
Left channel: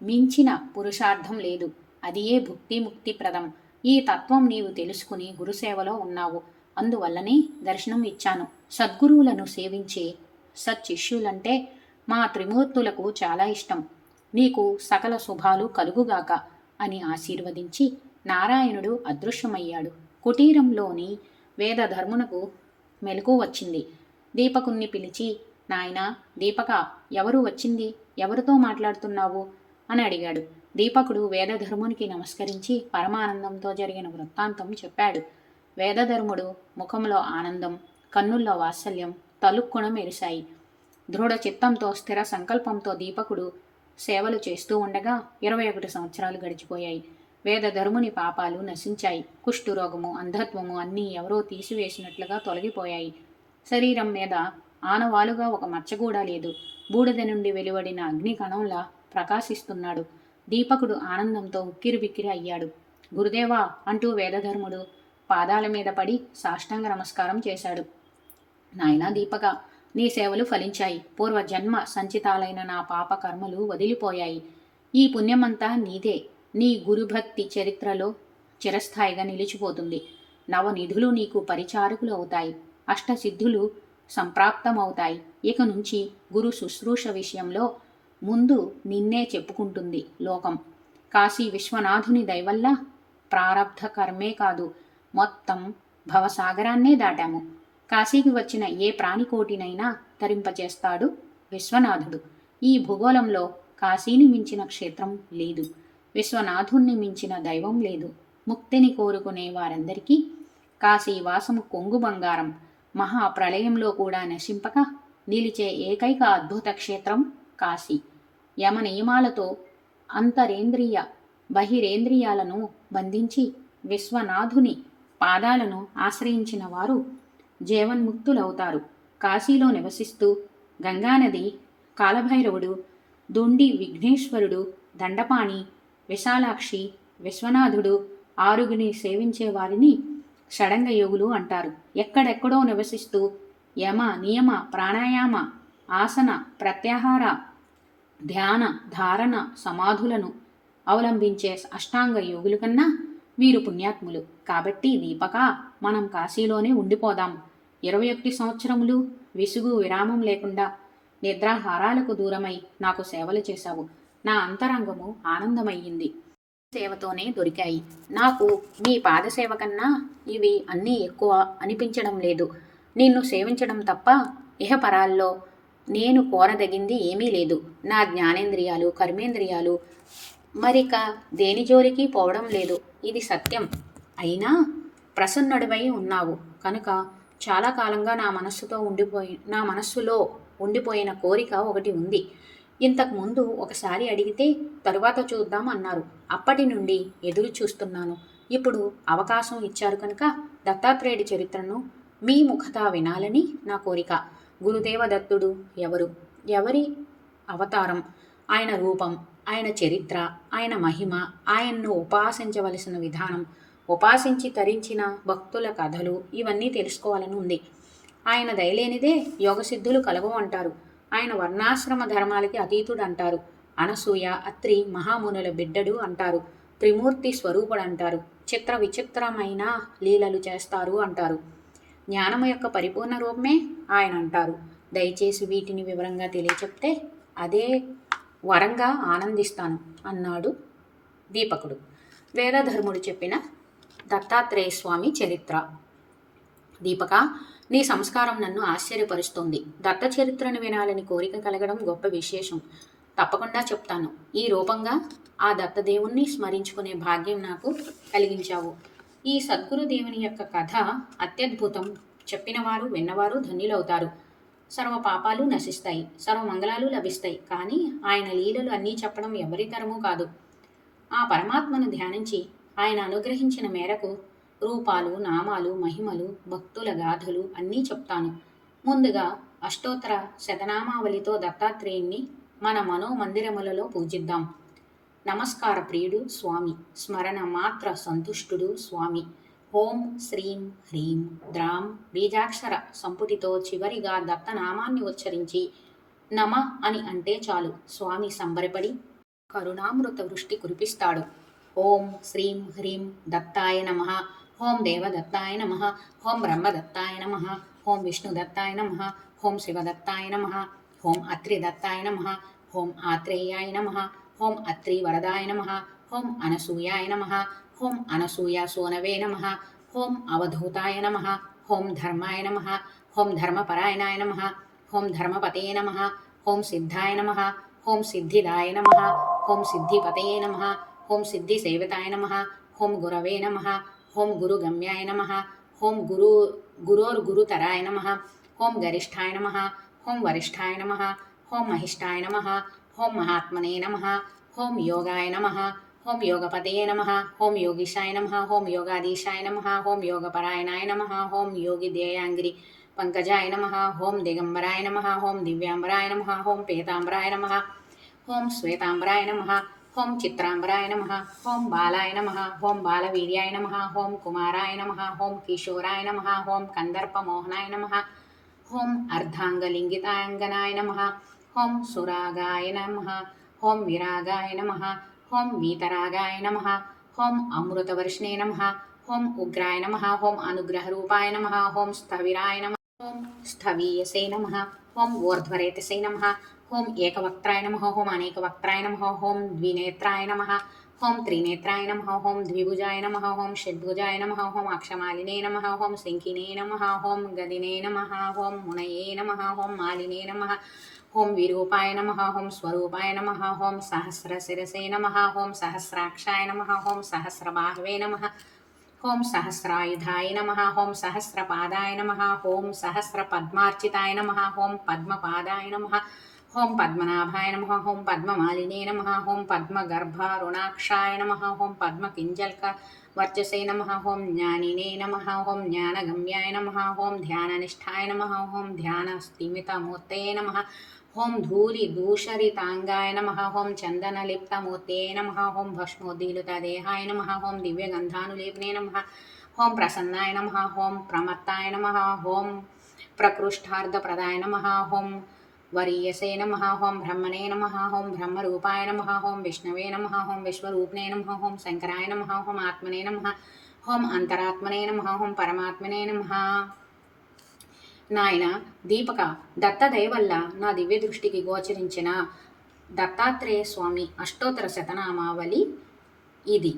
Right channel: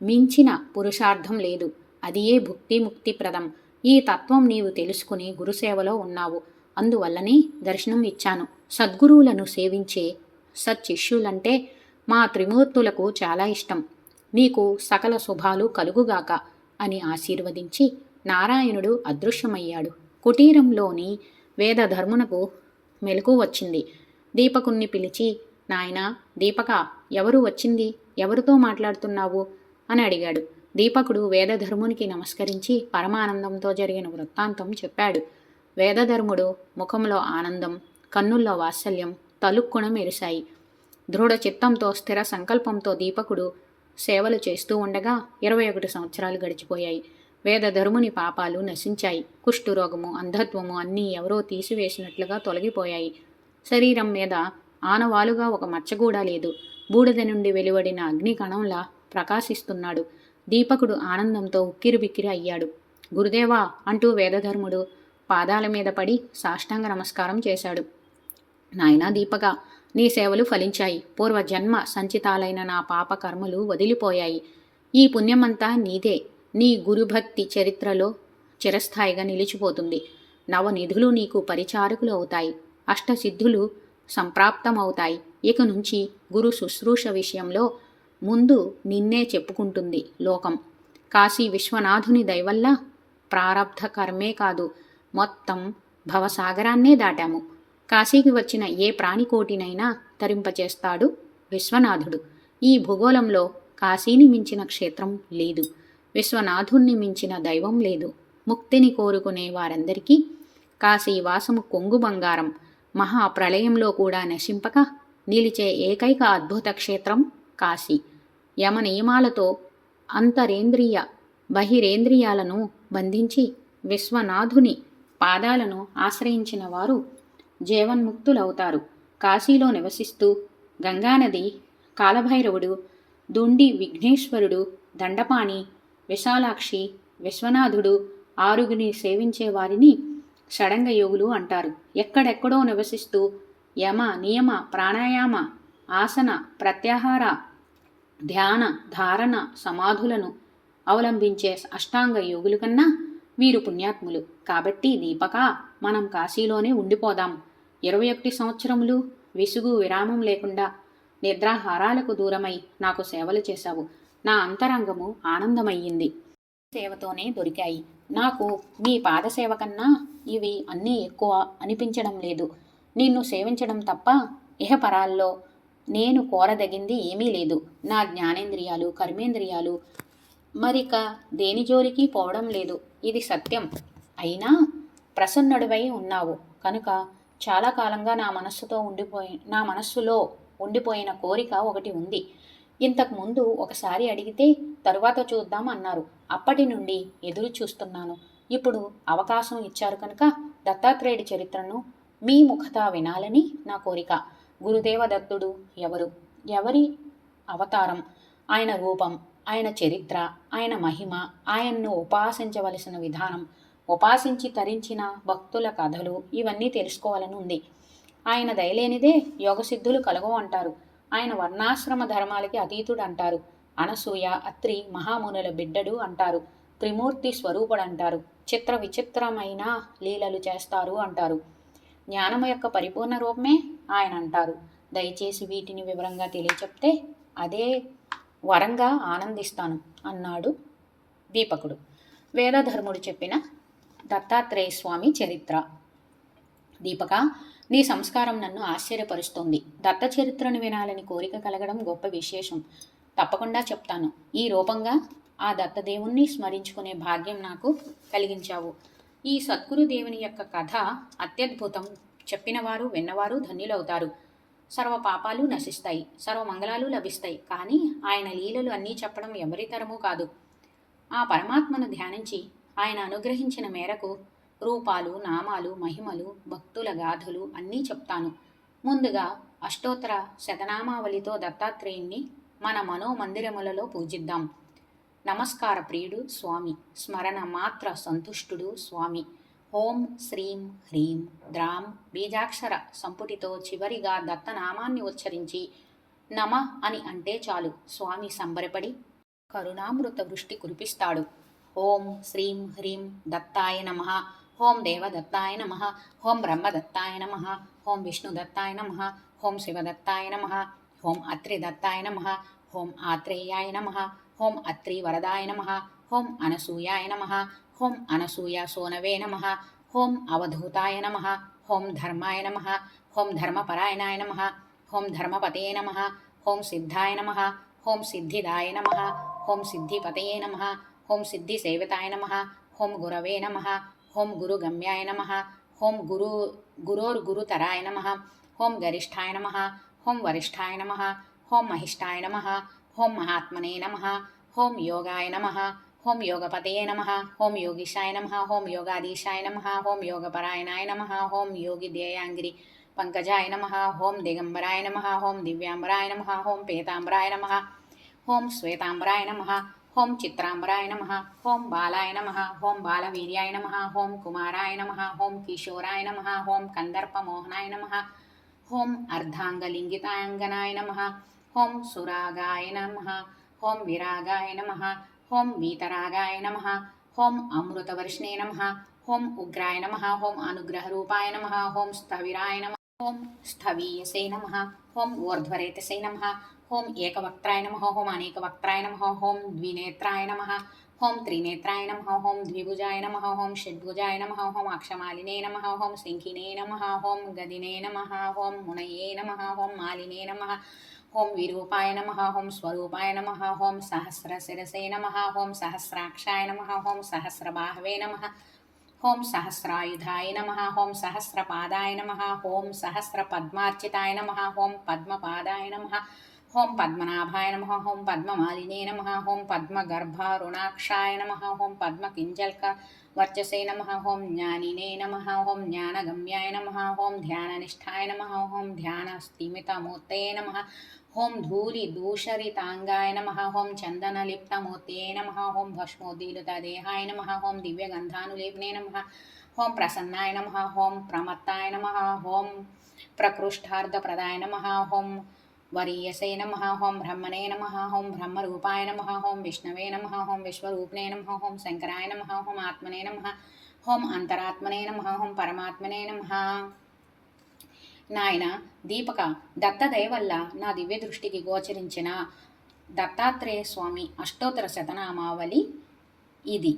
మించిన పురుషార్థం లేదు. అదియే భుక్తి ముక్తిప్రదం. ఈ తత్వం నీవు తెలుసుకుని గురుసేవలో ఉన్నావు. అందువల్లనే దర్శనం ఇచ్చాను. సద్గురువులను సేవించే సచ్చిష్యులంటే మా త్రిమూర్తులకు చాలా ఇష్టం. నీకు సకల శుభాలు కలుగుగాక అని ఆశీర్వదించి నారాయణుడు అదృశ్యమయ్యాడు. కుటీరంలోని వేదధర్మునకు మెలకు వచ్చింది. దీపకుణ్ణి పిలిచి, నాయనా దీపక, ఎవరు వచ్చింది? ఎవరితో మాట్లాడుతున్నావు అని అడిగాడు. దీపకుడు వేదధర్మునికి నమస్కరించి పరమానందంతో జరిగిన వృత్తాంతం చెప్పాడు. వేదధర్ముడు ముఖంలో ఆనందం, కన్నుల్లో వాత్సల్యం తలుక్కున మెరిశాయి. దృఢ చిత్తంతో స్థిర సంకల్పంతో దీపకుడు సేవలు చేస్తూ ఉండగా 21 సంవత్సరాలు గడిచిపోయాయి. వేదధర్ముని పాపాలు నశించాయి. కుష్ఠురోగము, అంధత్వము అన్నీ ఎవరో తీసివేసినట్లుగా తొలగిపోయాయి. శరీరం మీద ఆనవాలుగా ఒక మచ్చ కూడా లేదు. బూడిద నుండి వెలువడిన అగ్నికణంలా ప్రకాశిస్తున్నాడు. దీపకుడు ఆనందంతో ఉక్కిరిబిక్కిరి అయ్యాడు. గురుదేవా అంటూ వేదధర్ముడు పాదాల మీద పడి సాష్టాంగ నమస్కారం చేశాడు. నాయనా దీపక, నీ సేవలు ఫలించాయి. పూర్వజన్మ సంచితాలైన నా పాప కర్మలు వదిలిపోయాయి. ఈ పుణ్యమంతా నీదే. నీ గురుభక్తి చరిత్రలో చిరస్థాయిగా నిలిచిపోతుంది. నవనిధులు నీకు పరిచారకులు అవుతాయి. అష్టసిద్ధులు సంప్రాప్తమవుతాయి. ఇక నుంచి గురు శుశ్రూష విషయంలో ముందు నిన్నే చెప్పుకుంటుంది లోకం. కాశీ విశ్వనాథుని దయవల్ల ప్రారబ్ధ కర్మే కాదు, మొత్తం భవసాగరాన్నే దాటాము. కాశీకి వచ్చిన ఏ ప్రాణికోటినైనా తరింపచేస్తాడు విశ్వనాథుడు. ఈ భూగోళంలో కాశీని మించిన క్షేత్రం లేదు. విశ్వనాథుణ్ణి మించిన దైవం లేదు. ముక్తిని కోరుకునే వారందరికీ కాశీవాసము కొంగు బంగారం. మహాప్రళయంలో కూడా నశింపక నిలిచే ఏకైక అద్భుత క్షేత్రం కాశీ. యమ నియమాలతో అంతరేంద్రియ బహిరేంద్రియాలను బంధించి విశ్వనాథుని పాదాలను ఆశ్రయించిన వారు జీవన్ముక్తులవుతారు. కాశీలో నివసిస్తూ గంగానది, కాలభైరవుడు, దుండి విఘ్నేశ్వరుడు, దండపాణి, విశాలాక్షి, విశ్వనాథుడు ఆరుగురిని సేవించే వారిని షడంగ యోగులు అంటారు. ఎక్కడెక్కడో నివసిస్తూ యమ నియమ ప్రాణాయామ ఆసన ప్రత్యాహార ధ్యాన ధారణ సమాధులను అవలంబించే అష్టాంగ యోగుల కన్నా వీరు పుణ్యాత్ములు. కాబట్టి దీపక, మనం కాశీలోనే ఉండిపోదాం. 21 సంవత్సరములు విసుగు విరామం లేకుండా నిద్రాహారాలకు దూరమై నాకు సేవలు చేశావు. నా అంతరంగము ఆనందమయ్యింది. సేవతోనే దొరికాయి. నాకు మీ పాదసేవ కన్నా ఇవి అన్నీ ఎక్కువ అనిపించడం లేదు. నిన్ను సేవించడం తప్ప ఇహపరాల్లో నేను కోరదగింది ఏమీ లేదు. నా జ్ఞానేంద్రియాలు కర్మేంద్రియాలు మరిక దేని జోలికి పోవడం లేదు. ఇది సత్యం. అయినా ప్రసన్నుడివై ఉన్నావు కనుక చాలా కాలంగా నా మనస్సులో ఉండిపోయిన కోరిక ఒకటి ఉంది. ఇంతకుముందు ఒకసారి అడిగితే తరువాత చూద్దాం అన్నారు. అప్పటి నుండి ఎదురు చూస్తున్నాను. ఇప్పుడు అవకాశం ఇచ్చారు కనుక దత్తాత్రేయుడి చరిత్రను మీ ముఖతా వినాలని నా కోరిక. గురుదేవ దత్తుడు ఎవరు? ఎవరి అవతారం? ఆయన రూపం, ఆయన చరిత్ర, ఆయన మహిమ, ఆయన్ను ఉపాసించవలసిన విధానం, ఉపాసించి తరించిన భక్తుల కథలు ఇవన్నీ తెలుసుకోవాలని ఉంది. ఆయన దయలేనిదే యోగసిద్ధులు కలగవు అంటారు. ఆయన వర్ణాశ్రమ ధర్మాలకి అతీతుడు అంటారు. అనసూయ అత్రి మహామునుల బిడ్డడు అంటారు. త్రిమూర్తి స్వరూపుడు అంటారు. చిత్ర విచిత్రమైన లీలలు చేస్తారు అంటారు. జ్ఞానము యొక్క పరిపూర్ణ రూపమే ఆయన అంటారు. దయచేసి వీటిని వివరంగా తెలియచెప్తే అదే వరంగా ఆనందిస్తాను అన్నాడు దీపకుడు. వేదధర్ముడు చెప్పిన దత్తాత్రేయ స్వామి చరిత్ర. దీపక, నీ సంస్కారం నన్ను ఆశ్చర్యపరుస్తోంది. దత్త చరిత్రను వినాలని కోరిక కలగడం గొప్ప విశేషం. తప్పకుండా చెప్తాను. ఈ రూపంగా ఆ దత్తదేవుణ్ణి స్మరించుకునే భాగ్యం నాకు కలిగించావు. ఈ సద్గురుదేవుని యొక్క కథ అత్యద్భుతం. చెప్పినవారు విన్నవారు ధన్యులవుతారు. సర్వ పాపాలు నశిస్తాయి, సర్వమంగళాలు లభిస్తాయి. కానీ ఆయన లీలలు అన్నీ చెప్పడం ఎవరి తరమూ కాదు. ఆ పరమాత్మను ధ్యానించి ఆయన అనుగ్రహించిన మేరకు రూపాలు, నామాలు, మహిమలు, భక్తుల గాథలు అన్నీ చెప్తాను. ముందుగా అష్టోత్తర శతనామావళితో దత్తాత్రేయుణ్ణి మన మనోమందిరములలో పూజిద్దాం. నమస్కార ప్రియుడు స్వామి, స్మరణ మాత్ర సంతుష్టుడు స్వామి. ఓం శ్రీం హ్రీం ద్రాం బీజాక్షర సంపుటితో చివరిగా దత్తనామాన్ని ఉచ్చరించి నమ అని అంటే చాలు. స్వామి సంబరపడి కరుణామృత వృష్టి కురిపిస్తాడు. ఓం శ్రీం హ్రీం దత్తాయ నమః. ఓం దేవదత్తాయ నమః. ఓం బ్రహ్మదత్తాయ నమః. ఓం విష్ణుదత్తాయ నమః. ఓం శివదత్తాయ నమః. ఓం అత్రిదత్తాయ నమః. ఓం ఆత్రేయాయ నమః. ఓం అత్రి వరదాయ నమః. ఓం అనసూయాయ నమః. ఓం అనసూయ సోనవే నమః. ఓం అవధూతాయ నమః. ఓం ధర్మాయ నమః. ఓం ధర్మపరాయణాయ నమః. ఓం ధర్మపతయే నమః. ఓం సిద్ధాయ నమః. ఓం సిద్ధిదాయ నమః. ఓం సిద్ధిపతయే నమః. ఓం సిద్ధిసేవితాయ నమః. ఓం గురవే నమః. ఓం గురుగమ్యాయ నమః. ఓం గురోర్గురుతరాయ నమః. ఓం గరిష్ఠాయ నమః. ఓం వరిష్ఠాయ నమః. ఓం మహిష్ఠాయ నమః. ఓం మహాత్మనే నమః. ఓం యోగాయ నమః. ఓం యోగపతయే నమః. ఓం యోగిషాయ నమః. ఓం యోగాధీశాయ నమః. ఓం యోగపరాయణాయ నమః. ఓం యోగి ధ్యేయాంగిరి పంకజాయ నమః ఓం దిగంబరాయ నమః ఓం దివ్యాంబరాయ నమః ఓం పీతాంబరాయ నమః ఓం శ్వేతాంబరాయ నమః ఓం చిత్రాంబరాయ నమః ఓం బాలాయ నమః ఓం బాలవీర్యాయ నమః ఓం కుమారాయ నమః ఓం కిశోరాయ నమః ఓం కందర్పమోహనాయ నమః ఓం అర్ధాంగలింగితాంగనాయ నమః ఓం సురాగాయ నమః ఓం విరాగాయ నమః ఓం వీతరాగాయ నమః ఓం అమృతవర్షిణే నమః ఓం ఉగ్రాయ నమః ఓం అనుగ్రహరూపాయ నమః ఓం స్థవిరాయ నమః ఓం స్థవీయసే నమః ఓం ఊర్ధ్వరేతసే నమః ఓం ఏకవక్త్రాయ నమః ఓం అనేకవక్త్రాయ నమః ఓం ద్వినేత్రాయ నమః ఓం త్రినేత్రాయ నమః ఓం ద్విభుజాయ నమః ఓం షడ్భుజాయ నమః ఓం అక్షమాలినే నమః ఓం శంఖినే నమః ఓం గదినే నమః ఓం మునయే నమః ఓం మాలినే నమః ఓం విరూపాయ నమః ఓం స్వరూపాయ నమః ఓం సహస్రశిరసే నమః ఓం సహస్రాక్షాయ నమః ఓం సహస్రబాహవే నమః ఓం సహస్రాయుధాయ నమః ఓం సహస్రపాదాయ నమః ఓం సహస్రపద్మార్చితాయ నమః ఓం పద్మపాదాయ నమః ఓం పద్మనాభాయ నమః ఓం పద్మమాలినే నమః ఓం పద్మగర్భారుణాక్షాయ నమః ఓం పద్మకింజల్క వర్చసే నమః ఓం జ్ఞానినే నమః ఓం జ్ఞానగమ్యాయ నమః ఓం ధ్యాననిష్టాయ నమః ఓం ధ్యానస్థిమితమూర్తయే నమః ఓం ధూళిదూషరితాంగాయ నమః ఓం చందనలిప్తమూర్తయే నమః ఓం భస్మోద్దీలుతదేహాయ నమః ఓం దివ్యగంధానులేపనే నమః ఓం ప్రసన్నాయ నమః ఓం ప్రమత్తాయ నమః ఓం ప్రకృష్టార్థప్రదాయ నమః ఓం వరీయసే నమః ఓం బ్రహ్మణే నమః ఓం బ్రహ్మరూపాయ నమః ఓం విష్ణవే నమః ఓం విశ్వరూపిణే నమః ఓం శంకరాయ నమః ఓం ఆత్మనే నమః ఓం అంతరాత్మనే నమః ఓం పరమాత్మనే నమః. నాయన దీపక, దత్తదయ వల్ల నా దివ్య దృష్టికి గోచరించిన దత్తాత్రేయ స్వామి అష్టోత్తర శతనామావళి ఇది.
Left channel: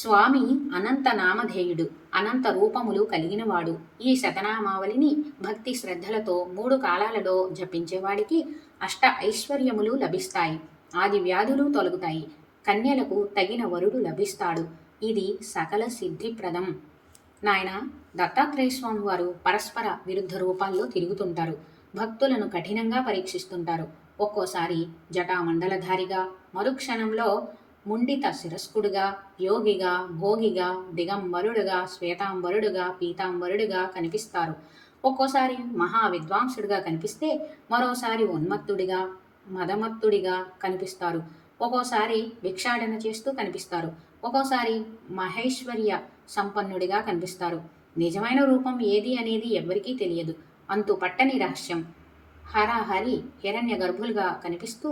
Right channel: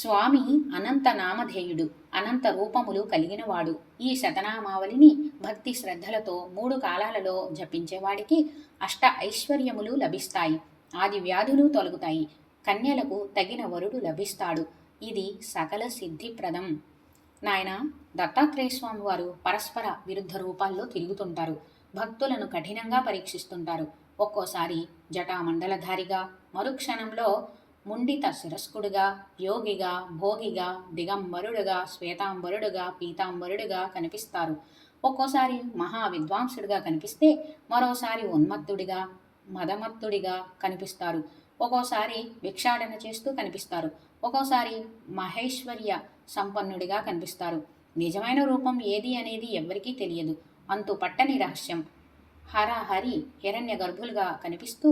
స్వామి అనంత నామధేయుడు, అనంత రూపములు కలిగినవాడు. ఈ శతనామావళిని భక్తి శ్రద్ధలతో 3 కాలాలలో జపించేవాడికి అష్ట ఐశ్వర్యములు లభిస్తాయి, ఆది వ్యాధులు తొలగుతాయి, కన్యలకు తగిన వరుడు లభిస్తాడు. ఇది సకల సిద్ధిప్రదం. నాయన, దత్తాత్రేయ స్వామి వారు పరస్పర విరుద్ధ రూపాల్లో తిరుగుతుంటారు. భక్తులను కఠినంగా పరీక్షిస్తుంటారు. ఒక్కోసారి జటామండలధారిగా, మరుక్షణంలో ముండిత శిరస్కుడుగా, యోగిగా, భోగిగా, దిగంబరుడుగా, శ్వేతాంబరుడుగా, పీతాంబరుడుగా కనిపిస్తారు. ఒక్కోసారి మహా విద్వాంసుడిగా కనిపిస్తే మరోసారి ఉన్మత్తుడిగా, మదమత్తుడిగా కనిపిస్తారు. ఒక్కోసారి భిక్షాటన చేస్తూ కనిపిస్తారు. ఒక్కోసారి మహేశ్వర్య సంపన్నుడిగా కనిపిస్తారు. నిజమైన రూపం ఏది అనేది ఎవ్వరికీ తెలియదు. అంతు పట్టని రహస్యం. హరహరి హిరణ్య గర్భులుగా కనిపిస్తూ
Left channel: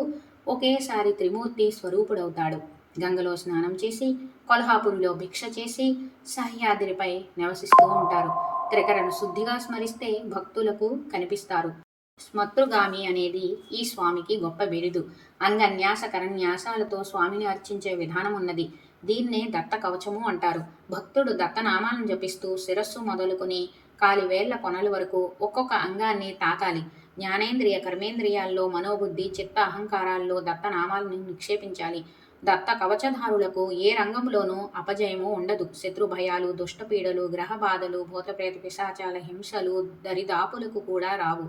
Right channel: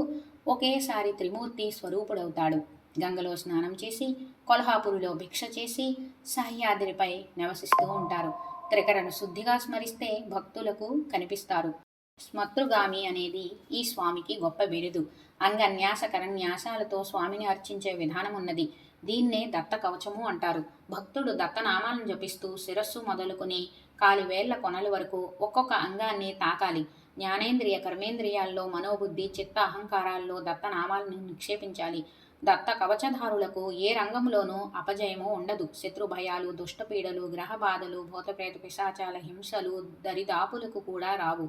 ఒకేసారి త్రిమూర్తి స్వరూపుడవుతాడు. గంగలో స్నానం చేసి, కొల్హాపురిలో భిక్ష చేసి, సహ్యాద్రిపై నివసిస్తూ ఉంటారు. త్రికరణ శుద్ధిగా స్మరిస్తే భక్తులకు కనిపిస్తారు. స్మతృగామి అనేది ఈ స్వామికి గొప్ప బిరుదు. అంగన్యాస కరన్యాసాలతో స్వామిని అర్చించే విధానం ఉన్నది. దీన్నే దత్త కవచము అంటారు. భక్తుడు దత్తనామాలను జపిస్తూ శిరస్సు మొదలుకుని కాలివేళ్ల కొనల వరకు ఒక్కొక్క అంగాన్ని తాకాలి. జ్ఞానేంద్రియ కర్మేంద్రియాల్లో, మనోబుద్ధి చిత్త అహంకారాల్లో దత్తనామాలను నిక్షేపించాలి. దత్త కవచధారులకు ఏ రంగంలోనూ అపజయము ఉండదు. శత్రుభయాలు, దుష్టపీడలు, గ్రహబాధలు, భూతప్రేత పిశాచాల హింసలు దరిదాపులకు కూడా రావు.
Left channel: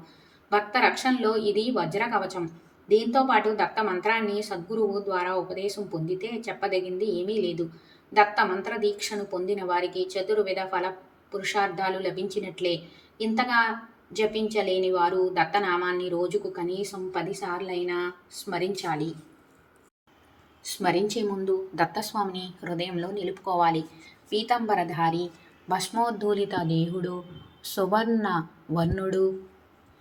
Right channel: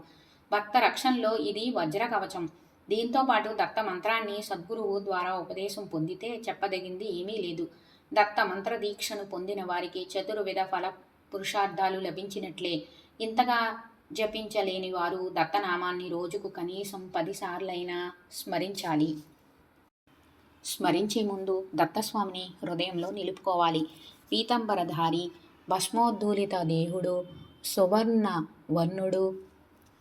భక్త రక్షణలో ఇది వజ్ర కవచం. దీంతో పాటు దత్త మంత్రాన్ని సద్గురువు ద్వారా ఉపదేశం పొందితే చెప్పదగింది ఏమీ లేదు. దత్త మంత్ర దీక్షను పొందిన వారికి చతుర్విధ ఫల పురుషార్థాలు లభించినట్లే. ఇంతగా జపించలేని వారు దత్తనామాన్ని రోజుకు కనీసం 10 సార్లైనా స్మరించాలి. స్మరించే ముందు దత్తస్వామిని హృదయంలో నిలుపుకోవాలి. పీతాంబరధారి, భస్మోద్ధూలిత దేహుడు, సువర్ణ వర్ణుడు,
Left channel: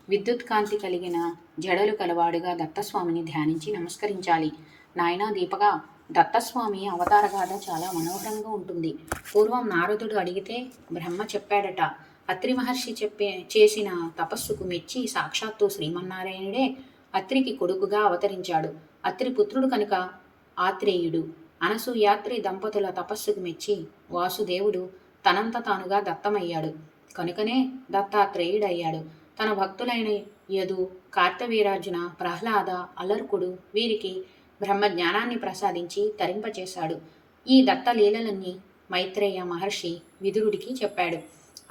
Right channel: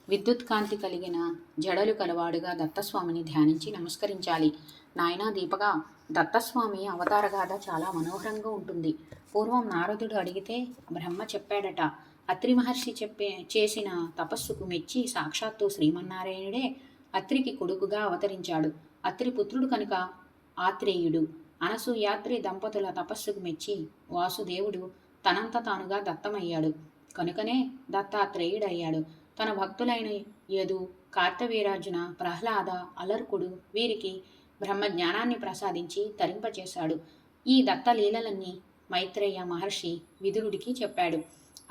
విద్యుత్కాంతి కలిగిన జడలు కలవాడుగా దత్తస్వామిని ధ్యానించి నమస్కరించాలి. నాయనా దీపగా, దత్తస్వామి అవతారగాథ చాలా మనోహరంగా ఉంటుంది. పూర్వం నారదుడు అడిగితే బ్రహ్మ చెప్పాడట. అత్రి మహర్షి చేసిన తపస్సుకు మెచ్చి సాక్షాత్తు శ్రీమన్నారాయణుడే అత్రికి కొడుకుగా అవతరించాడు. అత్రి పుత్రుడు కనుక ఆత్రేయుడు. అనసూయాత్రి దంపతుల తపస్సుకు మెచ్చి వాసుదేవుడు తనంత తానుగా దత్తమయ్యాడు. కనుకనే దత్తాత్రేయుడయ్యాడు. తన భక్తులైన యదు, కార్తవీరార్జున, ప్రహ్లాద, అలర్కుడు వీరికి బ్రహ్మజ్ఞానాన్ని ప్రసాదించి తరింపచేశాడు. ఈ దత్తలీలలన్నీ మైత్రేయ మహర్షి విదురుడికి చెప్పాడు.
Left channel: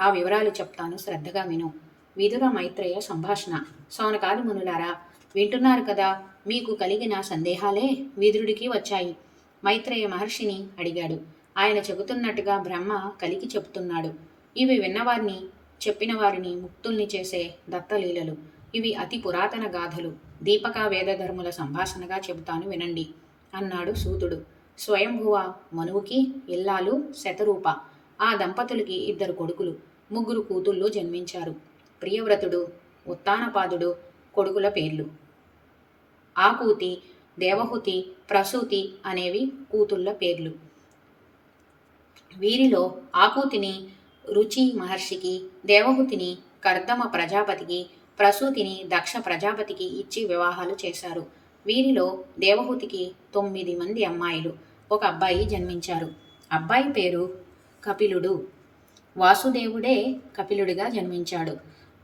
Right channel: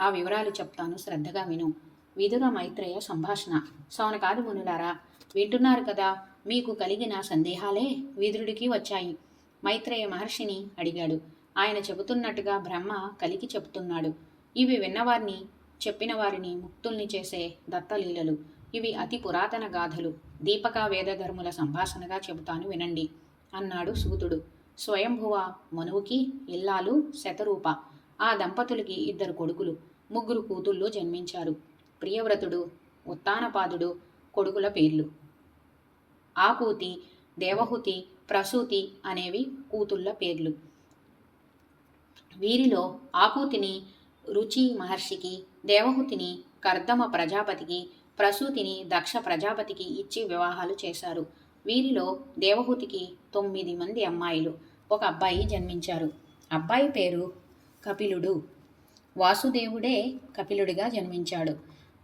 ఆ వివరాలు చెప్తాను, శ్రద్ధగా విను. విదుర మైత్రేయ సంభాషణ. సౌనకాది మునులారా, వింటున్నారు కదా. మీకు కలిగిన సందేహాలే విదురుడికి వచ్చాయి. మైత్రేయ మహర్షిని అడిగాడు. ఆయన చెబుతున్నట్టుగా బ్రహ్మ కలికి చెబుతున్నాడు. ఇవి విన్నవారిని చెప్పిన వారిని ముక్తుల్ని చేసే దత్తలీలలు. ఇవి అతి పురాతన గాథలు. దీపక వేదధర్ముల సంభాషణగా చెబుతాను వినండి అన్నాడు సూతుడు. స్వయంభువ మనువుకి ఇల్లాలు శతరూప. ఆ దంపతులకి 2 కొడుకులు, 3 కూతుళ్ళు జన్మించారు. ప్రియవ్రతుడు, ఉత్తానపాదుడు కొడుకుల పేర్లు. ఆకూతి, దేవహుతి, ప్రసూతి అనేవి కూతుళ్ళ పేర్లు. వీరిలో ఆకూతిని రుచి మహర్షికి, దేవహుతిని కర్దమ ప్రజాపతికి, ప్రసూతిని దక్ష ప్రజాపతికి ఇచ్చి వివాహాలు చేశారు. వీరిలో దేవహుతికి 9 మంది అమ్మాయిలు, 1 అబ్బాయి జన్మించారు. అబ్బాయి పేరు కపిలుడు. వాసుదేవుడే కపిలుడిగా జన్మించాడు.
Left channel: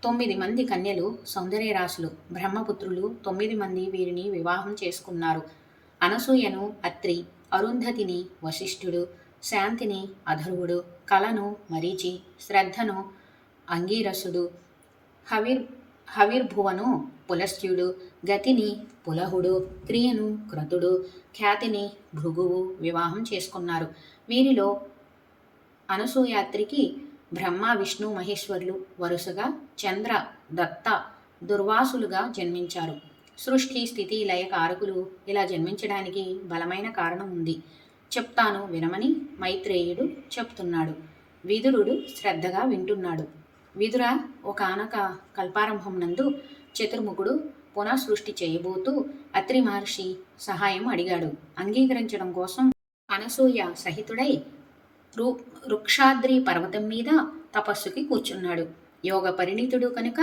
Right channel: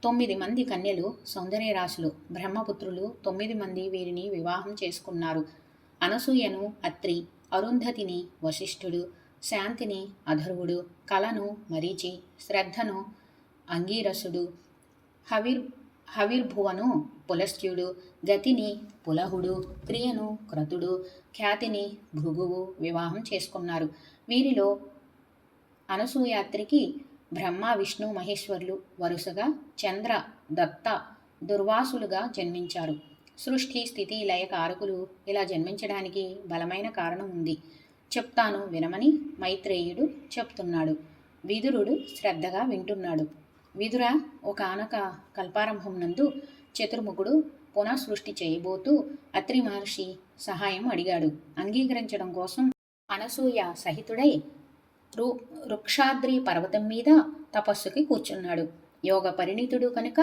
9 మంది కన్యలు సౌందర్యరాశులు, బ్రహ్మపుత్రులు 9 మంది వీరిని వివాహం చేసుకున్నారు. అనసూయను అత్రి, అరుంధతిని వశిష్ఠుడు, శాంతిని అధర్వుడు, కలను మరీచి, శ్రద్ధను అంగీరసుడు, హవిర్భువను పులస్త్యుడు, గతిని పులహుడు, క్రియను క్రతుడు, ఖ్యాతిని భృగువు వివాహం చేసుకున్నారు. వీరిలో అనసూయాత్రికి బ్రహ్మ విష్ణు మహేశ్వరులు వరుసగా చంద్ర దత్త దుర్వాసులుగా జన్మించారు. సృష్టి స్థితి లయ కారకులు ఇలా జన్మించడానికి బలమైన కారణం ఉంది. చెప్తాను వినమని మైత్రేయుడు చెప్తున్నాడు. విదురుడు శ్రద్ధగా వింటున్నాడు. విదుర, ఒకానొక కల్పారంభం నందు చతుర్ముఖుడు పునఃసృష్టి చేయబోతూ అత్రి మహర్షి సహాయం అడిగాడు. అంగీకరించడం కోసం అనసూయ సహితుడై వృక్షాద్రి పర్వతం మీద తపస్సుకి కూర్చున్నాడు. యోగ పరిణితుడు కనుక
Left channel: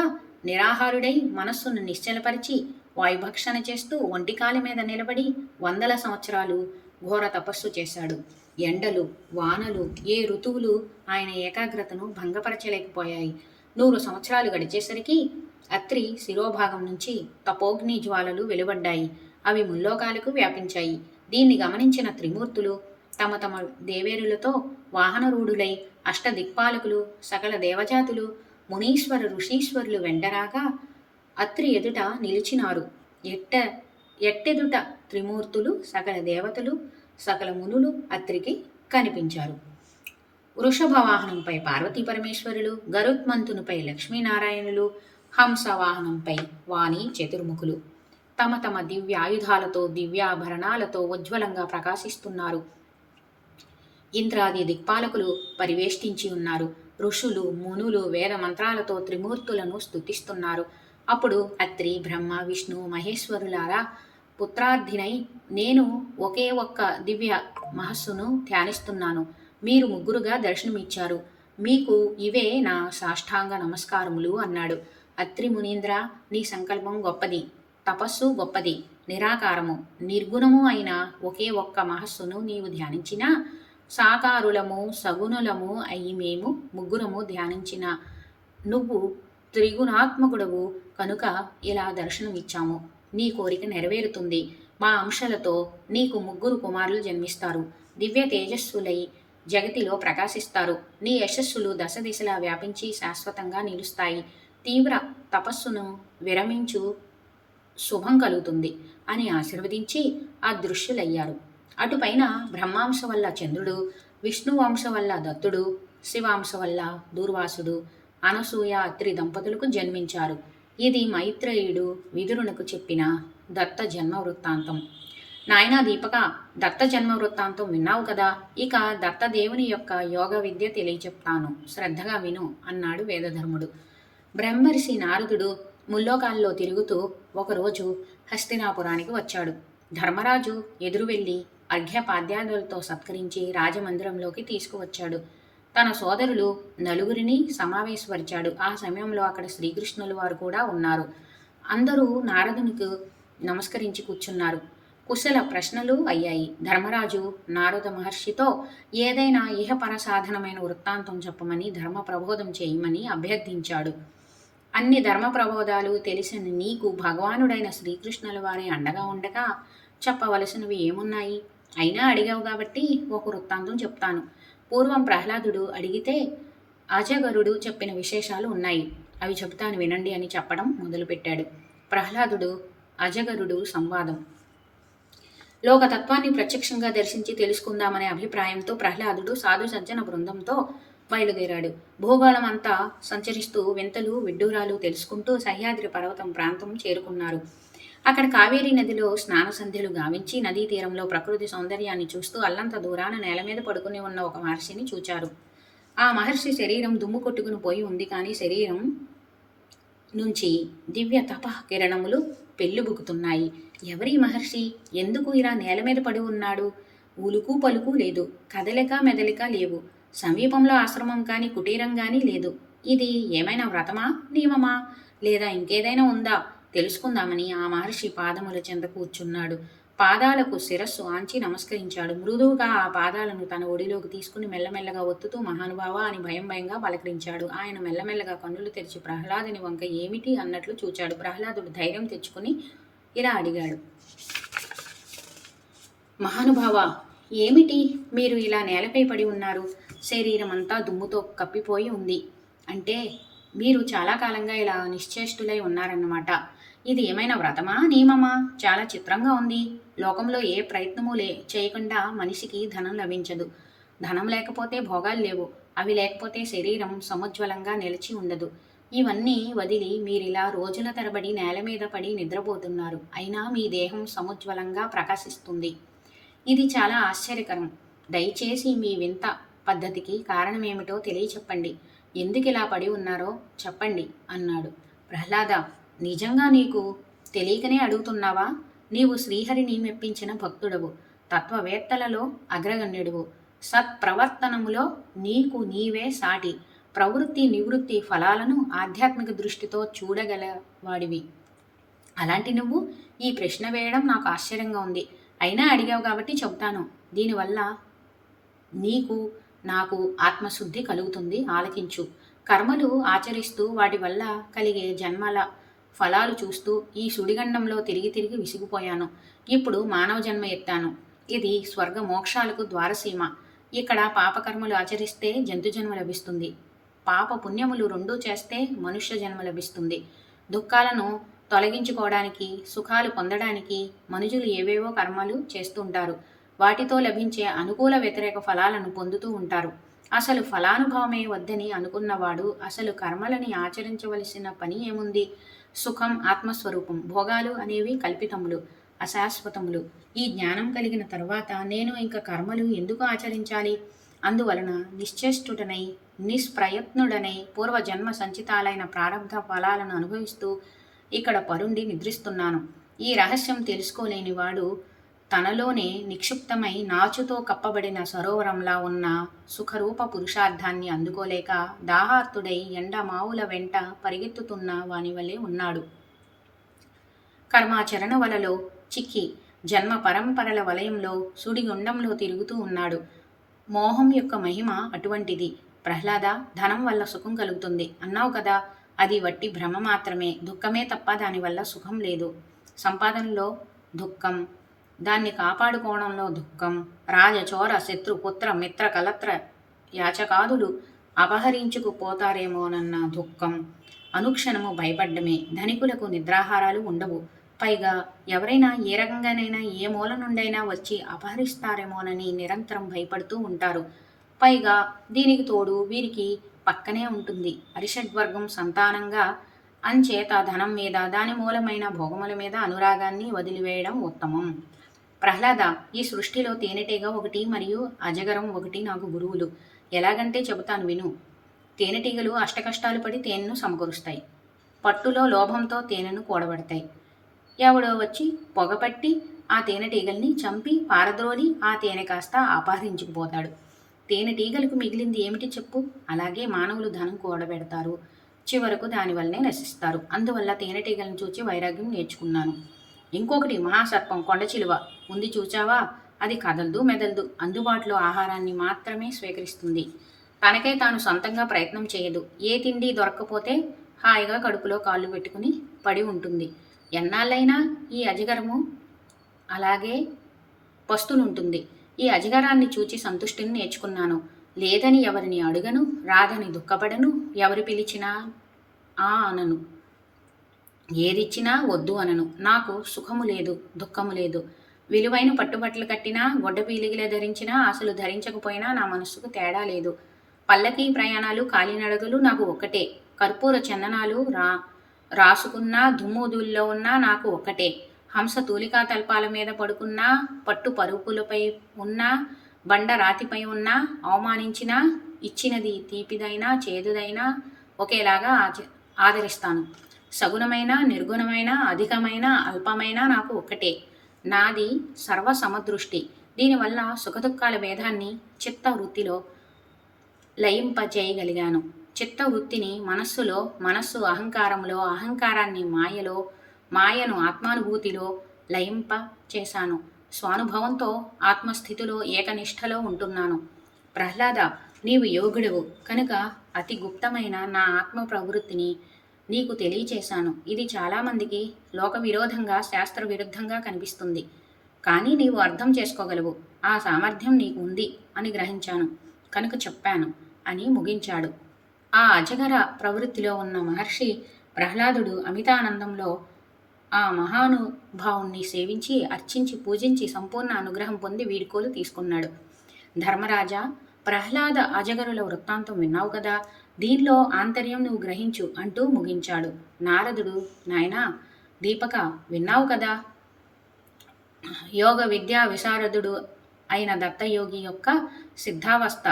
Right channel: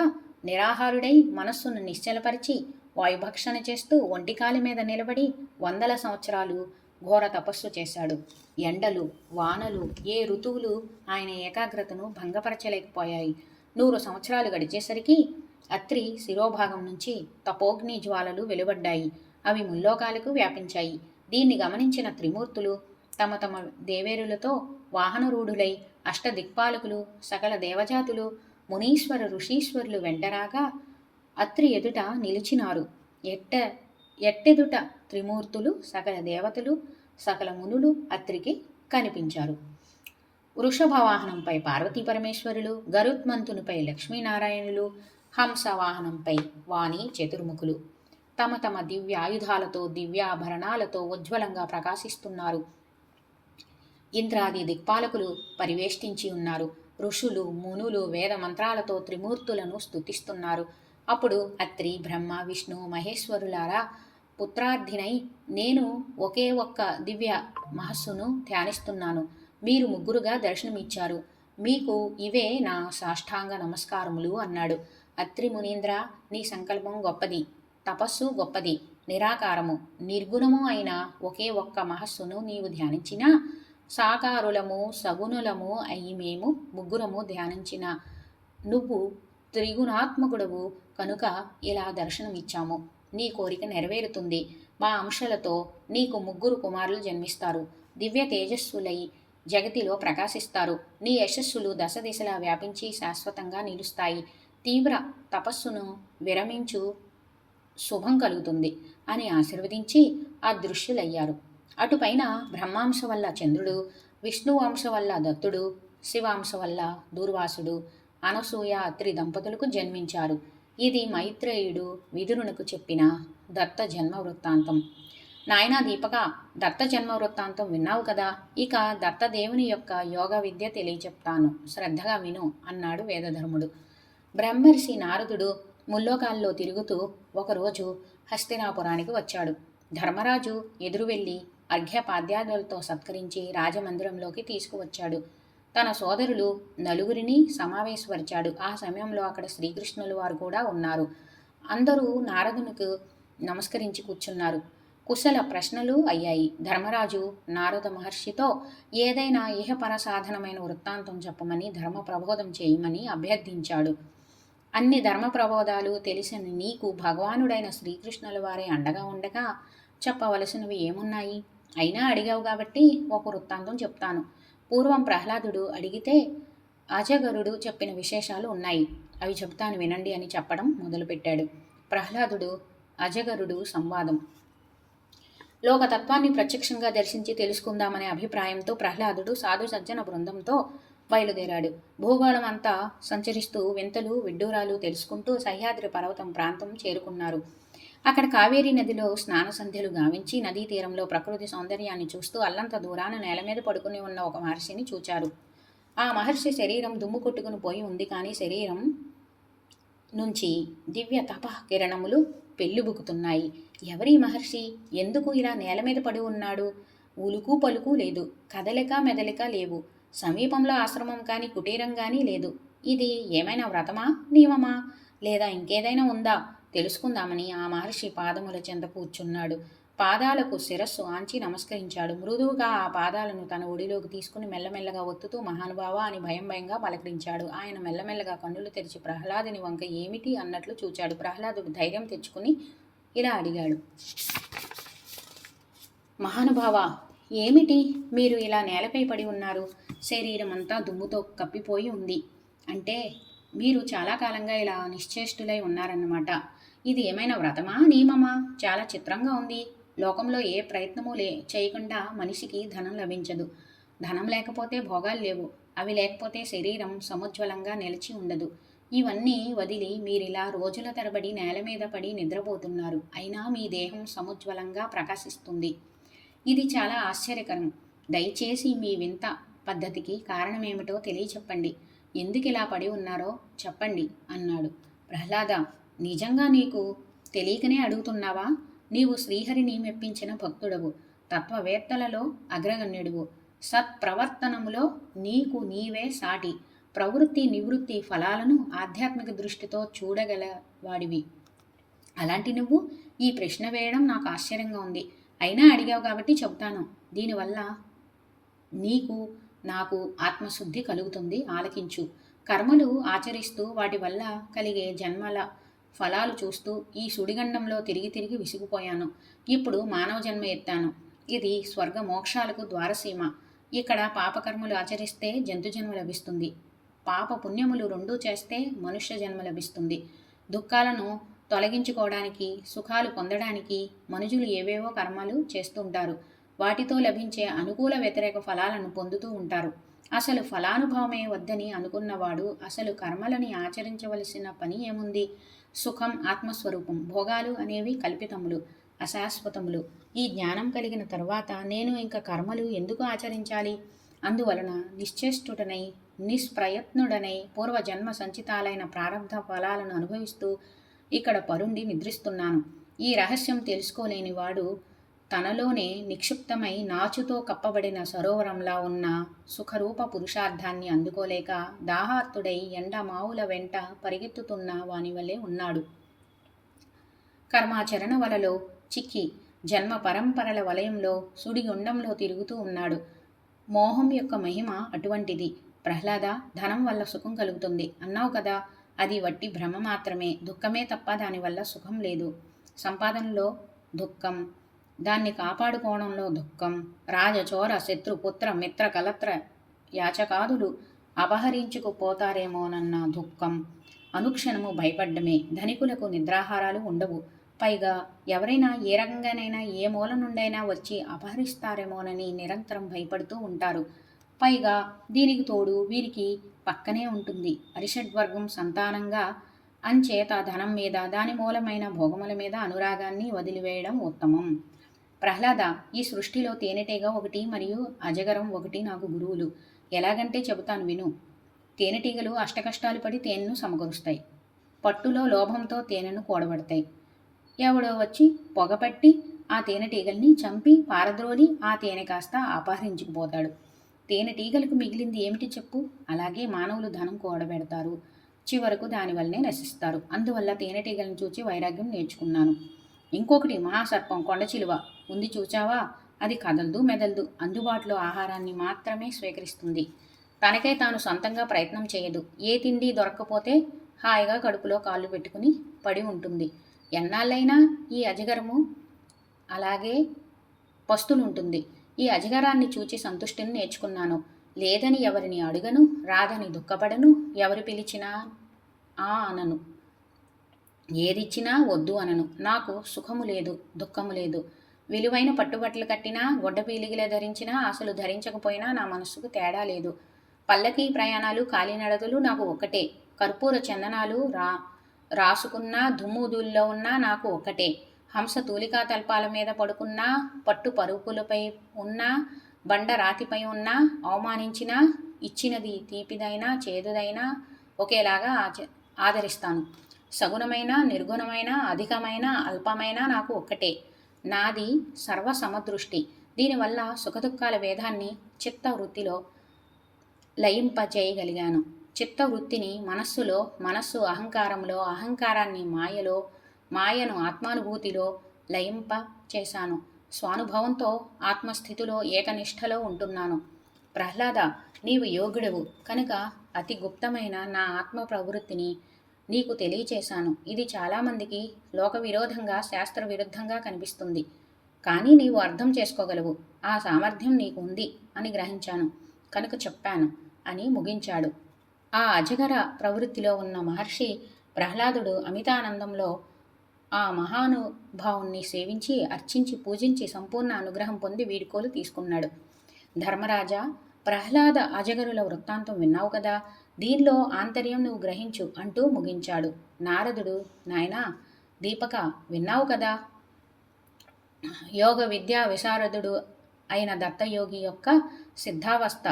నిరాహారుడై మనస్సును నిశ్చలపరిచి వాయుభక్షణ చేస్తూ ఒంటికాలి మీద నిలబడి 100 సంవత్సరాలు ఘోర తపస్సు చేశాడు. ఎండలు, వానలు, ఏ ఋతువులు ఆయన ఏకాగ్రతను భంగపరచలేకపోయాయి. 100 సంవత్సరాలు గడిచేసరికి అత్రి శిరోభాగం నుంచి తపోగ్ని జ్వాలలు వెలువడ్డాయి. అవి ముల్లోకాలకు వ్యాపించాయి. దీన్ని గమనించిన త్రిమూర్తులు తమ తమ దేవేరులతో వాహనరూఢులై అష్టదిక్పాలకులు, సకల దేవజాతులు, మునీశ్వర ఋషీశ్వరులు వెంటరాగా అత్రి ఎదుట నిలిచినారు. ఎట్టెదుట త్రిమూర్తులు, సకల దేవతలు, సకల మునులు అత్రికి కనిపించారు. వృషభవాహనంపై పార్వతీ పరమేశ్వరులు, గరుత్మంతునిపై లక్ష్మీనారాయణులు, హంసవాహనంపై వాణి చతుర్ముఖులు తమ తమ దివ్యాయుధాలతో దివ్యాభరణాలతో ఉజ్వలంగా ప్రకాశిస్తున్నారు. ఇంద్రాది దిక్పాలకులు పరివేష్టించి ఉన్నారు. ఋషులు, మునులు వేద మంత్రాలతో త్రిమూర్తులను స్తుతిస్తున్నారు. అప్పుడు అత్రి, బ్రహ్మ, విష్ణు మహేశ్వరులారా, పుత్రార్థినై నేను ఒకే ఒక్క దివ్య మహస్సును ధ్యానిస్తున్నాను. మీరు 3గా దర్శనమిచ్చారు. మీకు ఇవే నా సాష్టాంగ నమస్కారములు అన్నాడు. అత్రి మునీంద్ర, నీ సంకల్పం గొప్పది, తపస్సు గొప్పది, నిరాకారము నిర్గుణము అయిన ఒకే ఒక్క మహస్సును నీవు ధ్యానించినా సాకారులము సగుణులము అయి మేము 3 ధ్యానించిన నువ్వు త్రిగుణాత్మకుడవు కనుక ఇలా దర్శనమిచ్చాము. నీ కోరిక నెరవేరుతుంది. మా అంశలతో నీకు 3 కుమారులు జన్మిస్తారు. దివ్య తేజస్సులై జగతిలో ప్రకాశిస్తారు. నీ యశస్సులు దశ దిశలా వ్యాపించి శాశ్వతంగా నిలుస్తాయి. తీవ్ర తపస్సును విరమించు, శుభం కలుగుతుంది అని ఆశీర్వదించి అదృశ్యులయ్యారు. అటుపైన బ్రహ్మాంశ వల్ల చంద్రుడు, విష్ణువంశ వల్ల దత్తుడు, శివాంశ వల్ల దూర్వాసుడు, అనసూయ అత్రి దంపతులకు జన్మించారు. ఇది మైత్రేయుడు విదురునకు చెప్పిన దత్త జన్మ వృత్తాంతం. నాయనా దీపక, దత్త జన్మ వృత్తాంతం విన్నావు కదా, ఇక దత్తదేవుని యొక్క యోగ విద్య తెలియచెప్తాను, శ్రద్ధగా విను అన్నాడు వేదధర్ముడు. బ్రహ్మర్షి నారదుడు ముల్లోకాల్లో తిరుగుతూ ఒకరోజు హస్తినాపురానికి వచ్చాడు. ధర్మరాజు ఎదురు వెళ్ళి అర్ఘ్యపాద్యాదులతో సత్కరించి రాజమందిరంలోకి తీసుకువచ్చాడు. తన సోదరులు 4 సమావేశపరిచాడు. ఆ సమయంలో అక్కడ శ్రీకృష్ణుల వారు కూడా ఉన్నారు. అందరూ నారదునికి నమస్కరించి కూర్చున్నారు. కుశల ప్రశ్నలు అయ్యాయి. ధర్మరాజు నారద మహర్షితో ఏదైనా ఇహపర సాధనమైన వృత్తాంతం చెప్పమని, ధర్మ ప్రబోధం చేయమని అభ్యర్థించాడు. అన్ని ధర్మ ప్రబోధాలు తెలిసిన నీకు భగవానుడైన శ్రీకృష్ణుల వారి అండగా ఉండగా చెప్పవలసినవి ఏమున్నాయి? అయినా అడిగావు కాబట్టి ఒక వృత్తాంతం చెప్తాను. పూర్వం ప్రహ్లాదుడు అడిగితే అజగరుడు చెప్పిన విశేషాలు ఉన్నాయి. అవి చెబుతాను వినండి అని చెప్పడం మొదలుపెట్టాడు. ప్రహ్లాదుడు అజగరుడు సంవాదం. లోకతత్వాన్ని ప్రత్యక్షంగా దర్శించి తెలుసుకుందామనే అభిప్రాయంతో ప్రహ్లాదుడు సాధు సజ్జన బృందంతో బయలుదేరాడు. భూగోళం అంతా సంచరిస్తూ వింతలు విడ్డూరాలు తెలుసుకుంటూ సహ్యాద్రి పర్వతం ప్రాంతం చేరుకున్నారు. అక్కడ కావేరీ నదిలో స్నాన సంధ్యలు గావించి నదీ తీరంలో ప్రకృతి సౌందర్యాన్ని చూస్తూ అల్లంత దూరాన నేల మీద పడుకుని ఉన్న ఒక మహర్షిని చూచారు. ఆ మహర్షి శరీరం దుమ్ము కొట్టుకుని పోయి ఉంది, కానీ శరీరం నుంచి దివ్య తప కిరణములు పెళ్ళుబుకుతున్నాయి. ఎవరి మహర్షి? ఎందుకు ఇలా నేల మీద పడి ఉన్నాడు? ఉలుకు పలుకు లేదు, కదలిక మెదలిక లేవు. సమీపంలో ఆశ్రమం కానీ కుటీరం కానీ లేదు. ఇది ఏమైనా వ్రతమా, నియమమా, లేదా ఇంకేదైనా ఉందా తెలుసుకుందామని ఆ మహర్షి పాదముల చెంత కూర్చున్నాడు. పాదాలకు శిరస్సు ఆంచి నమస్కరించాడు. మృదువుగా ఆ పాదాలను తన ఒడిలోకి తీసుకుని మెల్లమెల్లగా ఒత్తుతూ మహానుభావ అని భయం భయంగా పలకరించాడు. ఆయన మెల్లమెల్లగా కన్నులు తెరిచి ప్రహ్లాదుని వంక ఏమిటి అన్నట్లు చూచాడు. ప్రహ్లాదుడు ధైర్యం తెచ్చుకుని ఇలా అడిగాడు. మహానుభావ, ఏమిటి మీరు ఇలా నేలపై పడి ఉన్నారు? శరీరం అంతా దుమ్ముతో కప్పిపోయి ఉంది. అంటే మీరు చాలా కాలంగా ఇలా నిశ్చేష్టులై ఉన్నారన్నమాట. ఇది ఏమైనా వ్రతమా, నియమమా? చాలా చిత్రంగా ఉంది. లోకంలో ఏ ప్రయత్నమూ చేయకుండా మనిషికి ధనం లభించదు. ధనం లేకపోతే భోగాలు లేవు. అవి లేకపోతే శరీరం సముజ్వలంగా నిలిచి ఉండదు. ఇవన్నీ వదిలి మీరిలా రోజుల తరబడి నేల మీద పడి నిద్రపోతున్నారు. అయినా మీ దేహం సముజ్వలంగా ప్రకాశిస్తుంది. ఇది చాలా ఆశ్చర్యకరం. దయచేసి మీ వింత పద్ధతికి కారణమేమిటో తెలియచెప్పండి. ఎందుకు ఇలా పడి ఉన్నారో చెప్పండి అన్నాడు. ప్రహ్లాద, నిజంగా నీకు తెలియకనే అడుగుతున్నావా? నీవు శ్రీహరిని మెప్పించిన భక్తుడవు, తత్వవేత్తలలో అగ్రగణ్యుడువు, సత్ప్రవర్తనములో నీకు నీవే సాటి, ప్రవృత్తి నివృత్తి ఫలాలను ఆధ్యాత్మిక దృష్టితో చూడగలవాడివి. అలాంటి నువ్వు ఈ ప్రశ్న వేయడం నాకు ఆశ్చర్యంగా ఉంది. అయినా అడిగావు కాబట్టి చెబుతాను. దీనివల్ల నీకు నాకు ఆత్మశుద్ధి కలుగుతుంది. ఆలకించు. కర్మలు ఆచరిస్తూ వాటి వల్ల కలిగే జన్మల ఫలాలు చూస్తూ ఈ సుడిగండంలో తిరిగి తిరిగి విసిగిపోయాను. ఇప్పుడు మానవ జన్మ ఎత్తాను. ఇది స్వర్గ మోక్షాలకు ద్వారసీమ. ఇక్కడ పాపకర్మలు ఆచరిస్తే జంతు జన్మ లభిస్తుంది. పాప పుణ్యములు రెండూ చేస్తే మనుష్య జన్మ లభిస్తుంది. దుఃఖాలను తొలగించుకోవడానికి, సుఖాలు పొందడానికి మనుషులు ఏవేవో కర్మలు చేస్తుంటారు. వాటితో లభించే అనుకూల వ్యతిరేక ఫలాలను పొందుతూ ఉంటారు. అసలు ఫలానుభవమే వద్దని అనుకున్నవాడు అసలు కర్మలని ఆచరించవలసిన పని ఏముంది? సుఖం ఆత్మస్వరూపం, భోగాలు అనేవి కల్పితములు, అశాశ్వతములు. ఈ జ్ఞానం కలిగిన తర్వాత నేను ఇంకా కర్మలు ఎందుకు ఆచరించాలి? అందువలన నిశ్చేష్టుడనై నిష్ప్రయత్నుడనై పూర్వజన్మ సంచితాలైన ప్రారంభ ఫలాలను అనుభవిస్తూ ఇక్కడ పరుండి నిద్రిస్తున్నాను. ఈ రహస్యం తెలుసుకోలేని వాడు తనలోనే నిక్షిప్తమై నాచుతో కప్పబడిన సరోవరంలా ఉన్న సుఖరూప పురుషార్థాన్ని అందుకోలేక దాహార్తుడై ఎండమావుల వెంట పరిగెత్తుతున్న వాని వలె ఉన్నాడు. కర్మాచరణ వలలో చిక్కి జన్మ పరంపరల వలయంలో సుడిగుండంలో తిరుగుతూ ఉన్నాడు. మోహం యొక్క మహిమ అటువంటిది. ప్రహ్లాద, ధనం వల్ల సుఖం కలుగుతుంది అన్నావు కదా, అది వట్టి భ్రమ మాత్రమే. దుఃఖమే తప్ప దానివల్ల సుఖం లేదు. సంపాదనలో దుఃఖం, దాన్ని కాపాడుకోవడంలో దుఃఖం, రాజచోర శత్రు పుత్ర మిత్ర కలత్ర యాచకాదులు అపహరించుకుపోతారేమోనన్న దుఃఖం, అనుక్షణము భయపడ్డమే. ధనికులకు నిద్రాహారాలు ఉండవు. పైగా ఎవరైనా ఏ రకంగానైనా ఏ మూల నుండైనా వచ్చి అపహరిస్తారేమోనని నిరంతరం భయపడుతూ ఉంటారు. పైగా దీనికి తోడు వీరికి పక్కనే ఉంటుంది అరిషడ్వర్గం సంతానంగా. అంచేత ధనం మీద, దాని మూలమైన భోగముల మీద అనురాగాన్ని వదిలివేయడం ఉత్తమం. ప్రహ్లాద, ఈ సృష్టిలో తేనెటీగ ఒకటి మరియు అజగరం ఒకటి నాకు గురువులు. ఎలాగంటే చెబుతాను విను. తేనెటీగలు అష్టకష్టాలు పడి తేనెను సమకూరుస్తాయి. పట్టులో లోభంతో తేనెను కూడబెడతాయి. ఎవడో వచ్చి పొగపట్టి ఆ తేనెటీగల్ని చంపి పారద్రోలి ఆ తేనె కాస్త అపహరించుకుపోతాడు. తేనెటీగలకు మిగిలింది ఏమిటి చెప్పు? అలాగే మానవులు ధనం కూడబెడతారు, చివరకు దానివల్లనే నశిస్తారు. అందువల్ల తేనెటీగలను చూచి వైరాగ్యం నేర్చుకున్నాను. ఇంకొకటి మహాసర్పం, కొండచిలువ ఉంది చూచావా? అది కదలదు మెదలదు, అందుబాటులో ఆహారాన్ని మాత్రమే స్వీకరిస్తుంది. తనకే తాను సొంతంగా ప్రయత్నం చేయదు. ఏ తిండి దొరక్కపోతే హాయిగా కడుపులో కాళ్ళు పెట్టుకుని పడి ఉంటుంది. ఎన్నాళ్ళైనా ఈ అజగరము అలాగే పస్తులుంటుంది. ఈ అజగరాన్ని చూచి సంతుష్టిని నేర్చుకున్నాను. లేదని ఎవరిని అడుగను, రాదని దుఃఖపడను, ఎవరు పిలిచినా అనను, ఏదిచ్చినా వద్దు అనను. నాకు సుఖము లేదు, దుఃఖము లేదు. విలువైన పట్టుబట్టలు కట్టినా, గొడ్డ పీలిగిలే ధరించినా, అసలు ధరించకపోయినా నా మనస్సుకు తేడా లేదు. పల్లకి ప్రయాణాలు కాలినడకలు నాకు ఒక్కటే. కర్పూర చందనాలు రాసుకున్న దుమ్ముదుల్లో ఉన్నా నాకు ఒక్కటే. హంస తూలికా తల్పాల మీద పడుకున్నా, పట్టు పరుపులపై ఉన్నా, బండ రాతిపై ఉన్నా, అవమానించినా, ఇచ్చినది తీపిదైనా చేదుదైనా ఒకేలాగా ఆదరిస్తాను. సగుణమైన నిర్గుణమైన అధికమైన అల్పమైన నాకు ఒక్కటే. నాది సర్వసమదృష్టి. దీనివల్ల సుఖదుఖాల భేదాన్ని చిత్తవృత్తిలో లయింపచేయగలిగాను. చిత్తవృత్తిని మనస్సులో, మనస్సు అహంకారంలో, అహంకారాన్ని మాయలో, మాయను ఆత్మానుభూతిలో లయింప చేశాను. స్వానుభవంతో ఆత్మస్థితిలో ఏకనిష్టలో ఉంటున్నాను. ప్రహ్లాద, నీవు యోగుడవు కనుక అతి గుప్తమైన నా ఆత్మ ప్రవృత్తిని నీకు తెలియచేశాను. ఇది చాలామందికి లోక విరోధంగా, శాస్త్ర విరుద్ధంగా కనిపిస్తుంది. కానీ నీవు అర్థం చేసుకోగలవు. ఆ సామర్థ్యం నీకు ఉంది అని గ్రహించాను కనుక చెప్పాను అని ముగించాడు. ఆ అజగర ప్రవృత్తిలో ఉన్న మహర్షి ప్రహ్లాదుడు అమితానందంలో ఆ మహానుభావుణ్ణి సేవించి, అర్చించి, పూజించి సంపూర్ణ అనుగ్రహం పొంది వీడుకోలు తీసుకున్నాడు. ధర్మరాజా, ప్రహ్లాద అజగరుల వృత్తాంతం విన్నావు కదా, దీనిలో ఆంతర్యం నువ్వు గ్రహించు అంటూ ముగించాడు. నారదుడు, నాయనా దీపక, విన్నావు కదా, యోగ విద్యా విశారదుడు అయిన దత్తయోగి యొక్క సిద్ధావస్థ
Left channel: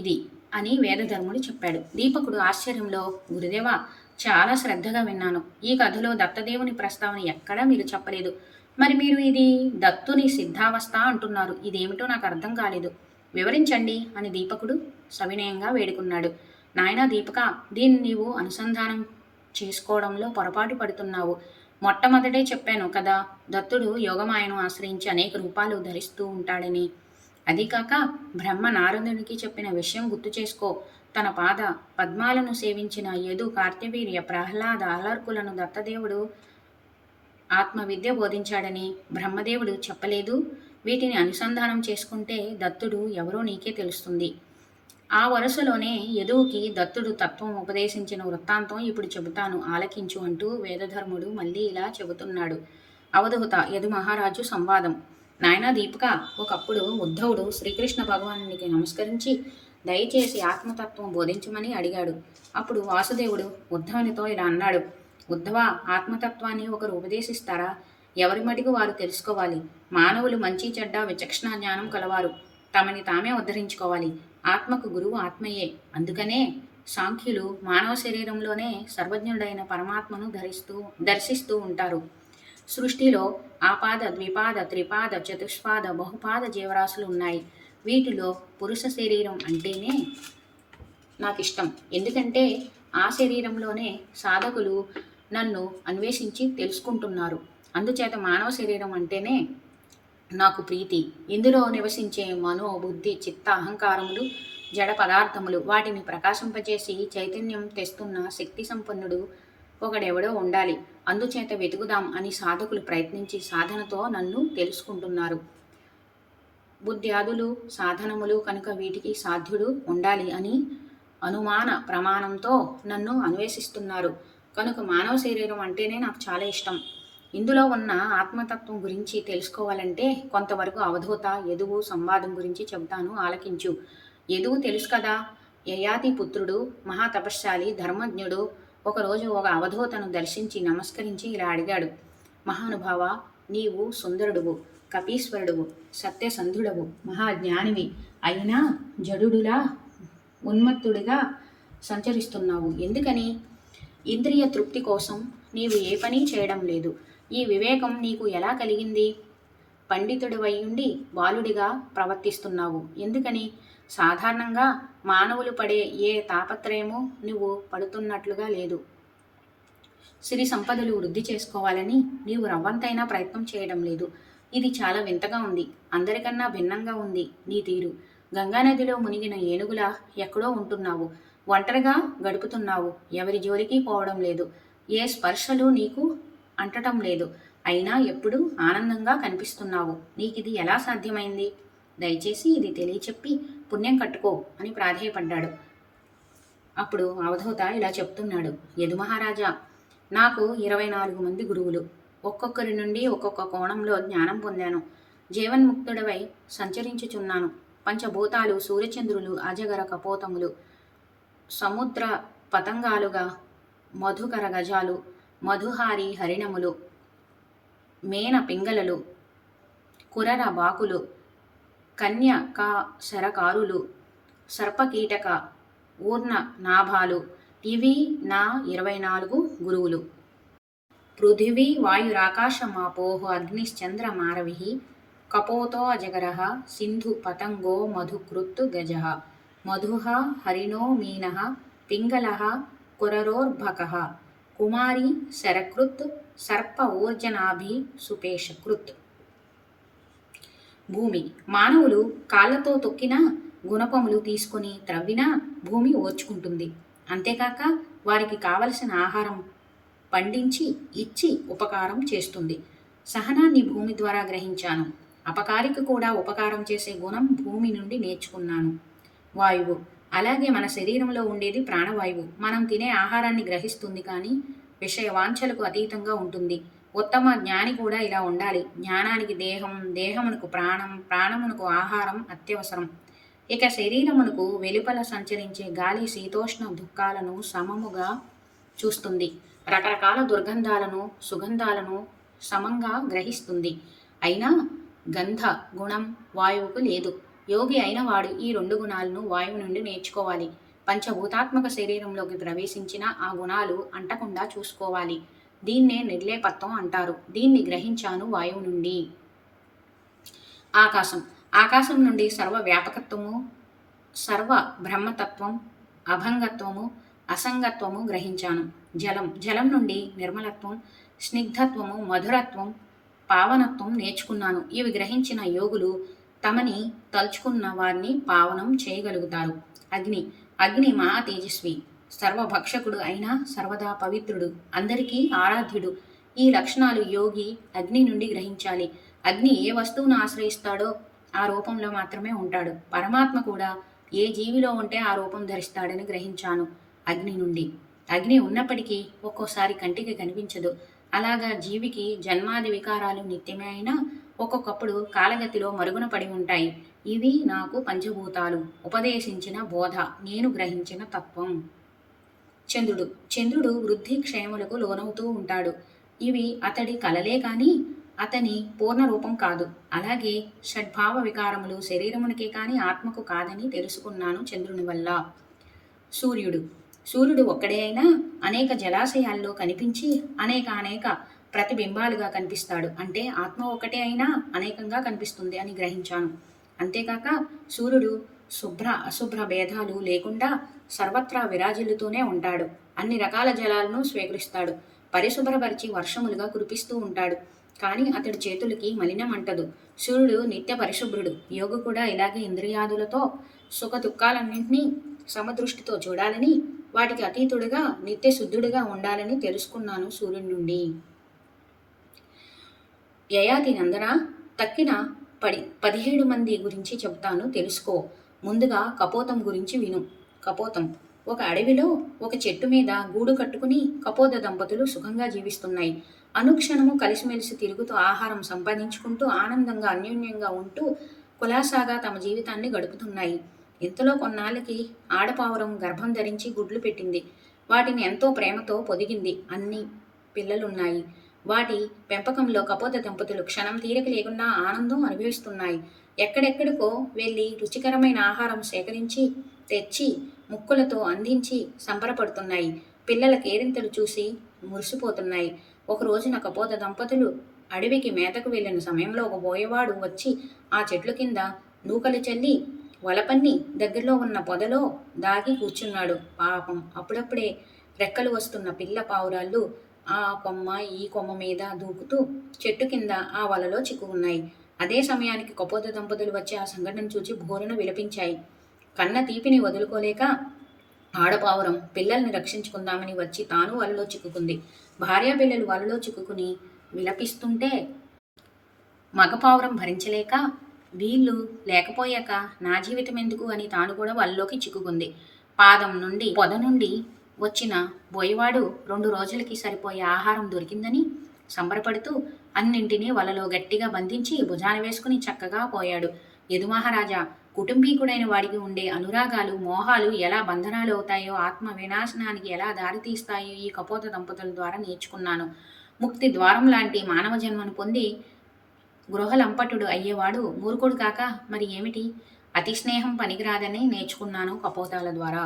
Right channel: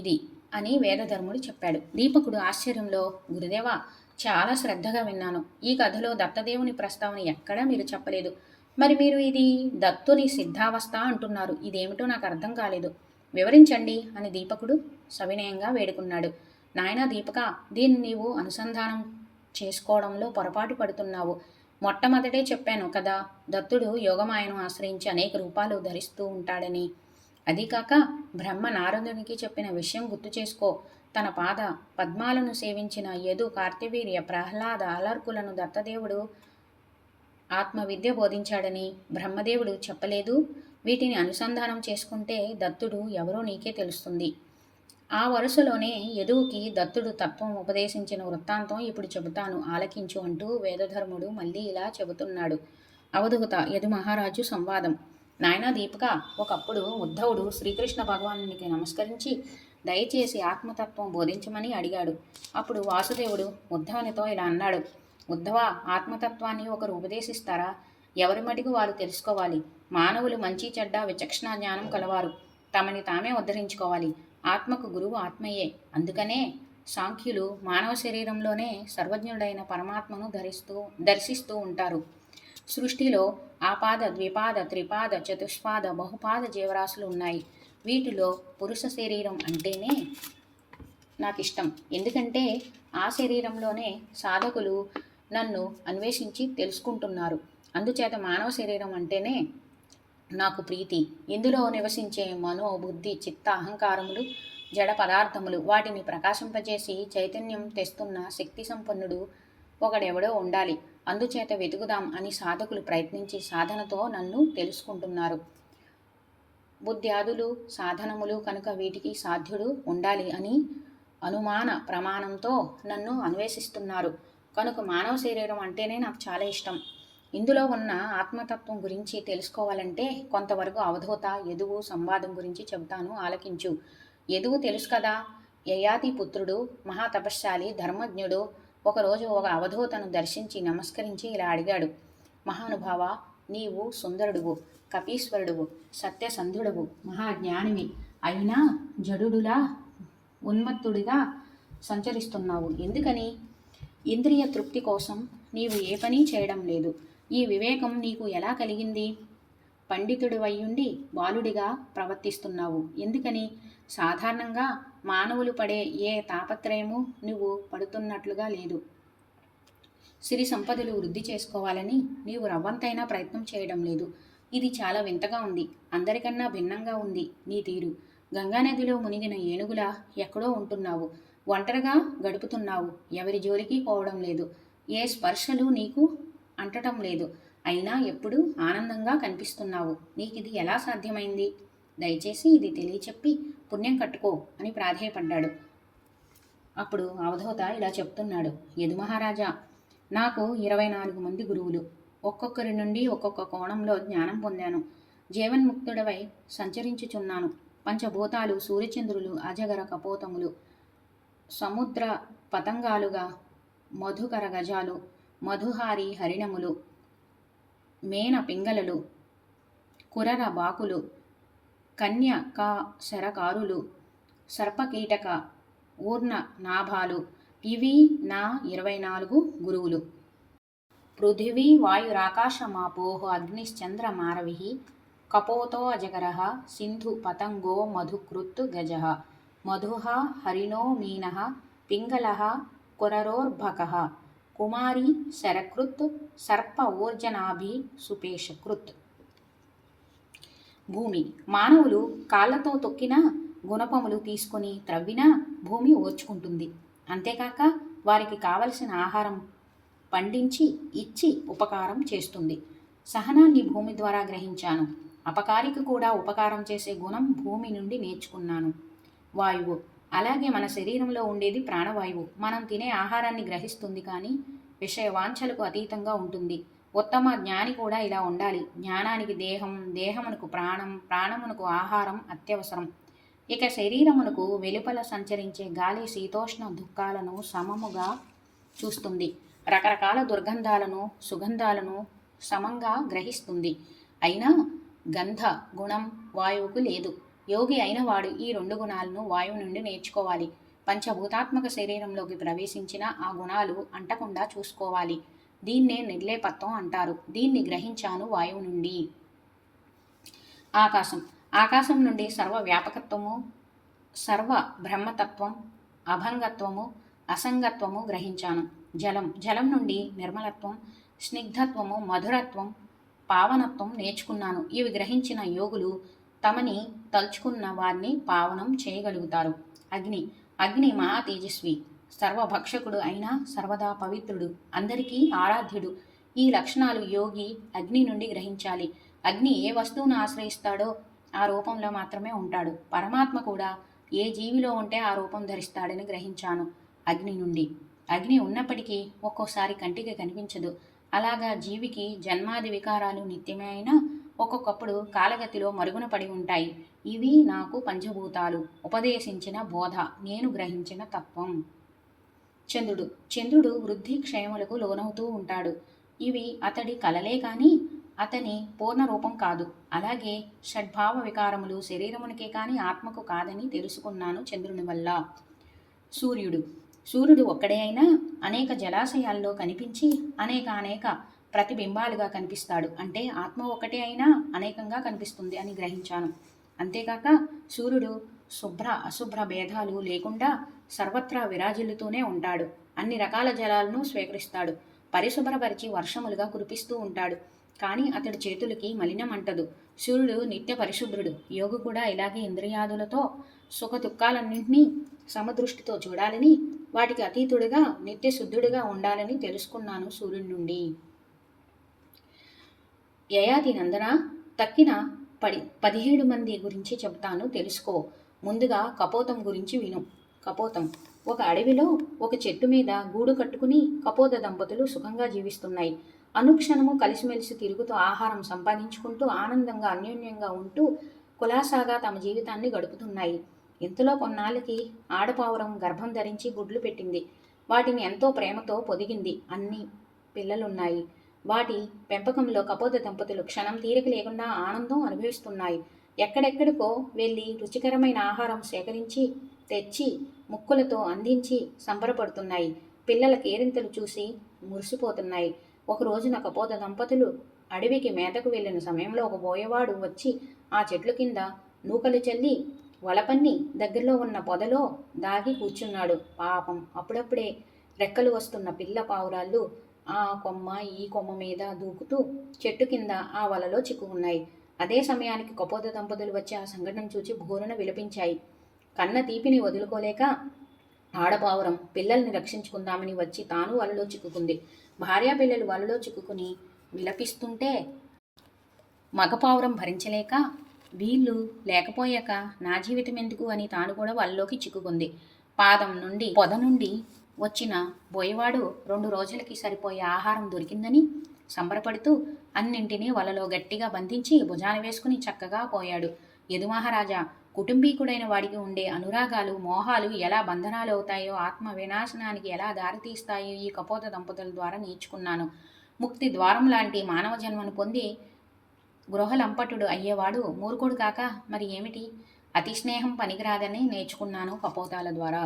ఇది అని వేదధర్ముడు చెప్పాడు. దీపకుడు ఆశ్చర్యంలో, గురుదేవా, చాలా శ్రద్ధగా విన్నాను. ఈ కథలో దత్తదేవుని ప్రస్తావన ఎక్కడా మీరు చెప్పలేదు. మరి మీరు ఇది దత్తుని సిద్ధావస్థ అంటున్నారు. ఇదేమిటో నాకు అర్థం కాలేదు. వివరించండి అని దీపకుడు సవినయంగా వేడుకున్నాడు. నాయనా దీపక, దీన్ని నీవు అనుసంధానం చేసుకోవడంలో పొరపాటు పడుతున్నావు. మొట్టమొదటే చెప్పాను కదా, దత్తుడు యోగమాయను ఆశ్రయించి అనేక రూపాలు ధరిస్తూ ఉంటాడని. అదీకాక బ్రహ్మ నారదునికి చెప్పిన విషయం గుర్తు చేసుకో. తన పాద పద్మాలను సేవించిన యదు, కార్త్యవీర్య, ప్రహ్లాద, అలర్కులను దత్తదేవుడు ఆత్మవిద్య బోధించాడని బ్రహ్మదేవుడు చెప్పలేదు. వీటిని అనుసంధానం చేసుకుంటే దత్తుడు ఎవరో నీకే తెలుస్తుంది. ఆ వరుసలోనే యదువుకి దత్తుడు తత్వం ఉపదేశించిన వృత్తాంతం ఇప్పుడు చెబుతాను, ఆలకించు అంటూ వేదధర్ముడు మళ్ళీ ఇలా చెబుతున్నాడు. అవధూత యదు మహారాజు సంవాదం. నాయనా దీపక, ఒకప్పుడు ఉద్ధవుడు శ్రీకృష్ణ భగవానునికి నమస్కరించి దయచేసి ఆత్మతత్వం బోధించమని అడిగాడు. అప్పుడు వాసుదేవుడు ఉద్ధవునితో ఇలా అన్నాడు. ఉద్ధవ, ఆత్మతత్వాన్ని ఒకరు ఉపదేశిస్తారా? ఎవరి మటుకు వారు తెలుసుకోవాలి. మానవులు మంచి చెడ్డ విచక్షణ జ్ఞానం కలవారు. తమని తామే ఉద్ధరించుకోవాలి. ఆత్మకు గురువు ఆత్మయే. అందుకనే సాంఖ్యులు మానవ శరీరంలోనే సర్వజ్ఞుడైన పరమాత్మను దర్శిస్తూ ఉంటారు. సృష్టిలో ఆపాద, ద్విపాద, త్రిపాద, చతుష్పాద, బహుపాద జీవరాశులు ఉన్నాయి. వీటిలో పురుష శరీరం అంటేనే నాకు ఇష్టం. ఎందుకంటే ఆ శరీరంలోనే సాధకులు నన్ను అన్వేషించి తెలుసుకుంటున్నారు. అందుచేత మానవ శరీరం అంటేనే నాకు ప్రీతి. ఇందులో నివసించే మనో, బుద్ధి, చిత్త, అహంకారములు జడ పదార్థములు, వాటిని ప్రకాశింపజేసి చైతన్యం తెస్తున్న శక్తి సంపన్నుడు ఒకడెవడో ఉండాలి. అందుచేత వెతుకుదాం అని సాధకులు ప్రయత్నించి సాధనతో నన్ను తెలుసుకుంటున్నారు. బుద్ధ్యాదులు సాధనములు కనుక వీటికి సాధ్యుడు ఉండాలి అని అనుమాన ప్రమాణంతో నన్ను అన్వేషిస్తున్నారు. కనుక మానవ శరీరం అంటేనే నాకు చాలా ఇష్టం. ఇందులో ఉన్న ఆత్మతత్వం గురించి తెలుసుకోవాలంటే కొంతవరకు అవధూత యదువు సంవాదం గురించి చెబుతాను, ఆలకించు. యదువు తెలుసు కదా, యయాతి పుత్రుడు, మహాతపశ్శాలి, ధర్మజ్ఞుడు. ఒకరోజు ఒక అవధూతను దర్శించి నమస్కరించి ఇలా అడిగాడు. మహానుభావ, నీవు సుందరుడువు, కపీశ్వరుడువు, సత్యసంధుడవు, మహాజ్ఞానివి. అయినా జడుడులా ఉన్మత్తుడిగా సంచరిస్తున్నావు. ఎందుకని? ఇంద్రియ తృప్తి కోసం నీవు ఏ పని చేయడం లేదు. ఈ వివేకం నీకు ఎలా కలిగింది? పండితుడివైయుండి బాలుడిగా ప్రవర్తిస్తున్నావు. ఎందుకని? సాధారణంగా మానవులు పడే ఏ తాపత్రయము నువ్వు పడుతున్నట్లుగా లేదు. సిరి సంపదలు వృద్ధి చేసుకోవాలని నీవు రవ్వంతైనా ప్రయత్నం చేయడం లేదు. ఇది చాలా వింతగా ఉంది. అందరికన్నా భిన్నంగా ఉంది నీ తీరు. గంగానదిలో మునిగిన ఏనుగులా ఎక్కడో ఉంటున్నావు. ఒంటరిగా గడుపుతున్నావు. ఎవరి జోలికి పోవడం లేదు. ఏ స్పర్శలు నీకు అంటటం లేదు. అయినా ఎప్పుడూ ఆనందంగా కనిపిస్తున్నావు. నీకిది ఎలా సాధ్యమైంది? దయచేసి ఇది తెలియచెప్పి పుణ్యం కట్టుకో అని ప్రాధేయపడ్డాడు. అప్పుడు అవధూత ఇలా చెప్తున్నాడు. యదు మహారాజా, నాకు 24 మంది గురువులు. ఒక్కొక్కరి నుండి ఒక్కొక్క కోణంలో జ్ఞానం పొందాను. జీవన్ముక్తుడవై సంచరించుచున్నాను. పంచభూతాలు, సూర్యచంద్రులు, అజగర కపోతములు, సముద్ర పతంగాలుగా మధుకర గజాలు, మధుహారి హరిణములు, మేన పింగళలు, కురర బాకులు, కన్యకా శరకారులు, సర్పకీటక ఊర్ణ నాభాలు, ఇవి నా 24 గురువులు. పృథివీ వాయురాకాశమాపోః అగ్నిశ్చంద్రమారవిః కపోతో అజగరః సింధు పతంగో మధుకృత్ గజః మధుః హరిణో మీనః పింగళః కురరోర్భకః కుమారీ శరకృత్ సర్ప ఊర్జనాభి సుపేషకృత్. భూమి. మానవులు కాళ్ళతో తొక్కినా గుణపములు తీసుకొని త్రవ్వినా భూమి ఓర్చుకుంటుంది. అంతేకాక వారికి కావలసిన ఆహారం పండించి ఇచ్చి ఉపకారం చేస్తుంది. సహనాన్ని భూమి ద్వారా గ్రహించాను. అపకారికి కూడా ఉపకారం చేసే గుణం భూమి నుండి నేర్చుకున్నాను. వాయువు. అలాగే మన శరీరంలో ఉండేది ప్రాణవాయువు. మనం తినే ఆహారాన్ని గ్రహిస్తుంది, కానీ విషయ వాంఛలకు అతీతంగా ఉంటుంది. ఉత్తమ జ్ఞాని కూడా ఇలా ఉండాలి. జ్ఞానానికి దేహం, దేహమునకు ప్రాణం, ప్రాణమునకు ఆహారం అత్యవసరం. ఇక శరీరమునకు వెలుపల సంచరించే గాలి శీతోష్ణ దుఃఖాలను సమముగా చూస్తుంది. రకరకాల దుర్గంధాలను, సుగంధాలను సమంగా గ్రహిస్తుంది. అయినా గంధ గుణం వాయువుకు లేదు. యోగి అయిన వాడు ఈ 2 గుణాలను వాయువు నుండి నేర్చుకోవాలి. పంచభూతాత్మక శరీరంలోకి ప్రవేశించిన ఆ గుణాలు అంటకుండా చూసుకోవాలి. దీన్నే నిర్లేపత్వం అంటారు. దీన్ని గ్రహించాను వాయువు నుండి. ఆకాశం. ఆకాశం నుండి సర్వ వ్యాపకత్వము, సర్వ బ్రహ్మతత్వం, అభంగత్వము, అసంగత్వము గ్రహించాను. జలం. జలం నుండి నిర్మలత్వం, స్నిగ్ధత్వము, మధురత్వం, పావనత్వం నేర్చుకున్నాను. ఇవి గ్రహించిన యోగులు తమని తలుచుకున్న వారిని పావనం చేయగలుగుతారు. అగ్ని. అగ్ని మహా తేజస్వి, సర్వభక్షకుడు అయినా సర్వదా పవిత్రుడు, అందరికీ ఆరాధ్యుడు. ఈ లక్షణాలు యోగి అగ్ని నుండి గ్రహించాలి. అగ్ని ఏ వస్తువును ఆశ్రయిస్తాడో ఆ రూపంలో మాత్రమే ఉంటాడు. పరమాత్మ కూడా ఏ జీవిలో ఉంటే ఆ రూపం ధరిస్తాడని గ్రహించాను అగ్ని నుండి. అగ్ని ఉన్నప్పటికీ ఒక్కోసారి కంటికి కనిపించదు. అలాగా జీవికి జన్మాది వికారాలు నిత్యమే అయినా ఒక్కొక్కప్పుడు కాలగతిలో మరుగున పడి ఉంటాయి. ఇవి నాకు పంచభూతాలు ఉపదేశించిన బోధ, నేను గ్రహించిన తత్వం. చంద్రుడు. చంద్రుడు వృద్ధి క్షయములకు లోనవుతూ ఉంటాడు. ఇవి అతడి కలలే కానీ అతని పూర్ణ రూపం కాదు. అలాగే షడ్భావ వికారములు శరీరమునికే కానీ ఆత్మకు కాదని తెలుసుకున్నాను చంద్రుని వల్ల. సూర్యుడు. సూర్యుడు ఒక్కడే అయినా అనేక జలాశయాల్లో కనిపించి అనేక ప్రతిబింబాలుగా కనిపిస్తాడు. అంటే ఆత్మ ఒక్కటే అయినా అనేకంగా కనిపిస్తుంది అని గ్రహించాను. అంతేకాక సూర్యుడు శుభ్ర అశుభ్ర భేదాలు లేకుండా సర్వత్రా విరాజిల్లుతూనే ఉంటాడు. అన్ని రకాల జలాలను స్వీకరిస్తాడు. పరిశుభ్రపరిచి వర్షములుగా కురిపిస్తూ ఉంటాడు. కానీ అతడి చేతులకి మలినం అంటదు. సూర్యుడు నిత్య పరిశుభ్రుడు. యోగి కూడా ఇలాగే ఇంద్రియాదులతో సుఖ దుఃఖాలన్నింటినీ సమదృష్టితో చూడాలని, వాటికి అతీతుడిగా నిత్య శుద్ధుడిగా ఉండాలని తెలుసుకున్నాను సూర్యుడి నుండి. యయాతి నందన, తక్కిన 17 మంది గురించి చెప్తాను, తెలుసుకో. ముందుగా కపోతం గురించి విను. కపోతం. ఒక అడవిలో ఒక చెట్టు మీద గూడు కట్టుకుని కపోత దంపతులు సుఖంగా జీవిస్తున్నాయి. అనుక్షణము కలిసిమెలిసి తిరుగుతూ ఆహారం సంపాదించుకుంటూ ఆనందంగా అన్యోన్యంగా ఉంటూ కులాసాగా తమ జీవితాన్ని గడుపుతున్నాయి. ఇంతలో కొన్నాళ్ళకి ఆడపావురం గర్భం ధరించి గుడ్లు పెట్టింది. వాటిని ఎంతో ప్రేమతో పొదిగింది. అన్ని పిల్లలున్నాయి. వాటి పెంపకంలో కపోత దంపతులు క్షణం తీరిక లేకుండా ఆనందం అనుభవిస్తున్నాయి. ఎక్కడెక్కడికో వెళ్ళి రుచికరమైన ఆహారం సేకరించి తెచ్చి ముక్కులతో అందించి సంబరపడుతున్నాయి. పిల్లల కేరింతలు చూసి మురిసిపోతున్నాయి. ఒక రోజున కపోత దంపతులు అడవికి మేతకు వెళ్ళిన సమయంలో ఒక బోయవాడు వచ్చి ఆ చెట్ల కింద నూకలు చల్లి వలపన్ని దగ్గరలో ఉన్న పొదలో దాగి కూర్చున్నాడు. పాపం, అప్పుడప్పుడే రెక్కలు వస్తున్న పిల్ల పావురాళ్ళు ఆ కొమ్మ ఈ కొమ్మ మీద దూకుతూ చెట్టు కింద ఆ వలలో చిక్కుకున్నాయి. అదే సమయానికి కపోత దంపతులు వచ్చి ఆ సంఘటన చూచి భోరున విలపించాయి. కన్న తీపిని వదులుకోలేక ఆడపావురం పిల్లల్ని రక్షించుకుందామని వచ్చి తాను వలలో చిక్కుకుంది. భార్యా పిల్లలు వలలో చిక్కుకుని విలపిస్తుంటే మగపావురం భరించలేక, వీళ్ళు లేకపోయాక నా జీవితం ఎందుకు అని తాను కూడా వలలోకి చిక్కుకుంది. పాదం నుండి పొద నుండి వచ్చిన బోయవాడు 2 రోజులకి సరిపోయే ఆహారం దొరికిందని సంబరపడుతూ అన్నింటినీ వలలో గట్టిగా బంధించి భుజాన వేసుకుని చక్కగా పోయాడు. యదుమహారాజా, కుటుంబీకుడైన వాడికి ఉండే అనురాగాలు, మోహాలు ఎలా బంధనాలు అవుతాయో, ఆత్మ వినాశనానికి ఎలా దారితీస్తాయో ఈ కపోత దంపతుల ద్వారా నేర్చుకున్నాను. ముక్తి ద్వారం లాంటి మానవ జన్మను పొంది గృహలంపటుడు అయ్యేవాడు మూర్ఖుడు కాక మరి ఏమిటి? అతి స్నేహం పనికిరాదని నేర్చుకున్నాను కపోతాల ద్వారా.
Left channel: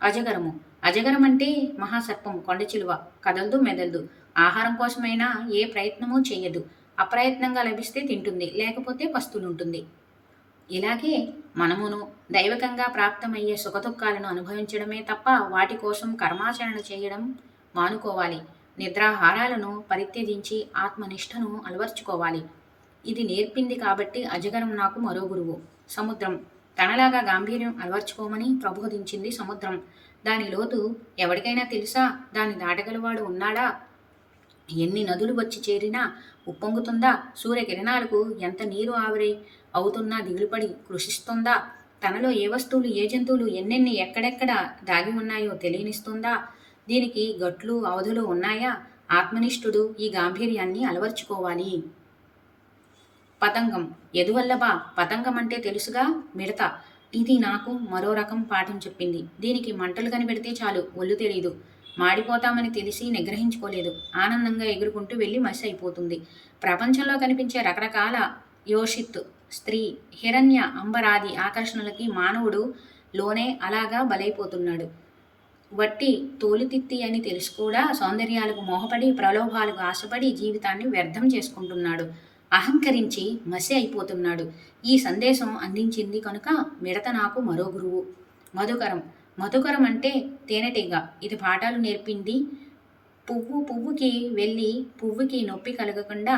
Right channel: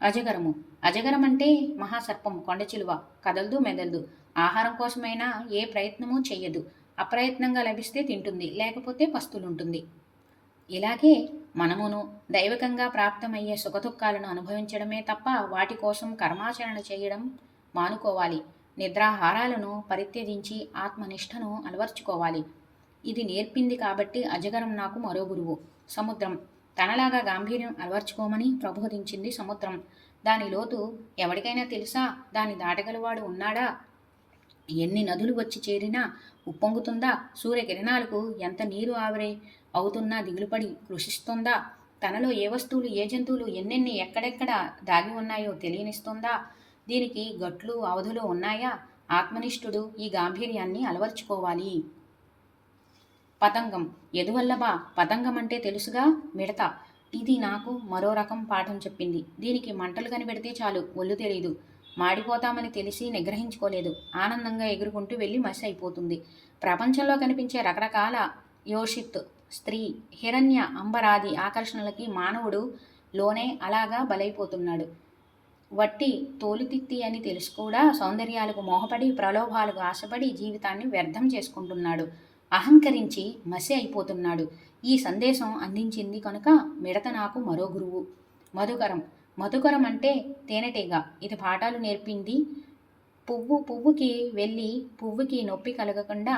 అజగరము. అజగరం అంటే మహాసర్పం, కొండచిలువ. కదలదు, మెదలదు. ఆహారం కోసమైనా ఏ ప్రయత్నమూ చెయ్యదు. అప్రయత్నంగా లభిస్తే తింటుంది, లేకపోతే పస్తులుంటుంది. ఇలాగే మనమును దైవకంగా ప్రాప్తమయ్యే సుఖదుఖాలను అనుభవించడమే తప్ప వాటి కోసం కర్మాచరణ చేయడం మానుకోవాలి. నిద్రాహారాలను పరిత్యజించి ఆత్మనిష్టను అలవర్చుకోవాలి. ఇది నేర్పింది కాబట్టి అజగరం నాకు మరో గురువు. సముద్రం. తనలాగా గాంభీర్యం అలవర్చుకోమని ప్రబోధించింది సముద్రం. దాని లోతు ఎవరికైనా తెలుసా? దాన్ని దాటగలవాడు ఉన్నాడా? ఎన్ని నదులు వచ్చి చేరినా ఉప్పొంగుతుందా? సూర్యకిరణాలకు ఎంత నీరు ఆవిరి అవుతున్నా దిగులుపడి కృషిస్తుందా? తనలో ఏ వస్తువులు, ఏ జంతువులు ఎన్నెన్ని ఎక్కడెక్కడ దాగి ఉన్నాయో తెలియనిస్తుందా? దీనికి గట్లు, అవధులు ఉన్నాయా? ఆత్మనిష్ఠుడు ఈ గాంభీర్యాన్ని అలవర్చుకోవాలి. పతంగం. ఎదువల్లభా. పతంగం అంటే తెలుసుగా, మిడత. ఇది నాకు మరో రకం పాఠం చెప్పింది. దీనికి మంటలు కనిపెడితే చాలు, ఒళ్ళు తెలీదు. మాడిపోతామని తెలిసి నిగ్రహించుకోలేదు. ఆనందంగా ఎగురుకుంటూ వెళ్ళి మసి అయిపోతుంది. ప్రపంచంలో కనిపించే రకరకాల యోషిత్, స్త్రీ, హిరణ్య, అంబరాది ఆకర్షణలకి మానవుడు లోనే అలాగా బలైపోతున్నాడు. వట్టి తోలుతిత్తి అని తెలుసు కూడా సౌందర్యాలకు మోహపడి, ప్రలోభాలకు ఆశపడి జీవితాన్ని వ్యర్థం చేసుకుంటున్నాడు. అహంకరించి మసి అయిపోతున్నాడు. ఈ సందేశం అందించింది కనుక మిడత నాకు మరో గురువు. మధుకరం. మధుకరం అంటే తేనెటీగ. ఇది పాఠాలు నేర్పింది. పువ్వుకి వెళ్ళి పువ్వుకి నొప్పి కలగకుండా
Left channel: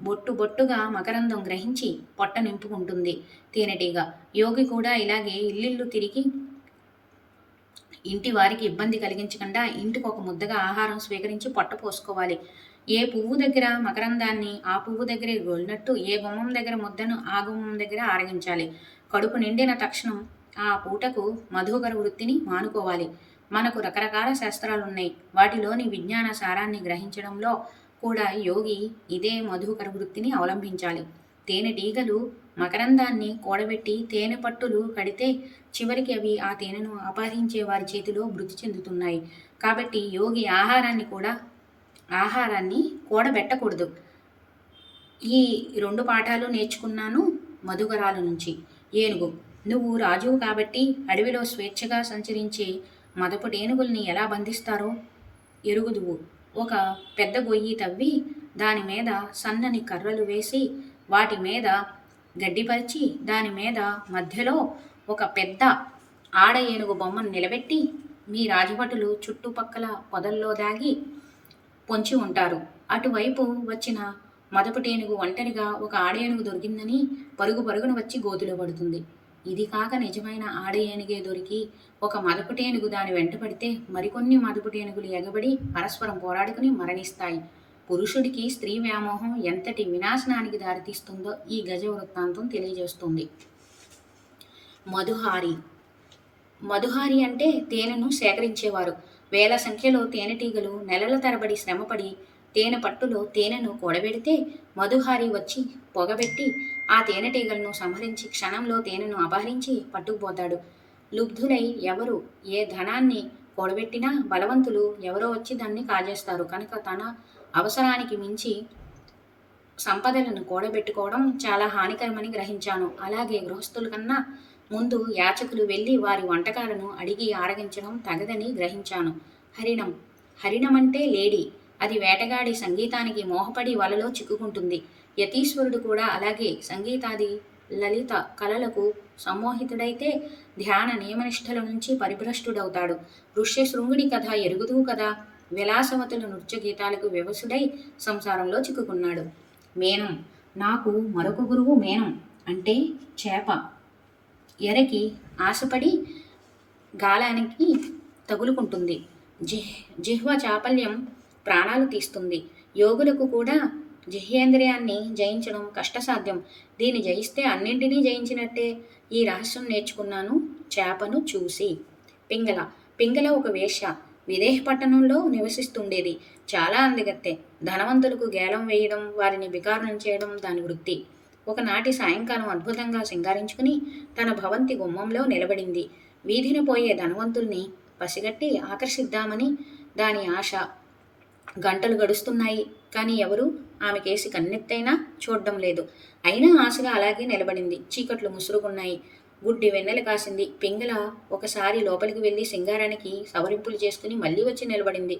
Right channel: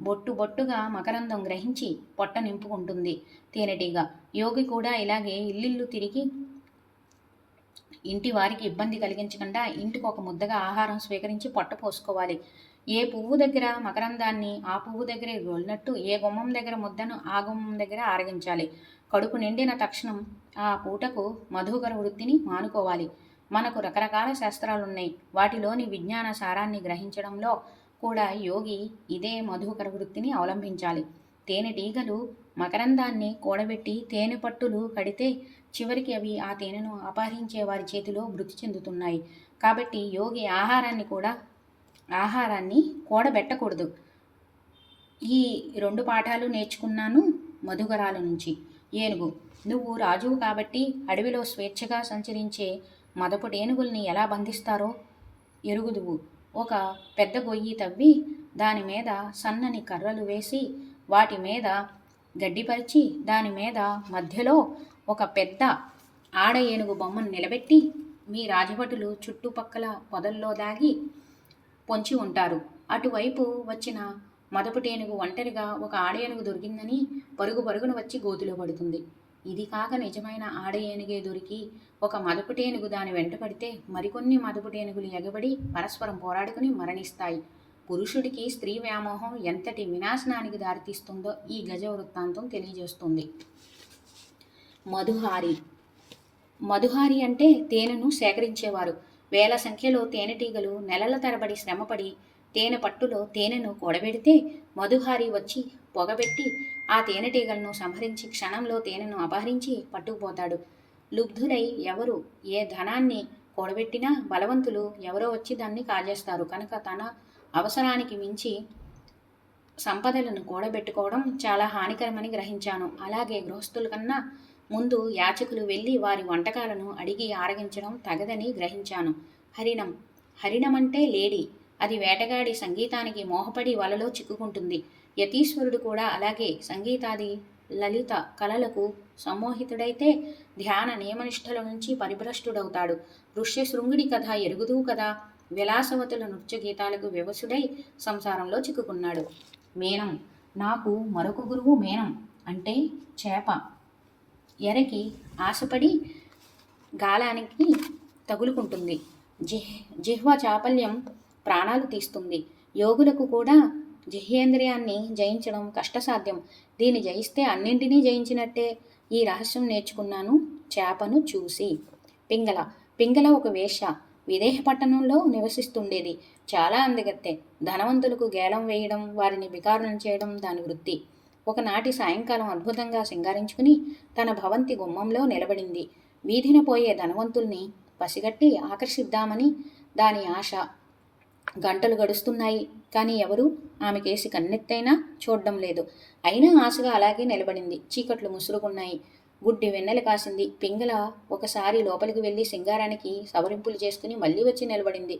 బొట్టు బొట్టుగా మకరందం గ్రహించి పొట్ట నింపుకుంటుంది తేనెటీగ. యోగి కూడా ఇలాగే ఇల్లిల్లు తిరిగి ఇంటి వారికి ఇబ్బంది కలిగించకుండా ఇంటికి ఒక ముద్దగా ఆహారం స్వీకరించి పొట్ట పోసుకోవాలి. ఏ పువ్వు దగ్గర మకరందాన్ని ఆ పువ్వు దగ్గరే గోలినట్టు ఏ గుమ్మం దగ్గర ముద్దను ఆ గుమ్మం దగ్గర ఆరగించాలి. కడుపు నిండిన తక్షణం ఆ పూటకు మధుకర వృత్తిని మానుకోవాలి. మనకు రకరకాల శాస్త్రాలున్నాయి. వాటిలోని విజ్ఞాన సారాన్ని గ్రహించడంలో కూడా యోగి ఇదే మధుకర వృత్తిని అవలంబించాలి. తేనెటీగలు మకరందాన్ని కూడబెట్టి తేనె పట్టులు కడితే చివరికి అవి ఆ తేనెను అపహరించే వారి చేతిలో మృతి చెందుతున్నాయి. కాబట్టి యోగి ఆహారాన్ని కూడబెట్టకూడదు. ఈ 2 పాఠాలు నేర్చుకున్నాను మధుకరాల నుంచి. ఏనుగు. నువ్వు రాజువు కాబట్టి అడవిలో స్వేచ్ఛగా సంచరించే మదపుటేనుగుల్ని ఎలా బంధిస్తారో ఎరుగుదువు. ఒక పెద్ద గొయ్యి తవ్వి దాని మీద సన్నని కర్రలు వేసి వాటి మీద గడ్డిపరిచి దాని మీద మధ్యలో ఒక పెద్ద ఆడ ఏనుగు బొమ్మను నిలబెట్టి మీ రాజభటులు చుట్టుపక్కల పొదల్లో దాగి పొంచి ఉంటారు. అటువైపు వచ్చిన మదపుటేనుగు ఒంటరిగా ఒక ఆడ ఏనుగు దొరికిందని పరుగు పరుగున వచ్చి గోతిలో పడుతుంది. ఇది కాక నిజమైన ఆడ ఏనుగే దొరికి ఒక మదపుటేనుగు దాని వెంటపడితే మరికొన్ని మదపుటేనుగులు ఎగబడి పరస్పరం పోరాడుకుని మరణిస్తాయి. పురుషుడికి స్త్రీ వ్యామోహం ఎంతటి వినాశనానికి దారితీస్తుందో ఈ గజ వృత్తాంతం తెలియజేస్తుంది. మధుహారి. మధుహారి అంటే తేనెను సేకరించేవారు. వేల సంఖ్యలో తేనెటీగలు నెలల తరబడి శ్రమపడి తేనె పట్టులో తేనెను కూడబెడితే మధుహారి వచ్చి పొగబెట్టి ఆ తేనెటీగలను సంహరించి క్షణంలో తేనెను అపహరించి పట్టుకుపోతాడు. లుబ్ధులై ఎవరు ఏ ధనాన్ని కూడబెట్టినా బలవంతులు ఎవరో వచ్చి దాన్ని కాజేస్తారు. కనుక తన అవసరానికి మించి సంపదలను కూడబెట్టుకోవడం చాలా హానికరమని గ్రహించాను. అలాగే గృహస్థుల కన్నా ముందు యాచకులు వెళ్ళి వారి వంటకాలను అడిగి ఆరగించడం తగదని గ్రహించాను. హరిణం. హరిణం అంటే లేడీ. అది వేటగాడి సంగీతానికి మోహపడి వలలో చిక్కుకుంటుంది. యతీశ్వరుడు కూడా అలాగే సంగీతాది లలిత కళలకు సమ్మోహితుడైతే ధ్యాన నియమనిష్టల నుంచి పరిభ్రష్టుడవుతాడు. ఋష్యశృంగుడి కథ ఎరుగుదువు కదా. విలాసవతుల నృత్య గీతాలకు వివసుడై సంసారంలో చిక్కుకున్నాడు. మేనం. నాకు మరొక గురువు మేనం అంటే చేప. ఎరకి ఆశపడి గాలానికి తగులుకుంటుంది. జిహ్వ చాపల్యం ప్రాణాలు తీస్తుంది. యోగులకు కూడా జిహ్యేంద్రియాన్ని జయించడం కష్టసాధ్యం. దీన్ని జయిస్తే అన్నింటినీ జయించినట్టే. ఈ రహస్యం నేర్చుకున్నాను చేపను చూసి. పింగళ. పింగళ ఒక వేశ్య. విదేహ పట్టణంలో నివసిస్తుండేది. చాలా అందగత్తె. ధనవంతులకు గేలం వేయడం, వారిని బికారులను చేయడం దాని వృత్తి. ఒకనాటి సాయంకాలం అద్భుతంగా సింగారించుకుని తన భవంతి గుమ్మంలో నిలబడింది. వీధిన పోయే ధనవంతుల్ని పసిగట్టి ఆకర్షిద్దామని దాని ఆశ. గంటలు గడుస్తున్నాయి, కానీ ఎవరూ ఆమెకేసి కన్నెత్తైనా చూడ్డం లేదు. అయినా ఆశగా అలాగే నిలబడింది. చీకట్లు ముసురుకున్నాయి. గుడ్డి వెన్నెల కాసింది. పింగళ ఒకసారి లోపలికి వెళ్ళి సింగారానికి సవరింపులు చేసుకుని మళ్ళీ వచ్చి నిలబడింది.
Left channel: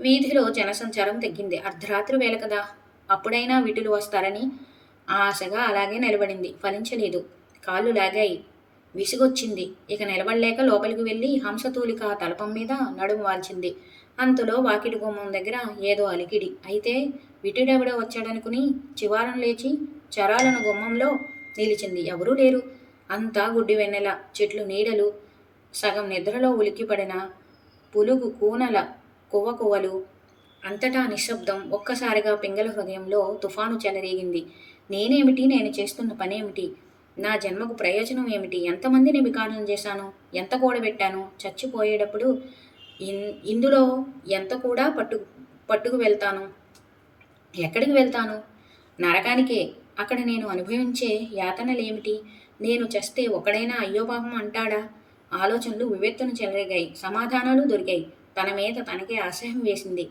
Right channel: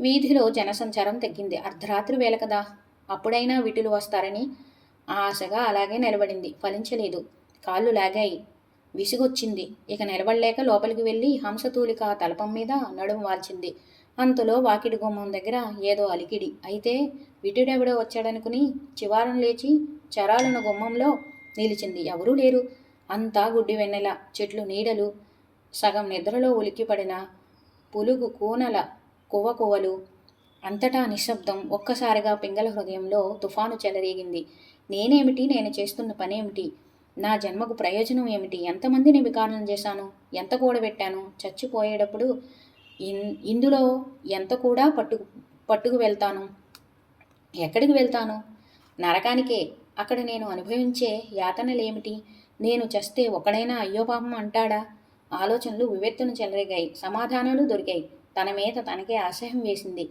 వీధిలో జనసంచారం తగ్గింది. అర్ధరాత్రి వేళ కదా, అప్పుడైనా విటులు వస్తారని ఆశగా అలాగే నిలబడింది. ఫలించలేదు. కాళ్ళు లాగాయి. విసుగొచ్చింది. ఇక నిలబడలేక లోపలికి వెళ్ళి హంసతూలిక తలపం మీద నడుము వాల్చింది. అంతలో వాకిటి గుమ్మం దగ్గర ఏదో అలికిడి. అయితే విటుడెవడో వచ్చాడనుకుని చివారం లేచి చరాలను గుమ్మంలో నిలిచింది. ఎవరూ లేరు. అంతా గుడ్డి వెన్నెల, చెట్లు నీడలు, సగం నిద్రలో ఉలిక్కిపడిన పులుగు కూనల కువ్వకువ్వలు. అంతటా నిశ్శబ్దం. ఒక్కసారిగా పింగళ హృదయంలో తుఫాను చెలరేగింది. నేనేమిటి, నేను చేస్తున్న పనేమిటి, నా జన్మకు ప్రయోజనం ఏమిటి, ఎంతమందిని వికారం చేశాను, ఎంత కూడబెట్టాను, చచ్చిపోయేటప్పుడు ఇందులో ఎంత కూడా పట్టుకు వెళ్తాను. ఎక్కడికి వెళ్తాను? నరకానికే. అక్కడ నేను అనుభవించే యాతనలేమిటి? నేను చస్తే ఒకడైనా అయ్యో పాపం అంటాడా? ఆలోచనలు వివెత్తున చెలరేగాయి. సమాధానాలు దొరికాయి. తన మీద తనకే అసహ్యం వేసింది.